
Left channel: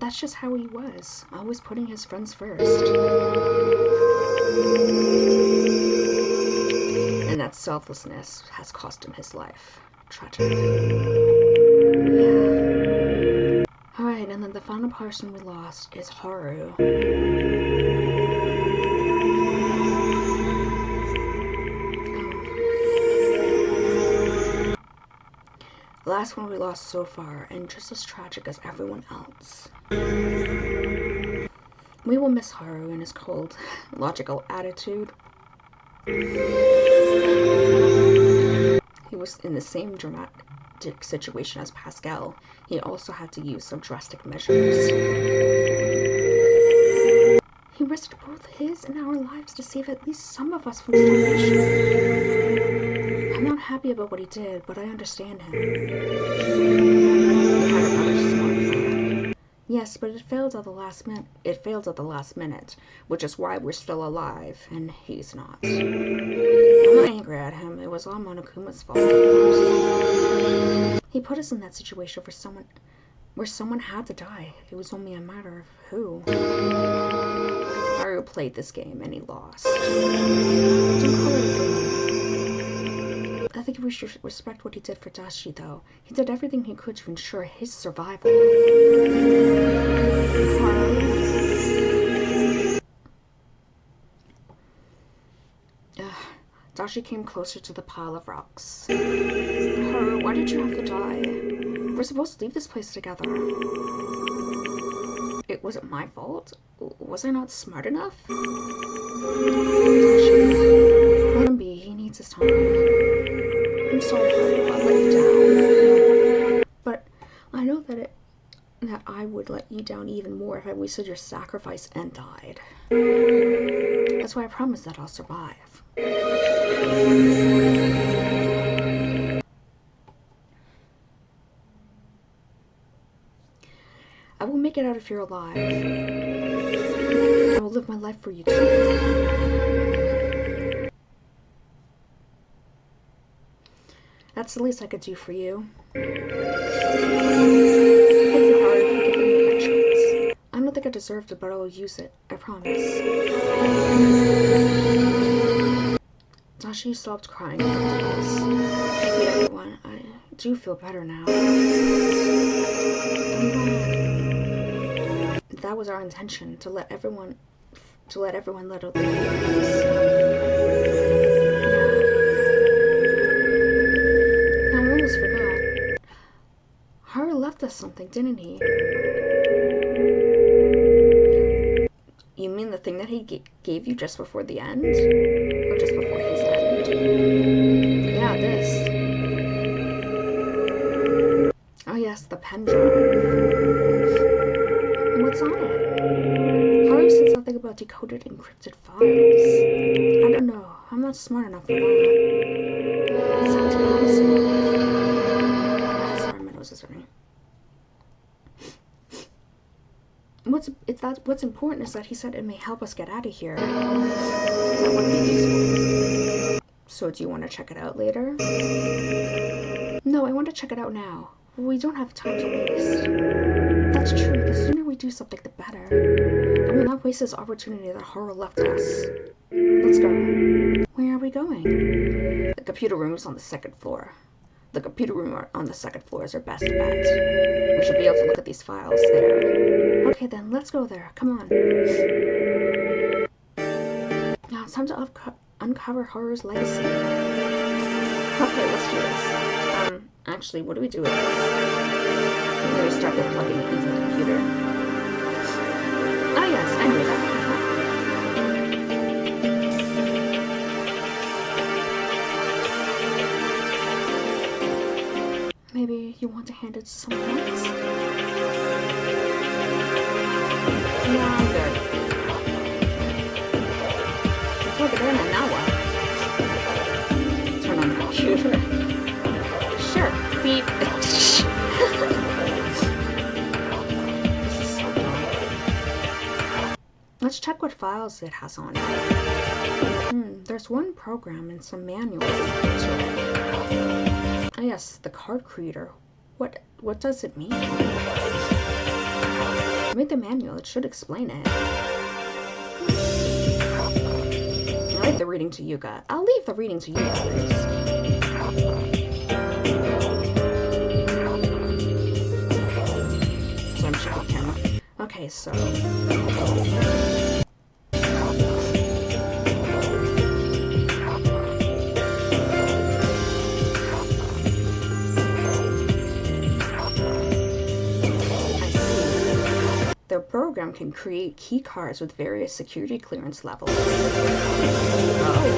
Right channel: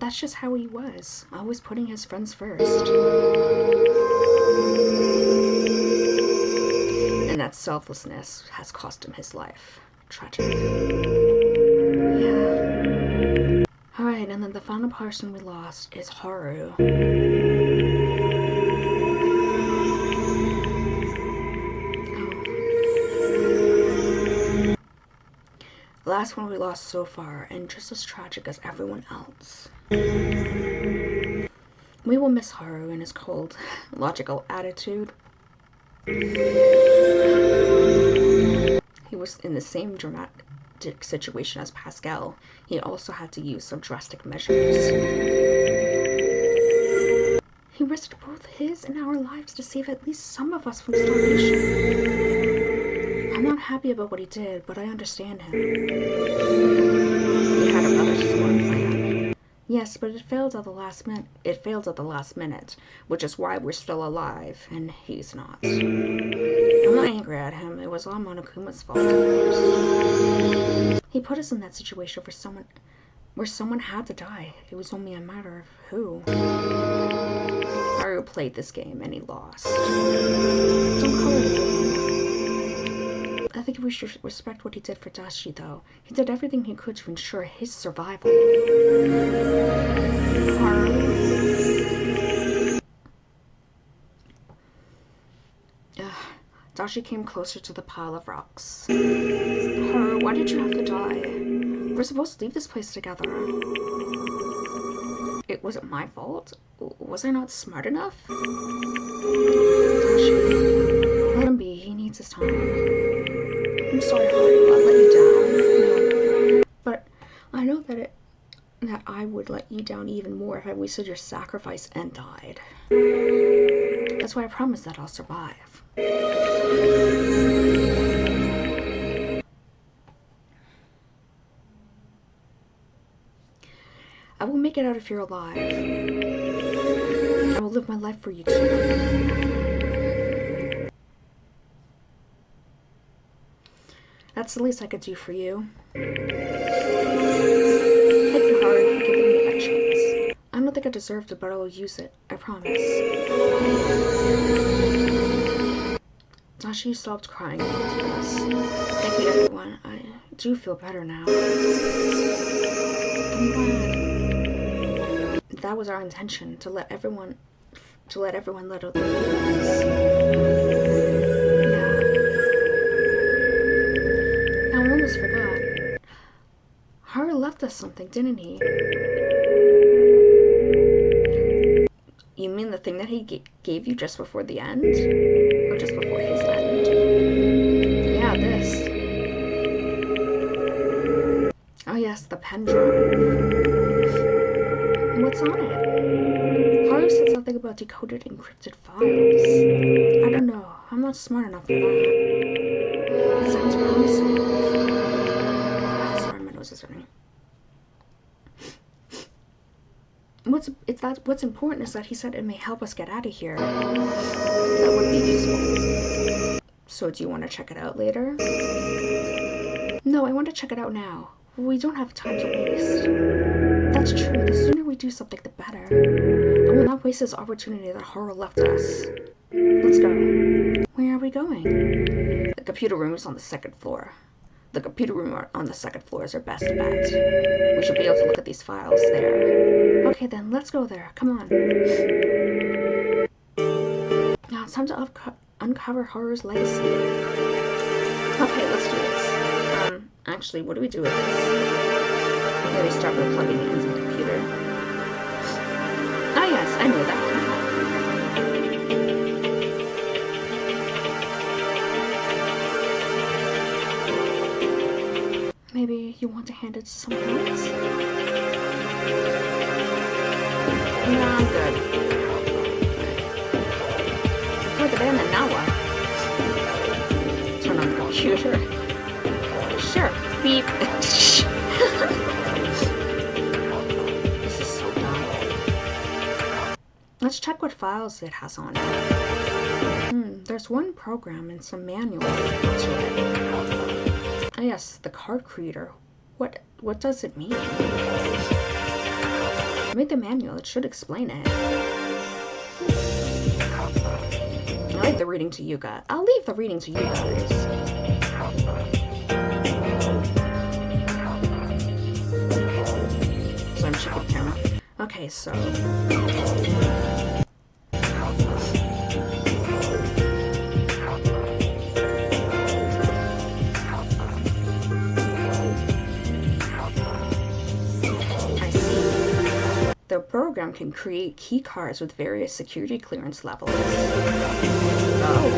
That's just how he was, always putting his friends first. And that selflessness has cost him his life. Tragic. Yeah. Alright, and then the final person we lost is Haru. The last one we lost so far, and just as tragic as everyone else. We will miss Haru and his cold, logical attitude. He was in the same dramatic situation as Pascal. He also had to use some drastic measures. He risked both his and our lives to save at least some of us from starvation. I'm not happy about what he did, but I understand him. He had a rather smart plan. Yes, but it failed at the last minute. Which is why we're still alive, and he's not. I'm not angry at him. It was all Monokuma's fault, of course. He put us in that situation where someone had to die. It was only a matter of who. Haru played this game, and he lost. Don't call it a game. I think we should respect what he did for Dashi, though. He did everything he could to ensure his survival. Haru. Dashi came closer to the pile of rocks. Haru, why did you have to die? We're supposed to leave this place together. It wasn't my fault. Was I not smart enough? Dashi, let him be. He needs his time. I'm sorry, Haru. I let you down. No. But I know that I would let you down even more if I wasted your sacrifice and died. That's why I promise that I'll survive. I will make it out if you're alive. I will live my life for you too. That's the least I could do for you. Thank you, Haru, for giving me that chance. I don't think I deserved it, but I will use it. I promise. Dashi stopped crying and looked at us. Thank you, everyone. I do feel better now. I'm glad. That was our intention, to let everyone let out their feelings. Yeah. Now I almost forgot. Haru left us something, didn't he? You mean the thing that he gave you just before the end? Or just before his end? Yeah, this. Oh yes, the pen drive. What's on it? Haru said something about decoded encrypted files. I don't know. I'm not smart enough for that. Sounds promising. Sorry, my nose is running. What's important is that he said it may help us get out of here. That would be useful. So do you want to check it out later? No, I want to check it out now. We don't have time to waste. That's true. The sooner we do something, the better. I will not waste this opportunity that Haru left us. Let's go. Where are we going? The computer room is on the second floor. The computer room on the second floor is our best bet. We should be able to look at these files there. Okay then, let's go there. Come on. Now it's time to uncover Haru's legacy. Okay, let's do this. Actually, what do we do with this? Maybe start by plugging it into the computer. Oh yes, I knew that. Maybe you want to hand it to someone else? No, I'm good. Plug it in and now what? Turn on the computer. Sure. Beep. This is so dumb. Let's check what files it has on it. There's one program and some manuals to it. Oh yes, the card creator. What does it mean? Read the manual, it should explain it. I'll leave the reading to you guys. So I'm checking the camera. Okay, so the program can create key cards with various security clearance levels. Oh.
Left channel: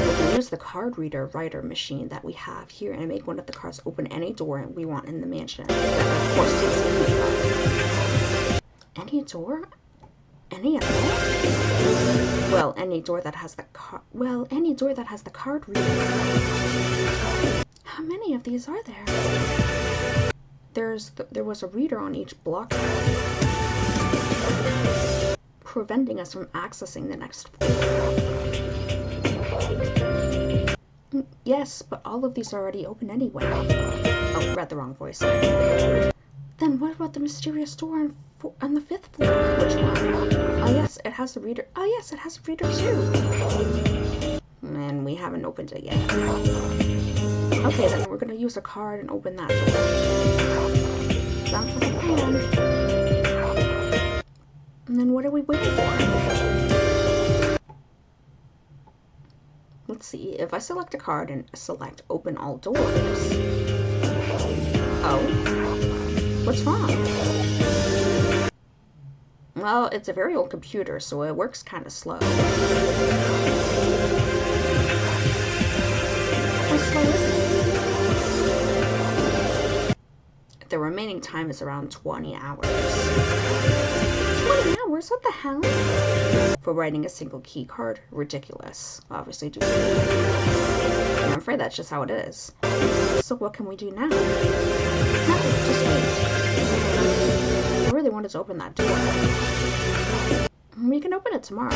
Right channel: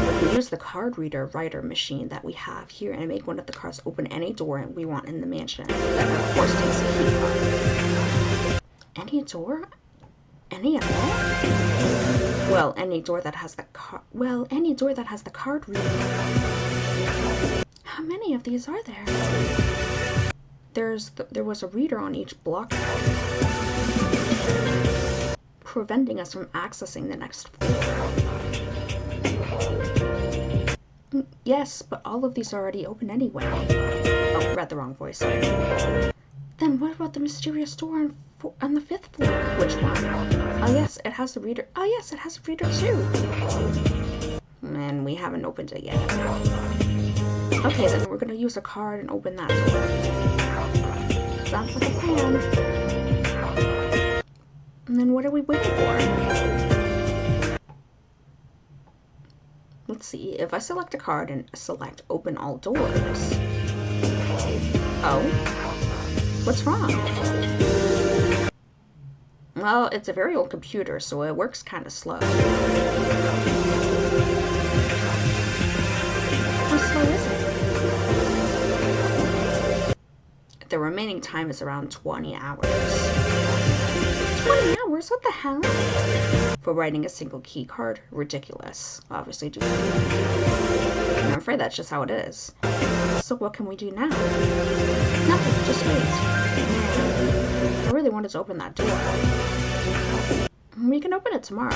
We can use the card reader writer machine that we have here and make one of the cards open any door we want in the mansion. That of course takes the key card. Any door? Any at all? Well, any door that has the card reader. How many of these are there? There was a reader on each block, preventing us from accessing the next floor. Yes, but all of these are already open anyway. Oh, read the wrong voice. Sorry. Then what about the mysterious door on the 5th floor? Which one? Oh yes, it has a reader. Oh yes, it has a reader too. And we haven't opened it yet. Okay, then we're gonna use a card and open that door. Sounds like a plan. And then what are we waiting for? Let's see. If I select a card and select open all doors. Oh. What's wrong? Well, it's a very old computer, so it works kind of slow. How slow is it? The remaining time is around 20 hours. 20 hours? hours? What the hell? For writing a single key card? Ridiculous. Obviously, do. I'm afraid that's just how it is. So what can we do now? Nothing, just wait. Yeah. I really wanted to open that door. We can open it tomorrow.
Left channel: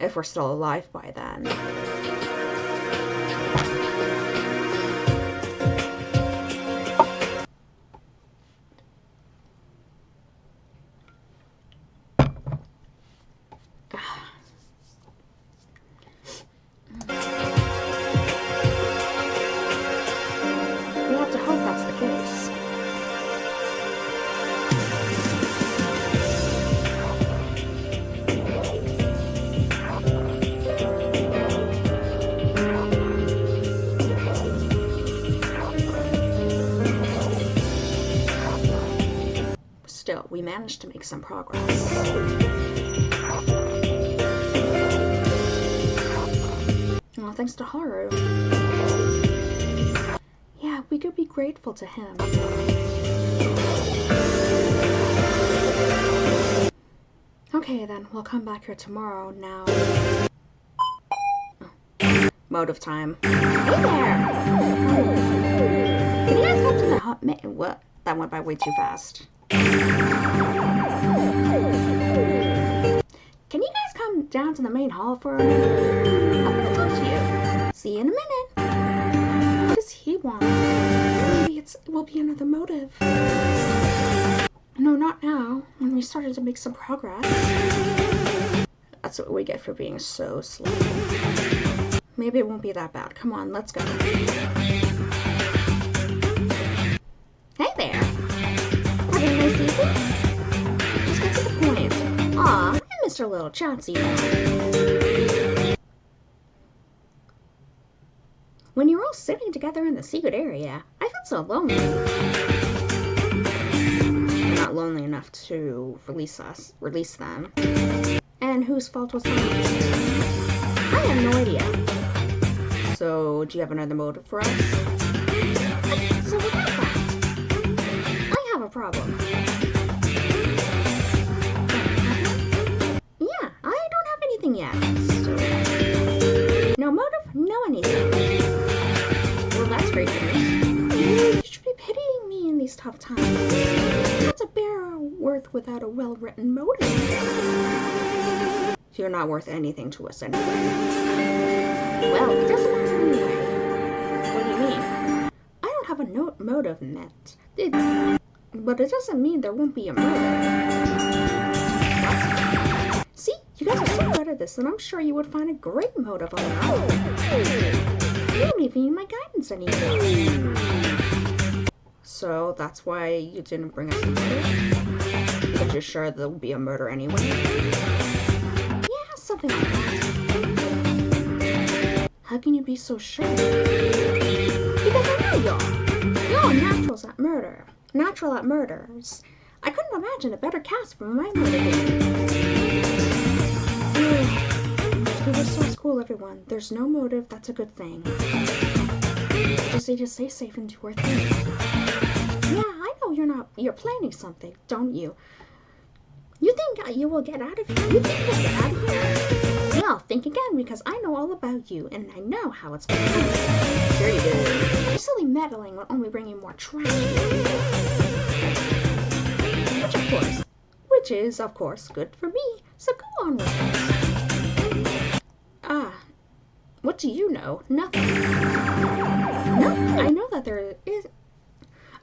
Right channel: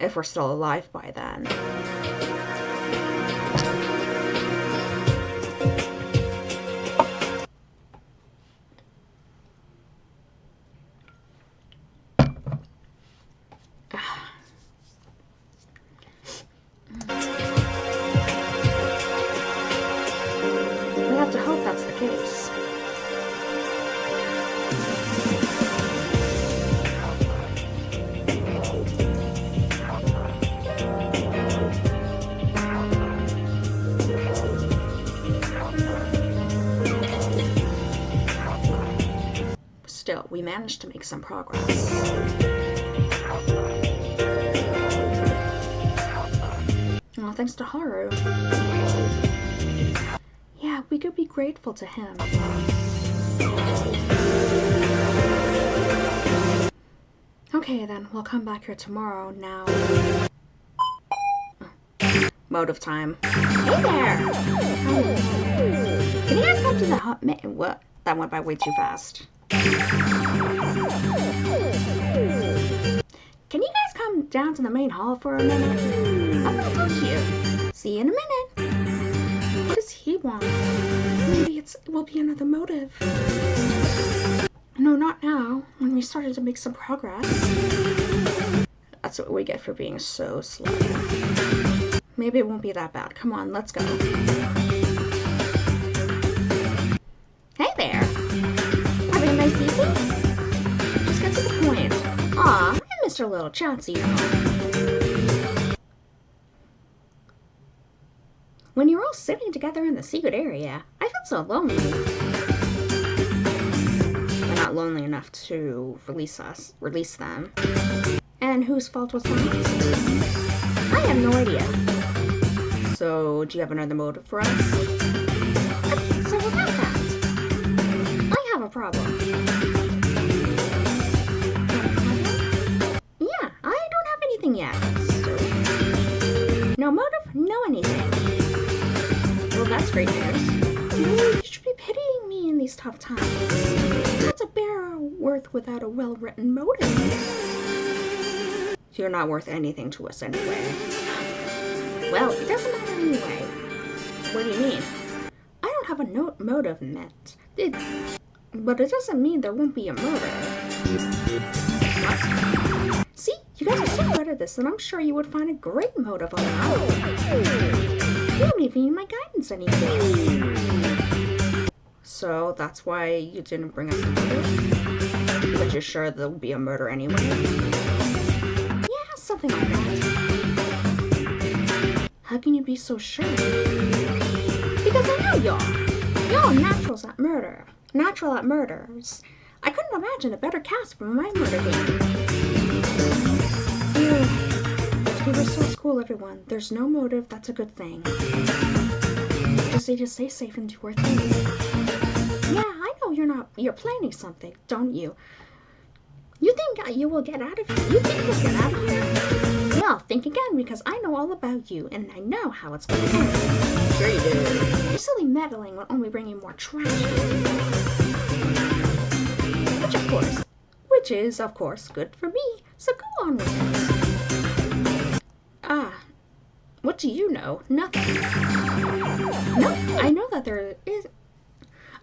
If we're still alive by then. We have to hope that's the case. Still, we managed to make some progress. Well, thanks to Haru. Yeah, we could be grateful to him. Okay, then, we'll come back here tomorrow. Now... Motive time. Hey there! Can you guys come to the hut? What? That went by way too fast. Can you guys come down to the main hall for a minute? I want to talk to you. See you in a minute. What does he want? Maybe it will be another motive. No, not now. When we started to make some progress. That's what we get for being so slow. Maybe it won't be that bad. Come on, let's go. Hey there. Having a nice evening? Just get to the point. Aw, I missed our little chats, you know. When you were all sitting together in the secret area, I felt so lonely. We're not lonely enough to release them. And whose fault was that? I have no idea. So, do you have another motive for us? So without that, I have a problem. Yeah, I don't have anything yet. So, no motive, no anything. Well, that's great news. You should be pitying me in these tough times. That's a bare worth without a well-written motive. You're not worth anything to us anyway. Well, it doesn't matter anyway. What do you mean? I don't have a motive met. But it doesn't mean there won't be a murder. What? See, you guys are so good at this, and I'm sure you would find a great motive on your own. You don't even need my guidance anymore. So that's why you didn't bring us a motive? Because you're sure there'll be a murder anyway? Yeah, something like that. How can you be so sure? Because I know y'all. Y'all are naturals at murder. Natural at murders. I couldn't imagine a better cast for my murder game. You were so cool, everyone. There's no motive. That's a good thing. Just need to stay safe and do our thing. Yeah, I know you're planning something, don't you? You think you will get out of here? You think you'll get out of here? Well, think again, because I know all about you, and I know how it's going to end. Sure you do. Your silly meddling will only bring you more tragedy. Which is, of course, good for me, so go on with it. What do you know? Nothing. No, I know that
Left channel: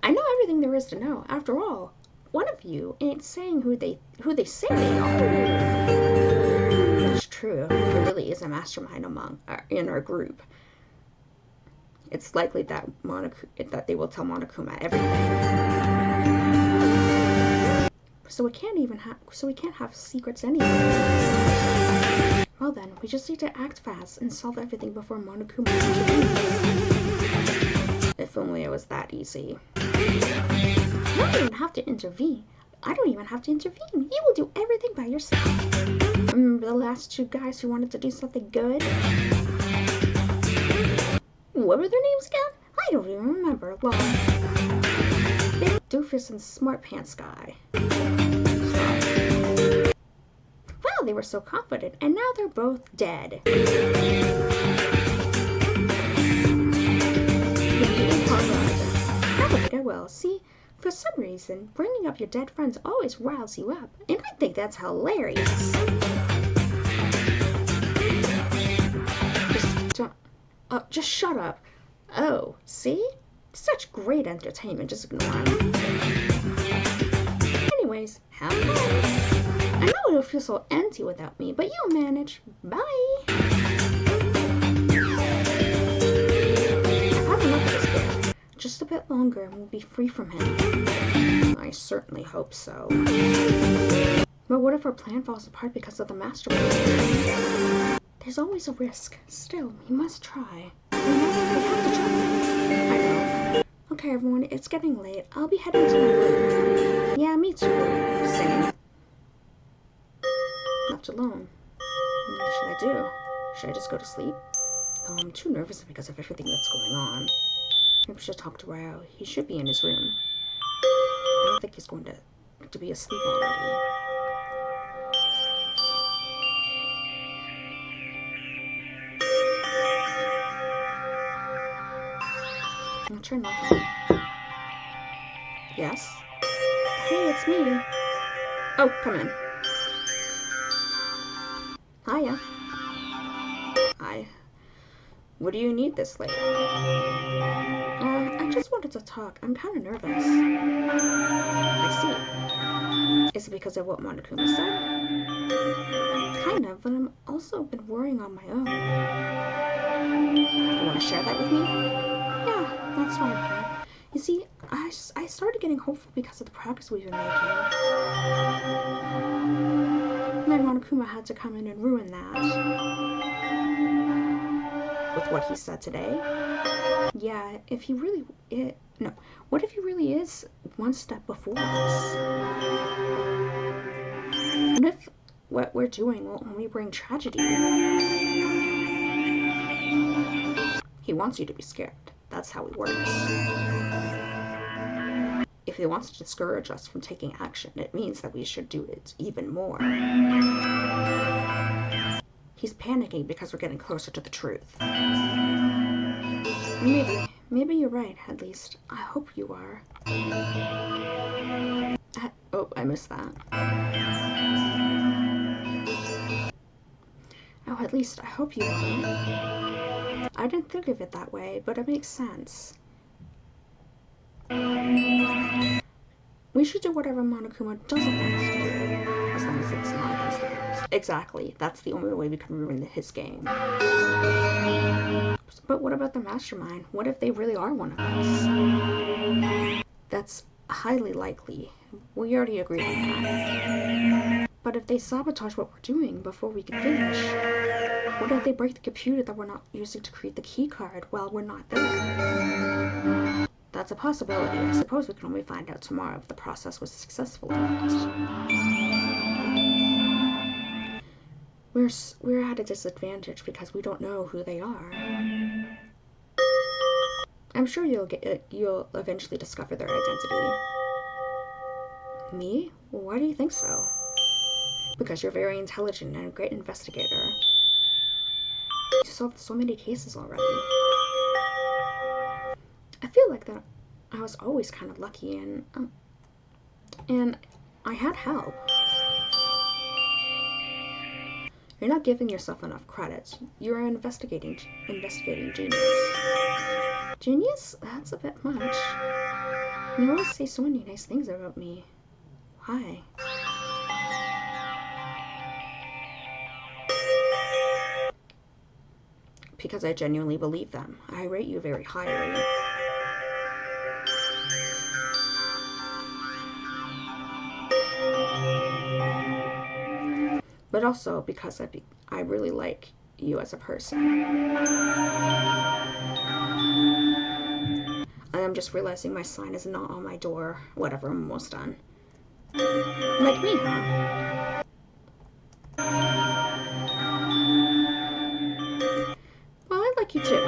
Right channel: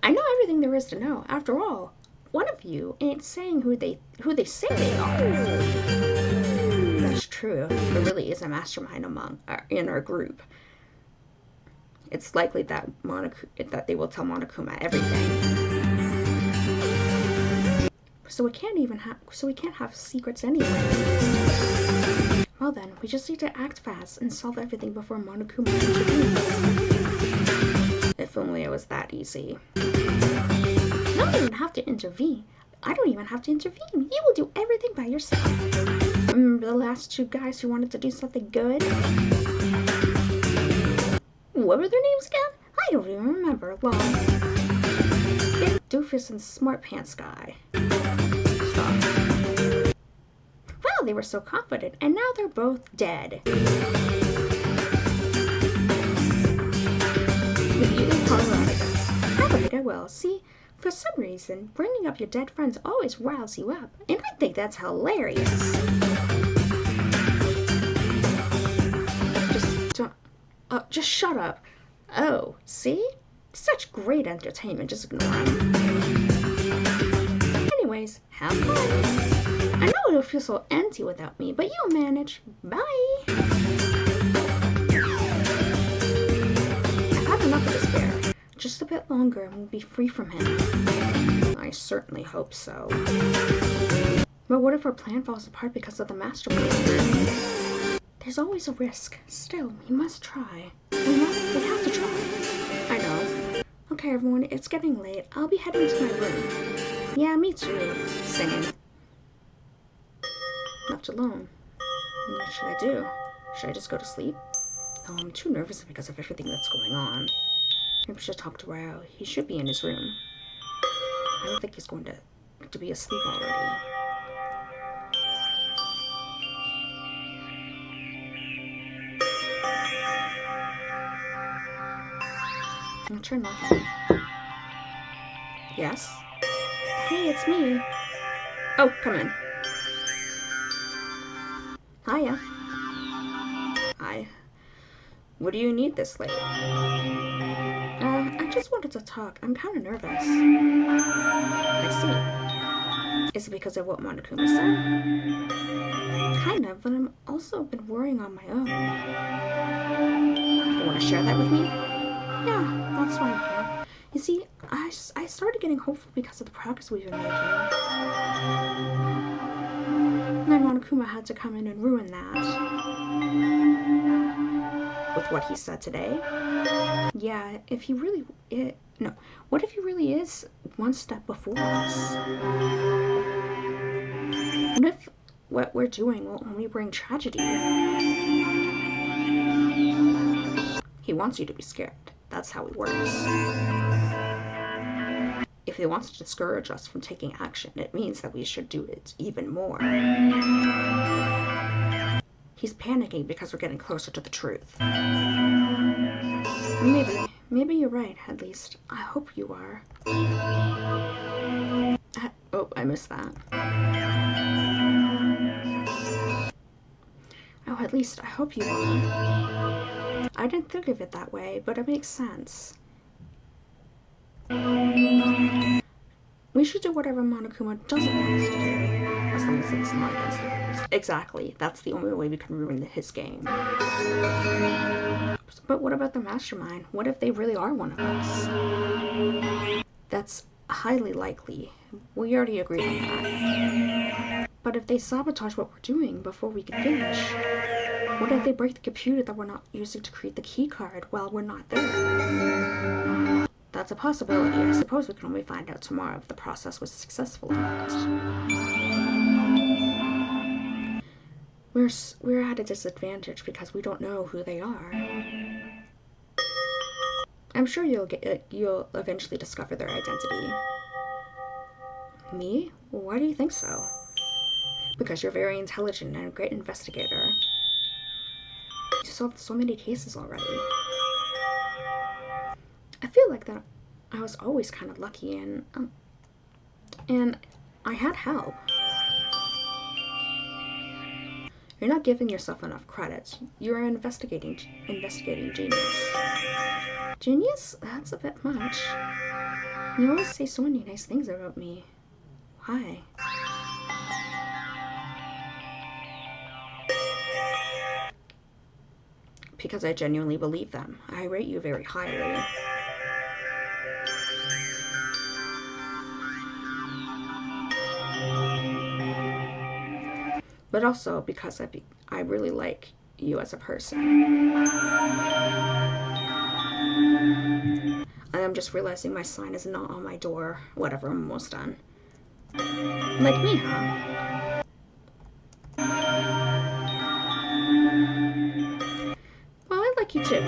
I know everything there is to know. After all, one of you ain't saying who they say they are. That's true. There really is a mastermind in our group. It's likely that they will tell Monokuma everything. So we can't have secrets anyway. Well then, we just need to act fast and solve everything before Monokuma intervenes. If only it was that easy. You don't even have to intervene. I don't even have to intervene. You will do everything by yourself. Remember the last two guys who wanted to do something good? what were their names again? I don't even remember. Well, Big Doofus and Smart Pants Guy. Stop. Well, they were so confident, and now they're both dead. Alright, I will. See, for some reason, bringing up your dead friends always riles you up, and I think that's hilarious. Just shut up. Oh, see? Such great entertainment, just ignore him. Anyways, have fun. I know it'll feel so empty without me, but you'll manage. Bye. I've had enough of this bear. Just a bit longer and we'll be free from him. I certainly hope so. But what if our plan falls apart because of the mastermind? There's always a risk. Still, we must try. We have to try. I know. Okay, everyone, it's getting late. I'll be heading to my room. Yeah, me too. Same. Left alone. What should I do? Should I just go to sleep? Oh, I'm too nervous because of everything that's going on. Maybe I should talk to Rao. He should be in his room. I don't think he's going to be asleep already. I'll try nothing. Yes? Hey, it's me. Oh, come in. Hiya. Hi. What do you need this late? I just wanted to talk. I'm kind of nervous. I see. Is it because of what Monokuma said? Kind of, but I'm also been worrying on my own. You want to share that with me? Yeah, that's fine. You see, I started getting hopeful because of the progress we've been making. Then Monokuma had to come in and ruin that. With what he said today? Yeah, if he really... what if he really is one step before us? What if what we're doing will only bring tragedy? He wants you to be scared. That's how he works. If he wants to discourage us from taking action, it means that we should do it even more. He's panicking because we're getting closer to the truth. Maybe you're right, at least. I hope you are. Oh, I missed that. Oh, at least I hope you are. I didn't think of it that way, but it makes sense. We should do whatever Monokuma doesn't want us to do, as long as it's not against the rules. Exactly. That's the only way we can ruin his game. But what about the mastermind? What if they really are one of us? That's highly likely. We already agreed on that. But if they sabotage what we're doing before we can finish, what if they break the computer that we're not using to create the key card while we're not there? That's a possibility. I suppose we can only find out tomorrow if the process was successful or not. We're at a disadvantage because we don't know who they are. I'm sure you'll eventually discover their identity. Me? Why do you think so? Because you're very intelligent and a great investigator. You solved so many cases already. I feel like that I was always kind of lucky and I had help. You're not giving yourself enough credit. You're an investigating genius. Genius? That's a bit much. You always say so many nice things about me. Why? Because I genuinely believe them. I rate you very highly. But also because I really like you as a person. I'm just realizing my sign is not on my door. Whatever, I'm almost done. Like me, huh? Well, I like you too.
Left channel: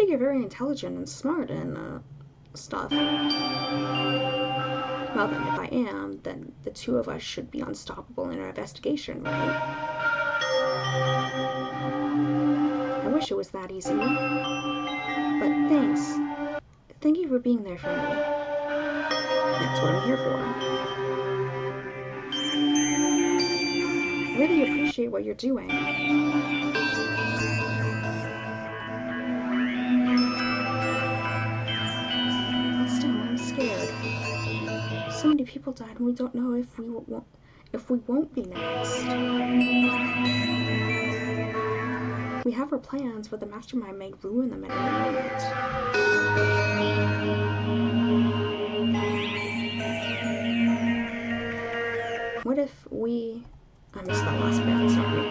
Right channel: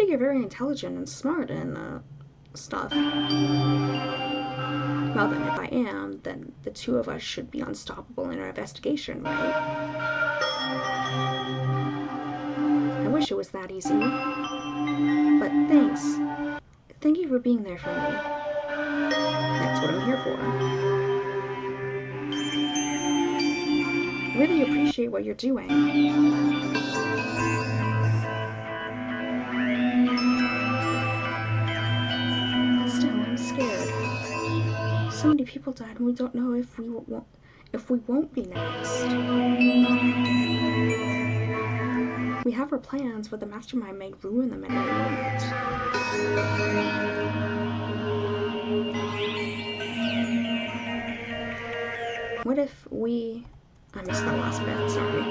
think you're very intelligent and smart and stuff. Well then, if I am, then the two of us should be unstoppable in our investigation, right? I wish it was that easy. But thanks. Thank you for being there for me. That's what I'm here for. I really appreciate what you're doing. But still, I'm scared. So many people died and we don't know if we won't be next. We have our plans, but the mastermind may ruin them at any moment. What if we... I missed that last bit, sorry.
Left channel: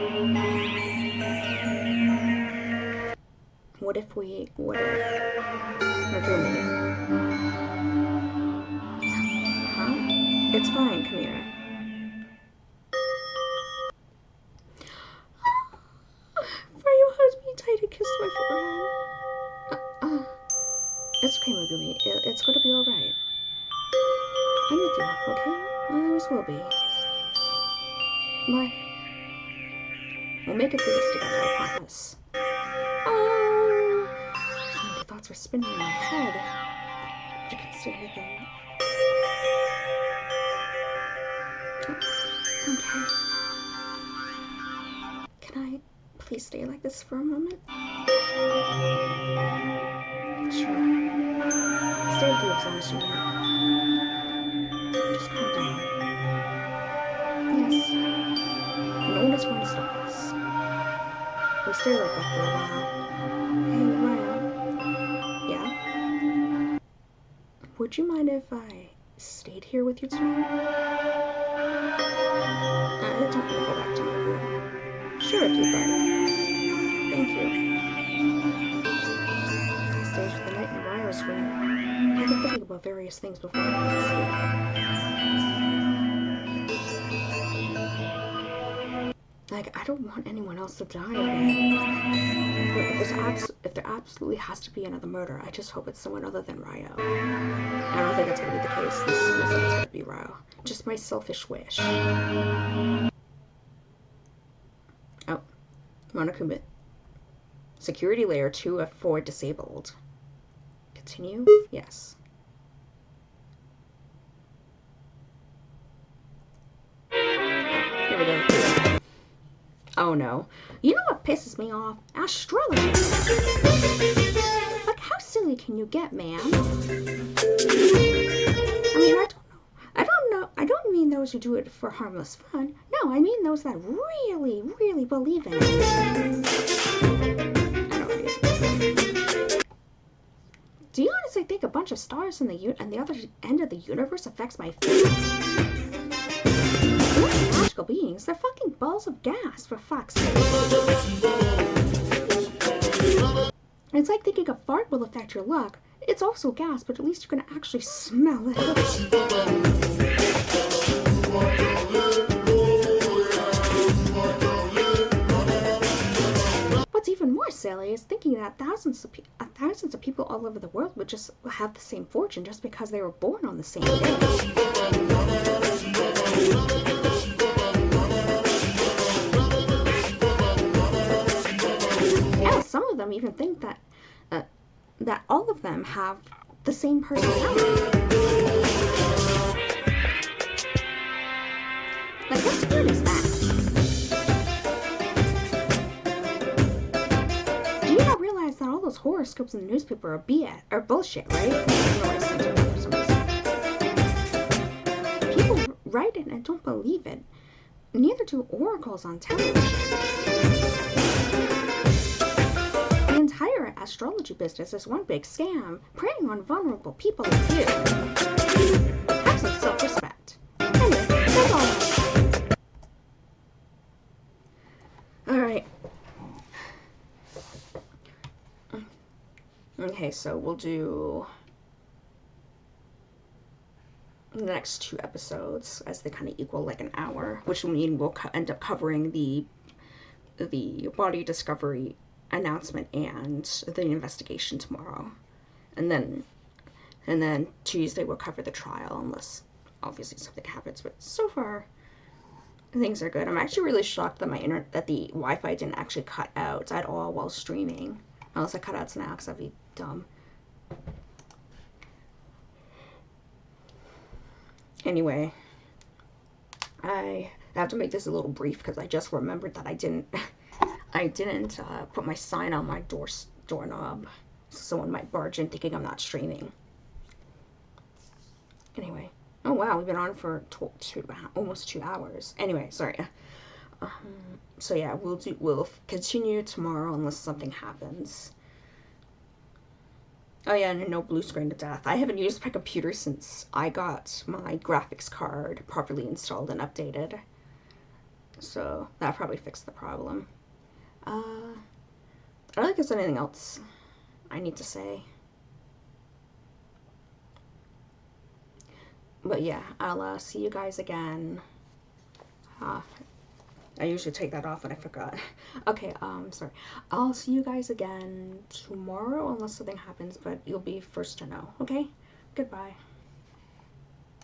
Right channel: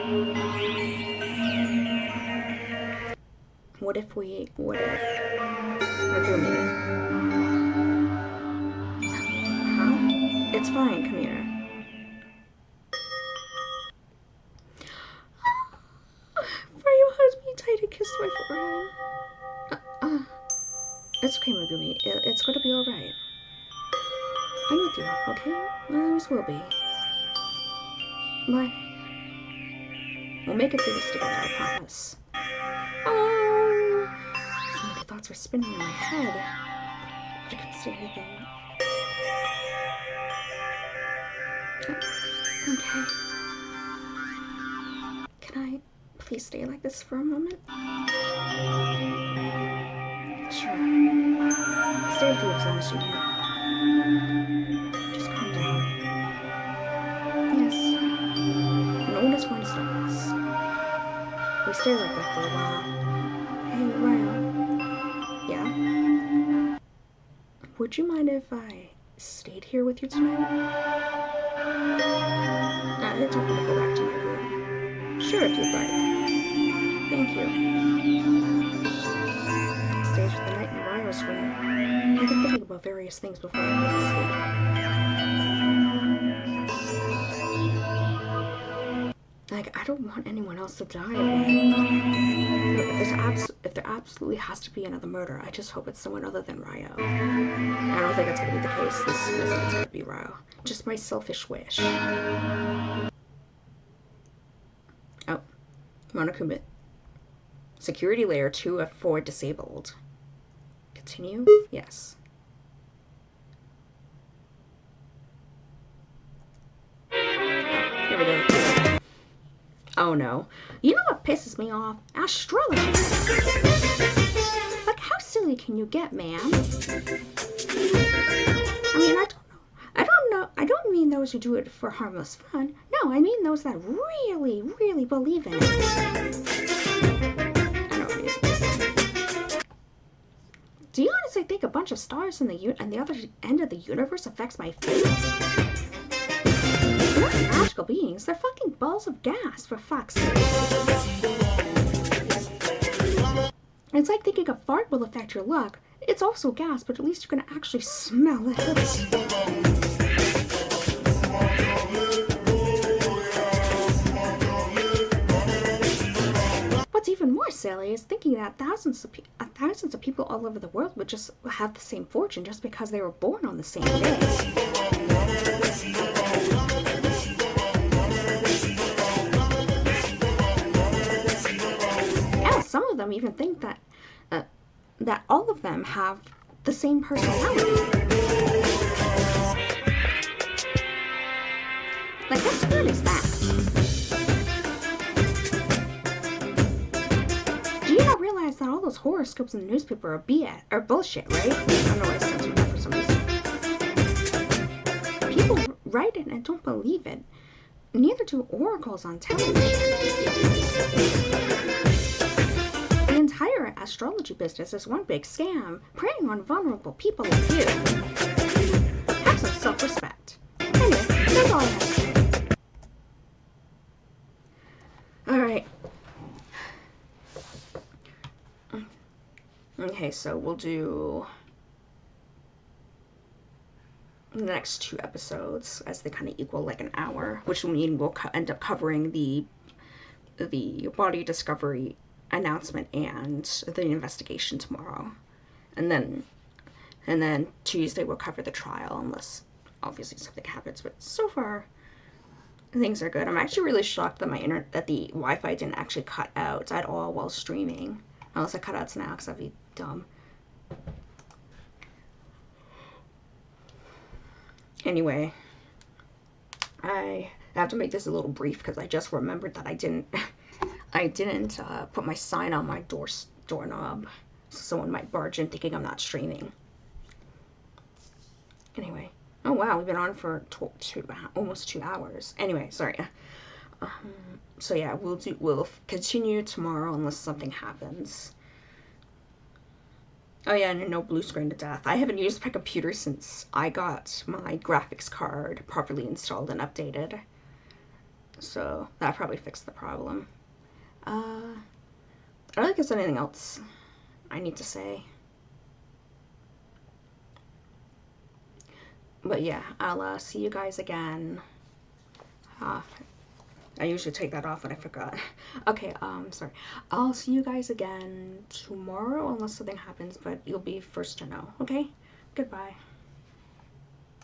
What if... Megumi. Huh? It's fine, come here. Ryo hugged me tight and kissed my forehead. It's okay, Megumi. It's going to be alright. I'm with you, okay? I always will be. Bye. We'll make it through this together, I promise. Oh! So many thoughts were spinning in my head. But I couldn't say anything. Okay. Can I please stay like this for a moment? Sure. Stay with you as long as you need. Just calm down. Yes. No one is going to stop us. We stay like that for a while. Hey, Ryo. Yeah? Would you mind if I stayed here with you tonight? I don't want to go back to my room. Sure, if you'd like. Thank you. I stayed for the night in Ryo's room. I've been thinking about various things before I went to sleep. Like, I don't want anyone else to die again. If there absolutely has to be another murder, I just hope it's someone other than Ryo. I don't think that's going to be the case. This isn't going to be Ryo. Just my selfish wish. Oh. Monokuma. Security layer 2 of 4 disabled. Continue? Yes. Here we go. Oh no. You know what pisses me off? Astrology. Like, how silly can you get, man? I mean, I don't mean those who do it for harmless fun. No, I mean those that really, really believe in it. I know what it is. Do you honestly think a bunch of stars in the other end of the universe affects my fate? They're not magical beings. They're fucking balls of gas, for fuck's sake. It's like thinking a fart will affect your luck. It's also gas, but at least you're gonna actually smell it. What's even more silly is thinking that thousands of people all over the world would just have the same fortune just because they were born on the same day. Some of them even think that that all of them have the same personality. Like, what spirit is that? Do you not realize that all those horoscopes in the newspaper are BS or bullshit, right? I don't know why I censored that for some reason. People write it and don't believe it. Neither do oracles on television. The entire astrology business is one big scam, preying on vulnerable people like you. Have some self-respect. Anyway, that's all I have to say. Alright. Okay, so we'll do the next 2 episodes as they kind of equal like an hour, which will mean we'll end up covering the body discovery announcement and the investigation tomorrow. And then Tuesday we'll cover the trial, unless obviously something happens. But so far, things are good. I'm actually really shocked that that the Wi-Fi didn't actually cut out at all while streaming. Unless I cut out now, because that'd be dumb. Anyway, I have to make this a little brief because I just remembered that I didn't put my sign on my doorknob. Someone might barge in thinking I'm not streaming. Anyway, oh wow, we've been on for almost 2 hours. Anyway, sorry. So yeah, we'll continue tomorrow unless something happens. Oh yeah, and no blue screen to death. I haven't used my computer since I got my graphics card properly installed and updated. So that probably fixed the problem. I don't think there's anything else I need to say. But yeah, I'll see you guys again. I usually take that off when I forgot. Okay, sorry. I'll see you guys again tomorrow unless something happens, but you'll be first to know, okay? Goodbye.